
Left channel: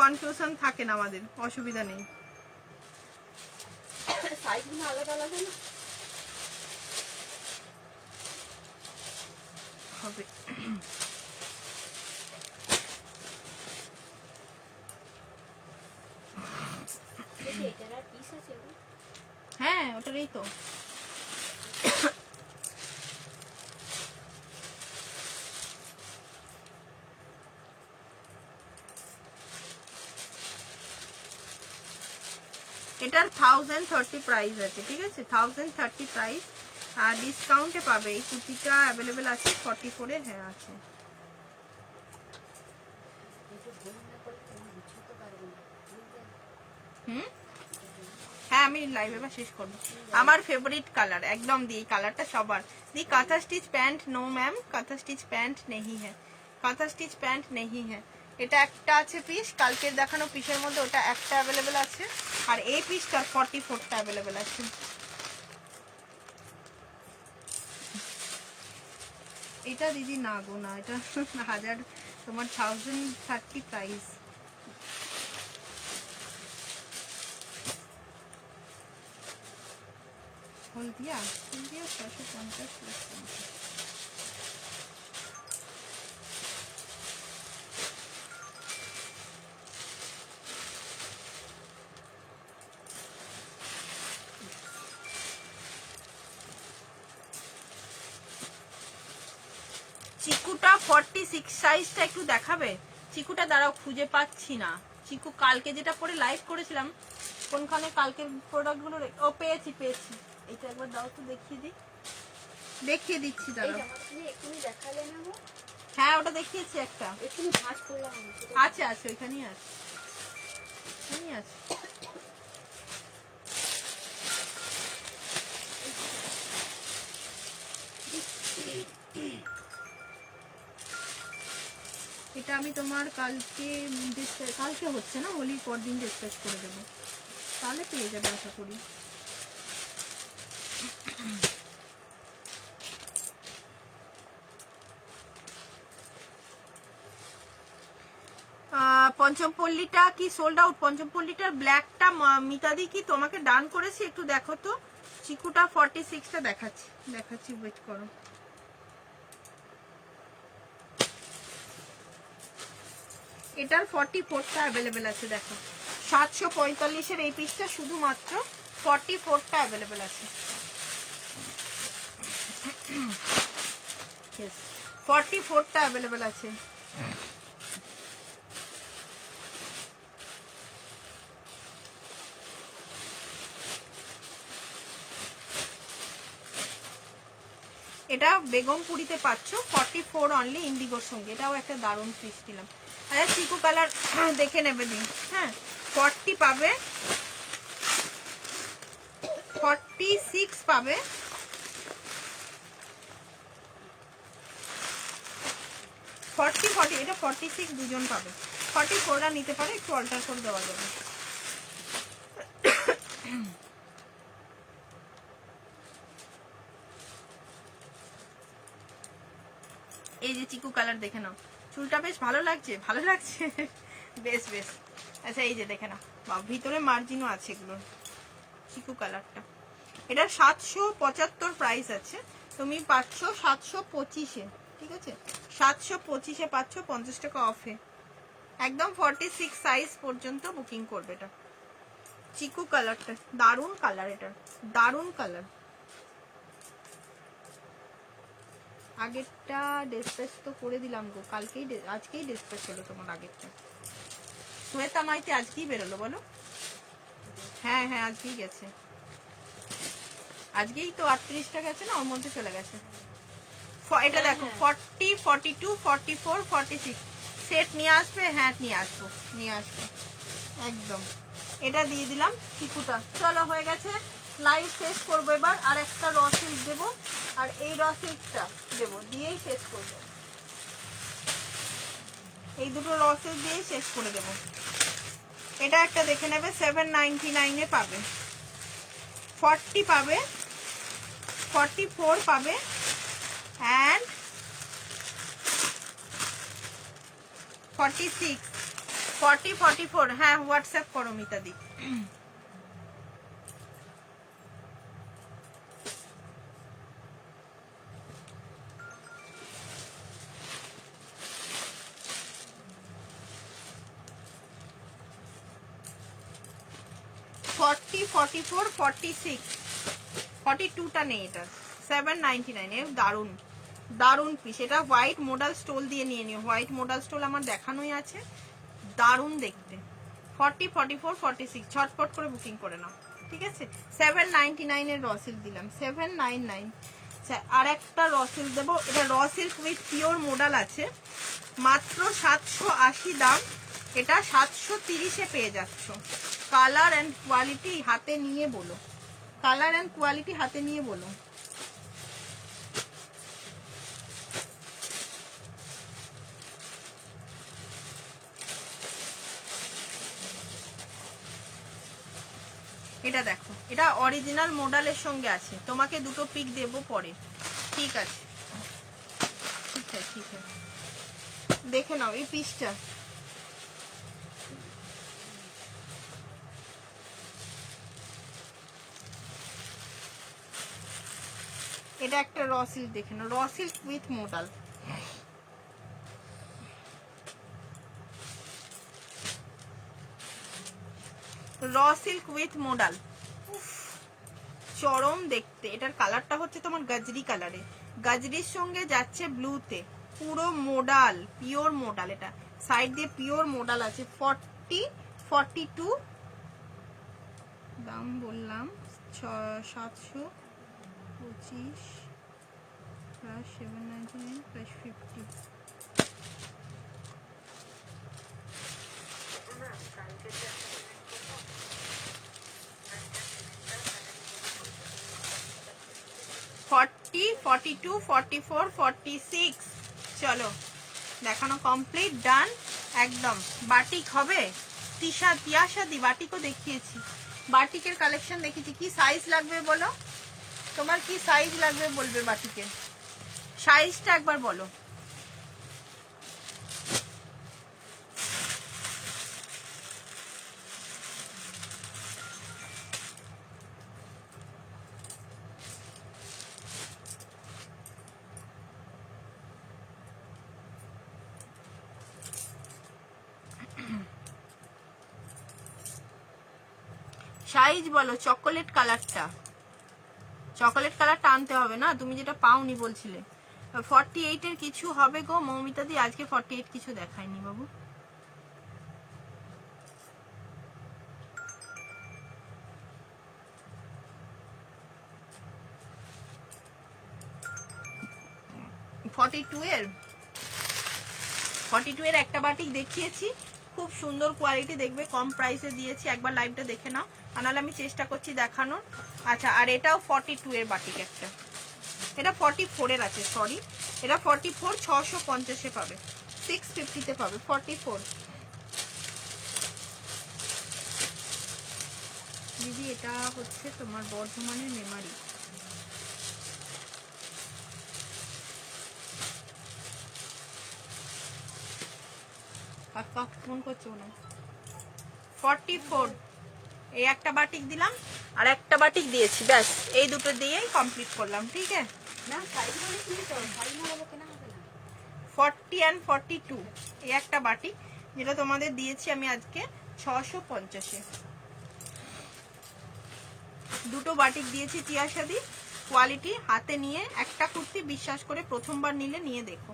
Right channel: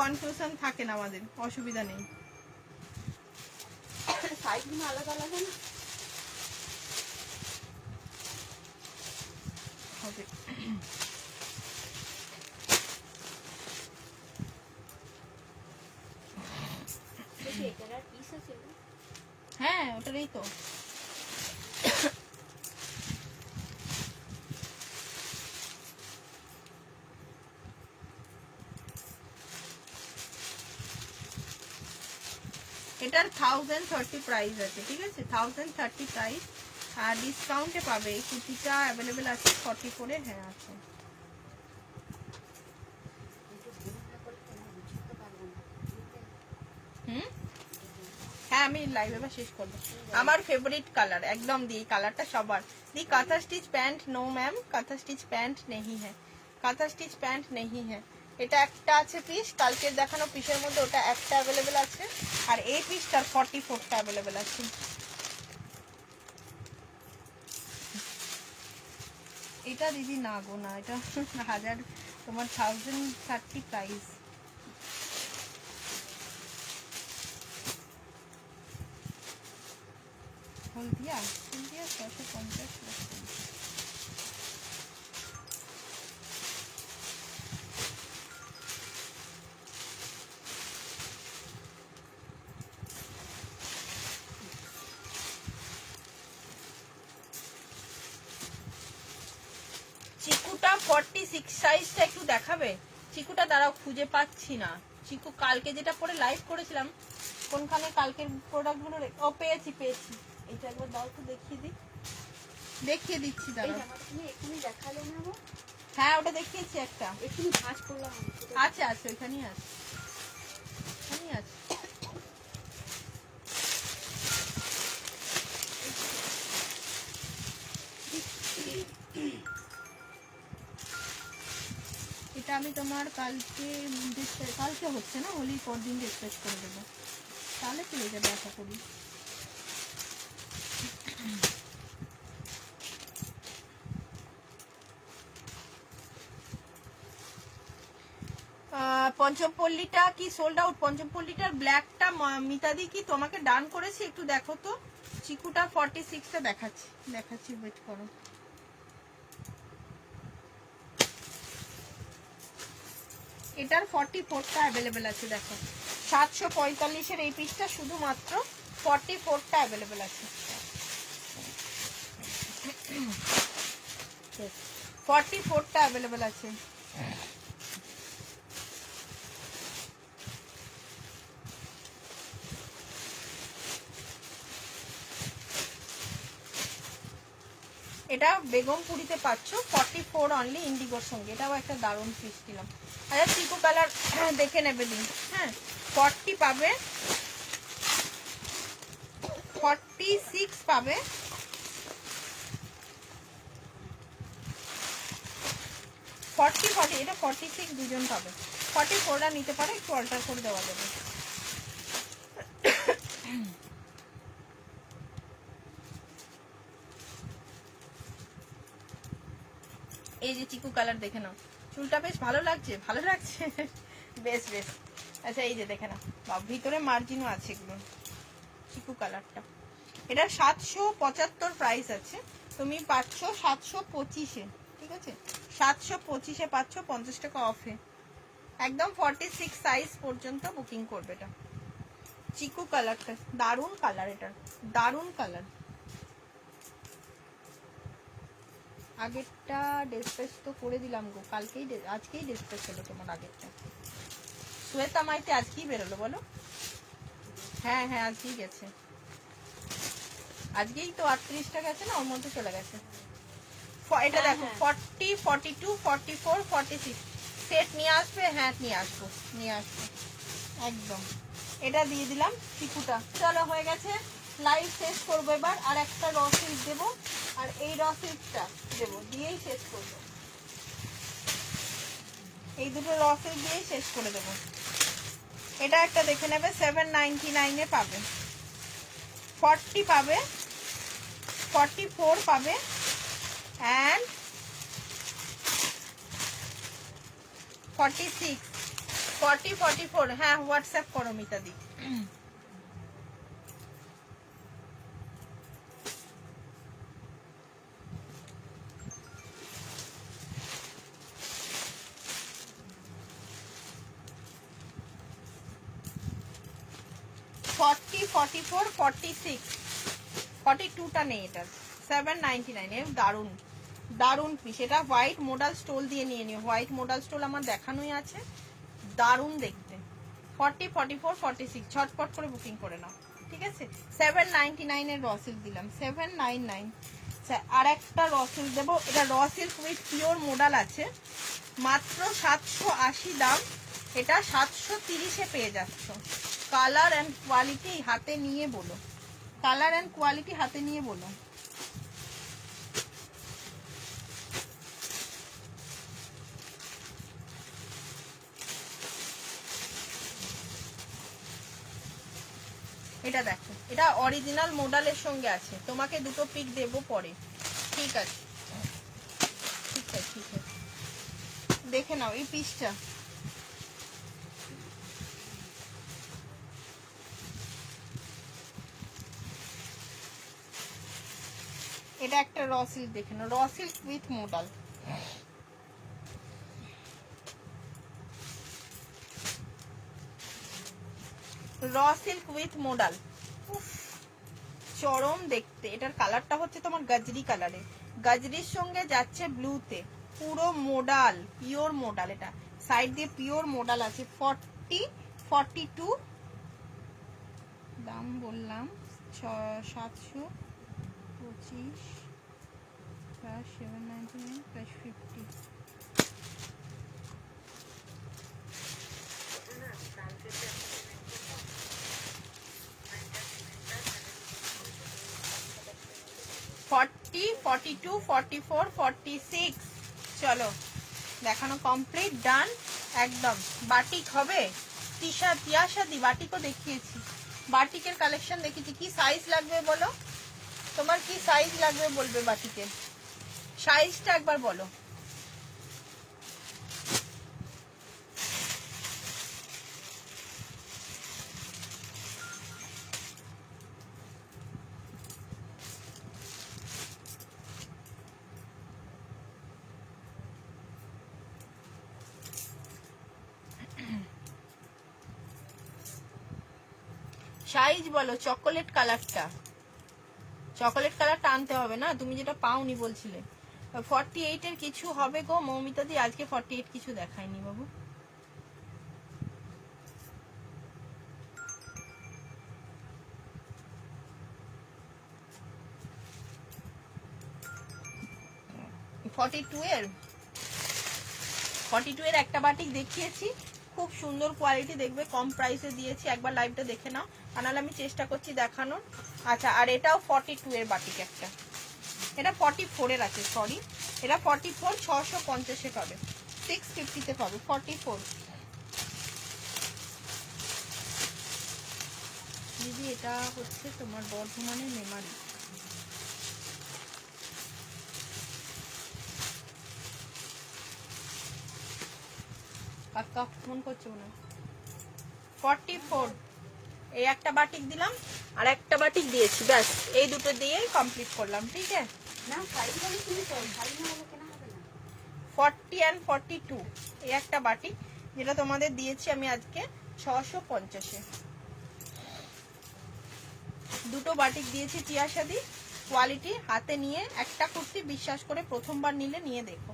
কনফিউশন থাকে না আমাদের, অসুবিধা নেই। সাইজগুলো আলাদা আলাদা না হবে। হ্যাঁ ওটারই তো। এটার 1030 প্রাইস আছে, ঠিক আছে? 1030 প্রাইস, আর ডিসকাউন্টে পাবে। এই কুর্তিটা অ্যাভেলেবেল আছে 44-এ। হ্যাঁ আছে। হ্যাঁ আমি লাইভ এবার শেষ করবো। আমার ফেভারিট কালার একদম দি, কালারটা সবার দি। কাঁথা স্টিচ প্যান্ট নো ম্যাম, কাঁথা স্টিচ প্যান্ট নেই হ্যাঁ, কাঁথা স্টিচ প্যান্ট নেই হ্যাঁ। এটা একটা আছে পিস, কালকে দেখানো পিসের মধ্যে ওটা একটা অ্যাভেলেবেল আছে, আর এই পিসটার 44টা অ্যাভেলেবেল আছে। এটা দিদি না গো না, এটা 1000 তোমার 1030 প্রাইস। হলদিয়া 650 প্লাস 50। চিকুটা 46 সাইজটা একটু দেখাবে? চিকুটা দাঁড়াও খুঁজে পাচ্ছি না। চিকু কালকে যেটা পরে লাইভ করেছিলাম, কোনখানে কালকের প্রোডাক্টগুলো, ও পেয়েছি। এটা একবার দাও তো দেখিয়ে দিচ্ছি দাঁড়াও। হ্যাঁ ওটা দেখিয়েছি একটা। আছে আছে ওইখানেই আছে, ওইখানেই আছে। আমি তোমার কালকে হচ্ছে না, হোলির পর দিন ডিসপ্যাচ করে দেবো, তাহলে পেয়ে যাবে আশা করি। পঞ্চমপল্লীটা কি সোল্ড আউট? পঞ্চমপল্লীটার ব্ল্যাকটা মিতাদি কি তোমাকে ডান করেছে? একটু দেখো তো। চিকুটা 46টা দেখাচ্ছি ওয়েট করো। এটার 44টা অ্যাভেলেবেল আছে, দেখো 745-এর এই পিসটা শুধুমাত্র 44টা অ্যাভেলেবেল আছে। 44টা অ্যাভেলেবেল আছে। এটা বেগমপুরিতে পাচ্ছ 44 অনলি ইন্ডিগোর সঙ্গে। এটাও একটা দারুণ পিস দিলাম। আচ্ছা চিকু কালার দেখে নেবে দিন। হ্যাঁ 40 পাবে, 46 পাবে, 40 এটা 46 দুজন পাবে। 44টা নিতে পারে, একটু অল্টার করে দেওয়া যাবে। এই যে চিকু কালার দেখে নাও, চুলটা বেশ ভালো লাগছে, ভালো লাগছে, বেশ বেশ। আচ্ছা এই যে দেখে নাও, বা ভিতরে মার্জিনও আছে এগুলো। চিকু কালারটা এটা 775 প্রাইস আছে, তুমি পাচ্ছ 725-এ। ঠিক আছে, 725-এ পাচ্ছ 50 টাকা অফে। একদম 46 সাইজ পর্যন্ত বুকিং করবে। এটা চিকু কালারটা দারুণ কালার, এটা দারুণ কালার। আগেরটা ডিসপ্যাচ তো করে দিলাম গো, আজকেই ডিসপ্যাচ হলো তোমার আগেরটা। শ্বেতা মাইতি আজকেই বেরোলো বলো? হ্যাঁ হ্যাঁ আজকেই গেছে, আজকেই তো 38টা গেছে না, ওর মধ্যে চলে গেছে। এটা দেখো 40, 42, 44, 46 সেট নিয়ে আসবে। হ্যাঁ নিয়ে আসবো একদম। এটা দিয়ে দিলাম চিকুটা। চলো হয়ে গেছে, লাইভ শেষ করবো এবার। আর একটা র সিল্ক দেবো, আর এই র সিল্কটা দেবো, দিয়েই শেষ করবো। এই দুটো র সিল্ক দিয়েই শেষ করে দেবো। এটা একটা দেখে নেবে, 799-এ পাবে। 40 পাবে, 44 পাবে, and 46, 40, 44। হ্যাঁ হোয়াটসঅ্যাপ করো মিতাদি। ফর্টি, 44, 46, 42টা নেই এটা। 799 এর দারুন দারুন পিস। এটা হোয়াইট মোডাল স্টোল দিয়ে নিয়ে নিও, হোয়াইট মোডাল স্টোল আমার দেখানোই আছে, দারুন দেখতে। 40, 44, 46 ছটপট করে বুকিং করে নাও। ঠিক আছে, 799 এর রসিল দিলাম, 799। আর একটা রসিল দেবো, এটা রসিল উইথ পিওর মোডাল আছে, মাত্র 780 দাম। এটা 730-এ পেয়ে যাচ্ছ। কালার অ্যান্ড কোয়ালিটি হাতে নিয়ে বলো, কালার অ্যান্ড কোয়ালিটি হাতে নিয়ে বলো। এটা দেখো, এটা অরিজিনাল মোডালের সঙ্গে আছে, তোমাকে দুটো পিক দেবো পরে। ঠিক আছে ঠিক আছে ঠিক আছে, দেখে নাও এই পিসটা। এটা একটা র সিল্ক দেখে নাও, raw silk with modal. Raw silk with modal, চরম দেখতে। এটার কালারটা হচ্ছে তোমার গাজরি কালারে, গাজরির সঙ্গে যাচ্ছে ব্লুতে, পুরো মোডাল, পিওর মোডাল। এটা সাইড দিয়ে পিওর মোডাল আছে। 40, 42 দাম বললাম, 725 প্লাস 799 প্লাস 50। চলো দেখানো কমপ্লিট, ডান একদম। বাটিক হবে, তিয়াশাদি বাটিকও দেখিয়েছি, বাটিকের কালেকশন দেখিয়েছি। কি সাইজ লাগবে বলো, তোমার কি সাইজ লাগবে বলবে, বাটিকের সাইজটা একবার বলো। সাইজ বলো, চকোলেট কালারটা, চকোলেট কালারটা আনতে হবে না, তুমি যেটা পাওনি বলছিলে। 48 এর কিছু হবে গো মৌমিতা দি, আজকে 48 কিছু দেখায়নি বাবু। এর 42 এর একটা বাটিক দেখিয়েছি, খুব সুন্দর কোয়ালিটি, দেখবে কম প্রাইসে দিয়েছি, একবার লাইভটা দেখে নাও, আনালে আমি চেষ্টা করছি দেখানোর। আচ্ছা, আর এটাও 42 এর বাটিক একটা, এটা 44 এর আছে, সরি এটা 44, 650 পাবে, 650 পাবে 44। দিদি এটা হচ্ছে তোমার বর্ধমানের মেমারি। ফোন করছো না, 44 এই একটা বাটিক দিলাম, আর একটা বাটিক দিয়েছি, ব্যাস এই দুটো দিয়েই কমপ্লিট করলাম। ঠিক আছে, 40 and 42 এই একটা বাটিক, যেটা তোমাদের দিয়েছি আমি আজকে 650-এ। দুটো বাটিক দিয়েছি তিয়াশাদি, কোয়ালিটি হাতে নিয়ে একটা কুর্তি বিশ্বাস করে প্রথমবার নিলে নিয়ে দেখো,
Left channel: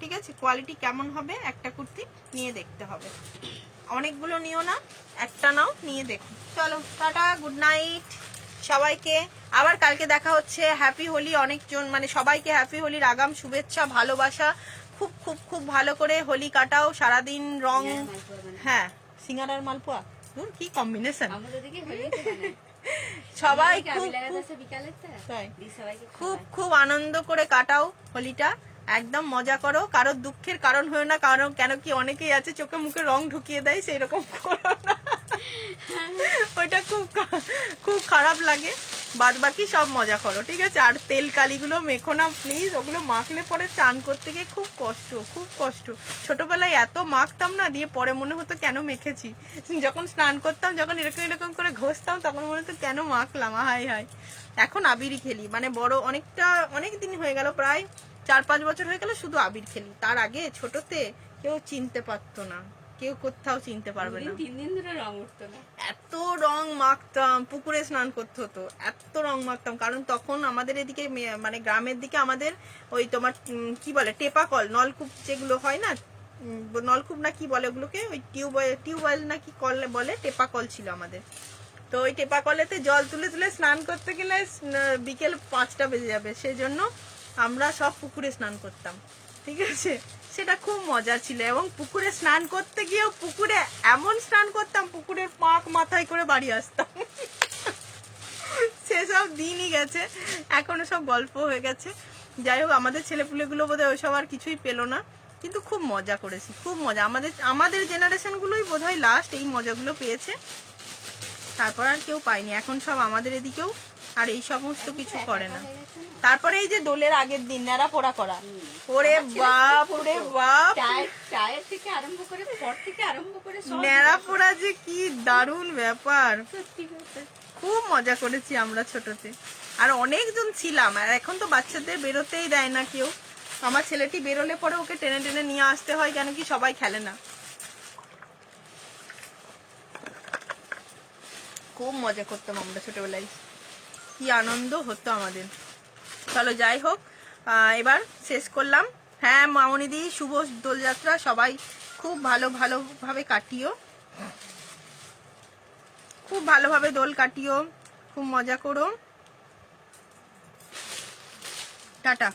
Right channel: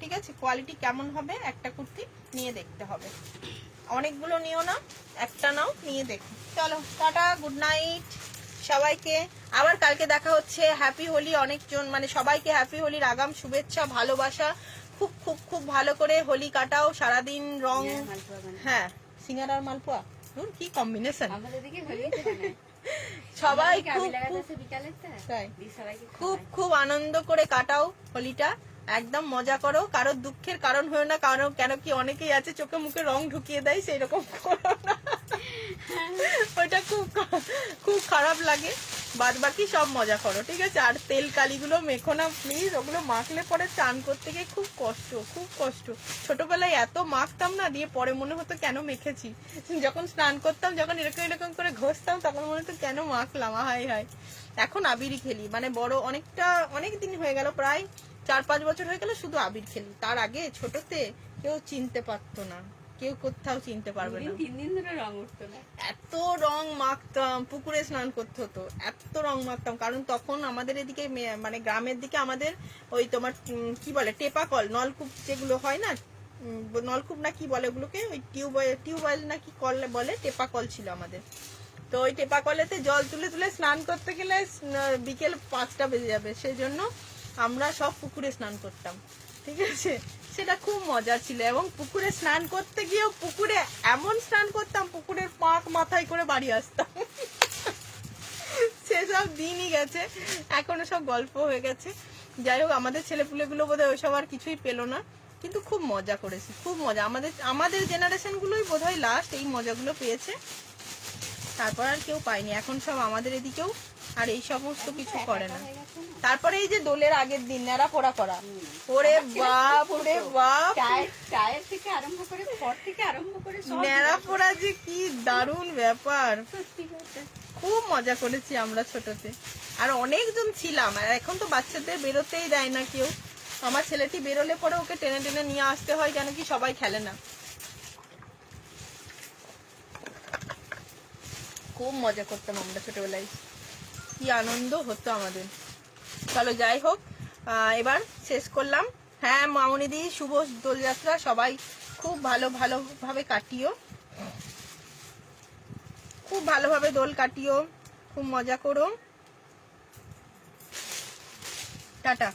ঠিক আছে, কোয়ালিটি কেমন হবে একটা কুর্তি নিয়ে দেখতে হবে, অনেকগুলো নিও না, একটা নাও, নিয়ে দেখো। চলো টাটা, গুড নাইট সবাইকে, আবার কালকে দেখা হচ্ছে। হ্যাপি হোলি, অনেকজন মানে সবাইকে হ্যাপি হোলির আগাম শুভেচ্ছা, ভালোবাসা, খুব খুব খুব ভালো করে হোলি কাটাও, সারাদিন রং। হ্যাঁ, সিঙ্গারার মালপোয়া, কি কম্বিনেশন, সবাই খুব খুব আনন্দ করে কাটাও হোলিটা, একদম মজা করো, কারোর দুঃখের কারণ হয়ে না, কারণ কেন কি অনেকেই আছে চোখে মুখে রং ঢুকিয়ে দেয়, সেই রকম করো না, ওইটা খুব খুব খারাপ লাগে, বাদ বাকি সব মজা করো, ঠিক আছে। আর তেল কালিগুলো মেখো না প্লিজ, ওগুলো মাখলে পরে চান করতে গিয়ে খুব কষ্ট, খুব কষ্ট। ছোটবেলায় এত মাখতাম না, দিয়ে পরে মনে হতো কেন মেখেছি, যখন স্নান করতাম, যখন এরকম এরকম করে ঘষতাম, তখন মনে হতো কেন মাখলাম, হাই হাই। এখন আবিরই খেলি, মানে বড় অনেক দিন হয়ে গেল, প্রায় 4-5 বছর হয়ে গেল শুধু আবির খেলি। তার আগে ছোটতে কেউ চিনতে পারতো না, কেউ কোথাও চিনতে পারবে না, 3 দিন ধরে রং উঠতো না, এত রং মাখতাম, পুকুরে স্নান করতে হতো, এত রং মাখতাম, কারণ তখন আমাদের এদিকে মানে গ্রামের দিকে আমাদের ওই তোমার কি বলে টেপা কল, নলকূপ যেগুলো হয় না, নলকূপ না কি বলে ওগুলোকে, ওই টিউবওয়েল না কি কল বলে, টেপা কল ছিল আমাদের। তো ওই টেপা কলেতে জল তুলে তুলে স্নান করতে গেলে বিকেল 5টা বেজে যাবে, সেই জন্য আমরা সব পুকুরে স্নান করতাম, ঠিক আছে, সেটা খুব মজা ছিল। এবং পুকুরে স্নান করতে গিয়েও পুকুরে এমন স্নান করতাম, পুকুরের পাক মাথায় করে বাড়ি আসতাম, সেসব দিনই গেছে, এখনো সব গল্প হয়ে গেছে। যাই হোক, আমাদের ছেলেপুলেগুলো বোধহয় ওইসব আর কিছুই পেলো না, কিন্তু খুব মজা করেছি, খুব মজা। আমাদের জেনারেশন গুলোই বোধহয় লাস্ট এই মজাগুলো পেয়েছে, তারপর আর কেউ পায়নি, এখন সব আমাদের এদিকেও আর এই সমস্ত কিছু করে না। তারপরে এই যে দোলের আগের দিন ন্যাড়া পোড়া করা, ওরে বাপ, ওরে বাপ, চায়ের থেকে আরম্ভ করে পর থেকে আরম্ভ করে ন্যাড়া পোড়া যে কি দারুণ ব্যাপার, খুব মজা করেছি আমরা ছোটতে, আর অনেকজন ছিলাম। আর এখন তো বাচ্চাদের বেরোতেই দেয় না কেউ, আমার ছেলেটি বেরোলে পরে ওকে টেনে টেনে নিয়ে আসতে হয়, কেন কি সবাই খেলে না। খুব মজা করতাম আমরা ছোটবেলায়, কি আনন্দ হতো আমাদের। চলো যাই হোক, এবার শেষ করলাম। হ্যাঁ মামনিদি, শুভ দোলযাত্রা, সবাই খুব ভালোভাবে কাটিও, খুব ভালোভাবে দোল কাটিও, খুব মজা করো, টাটা।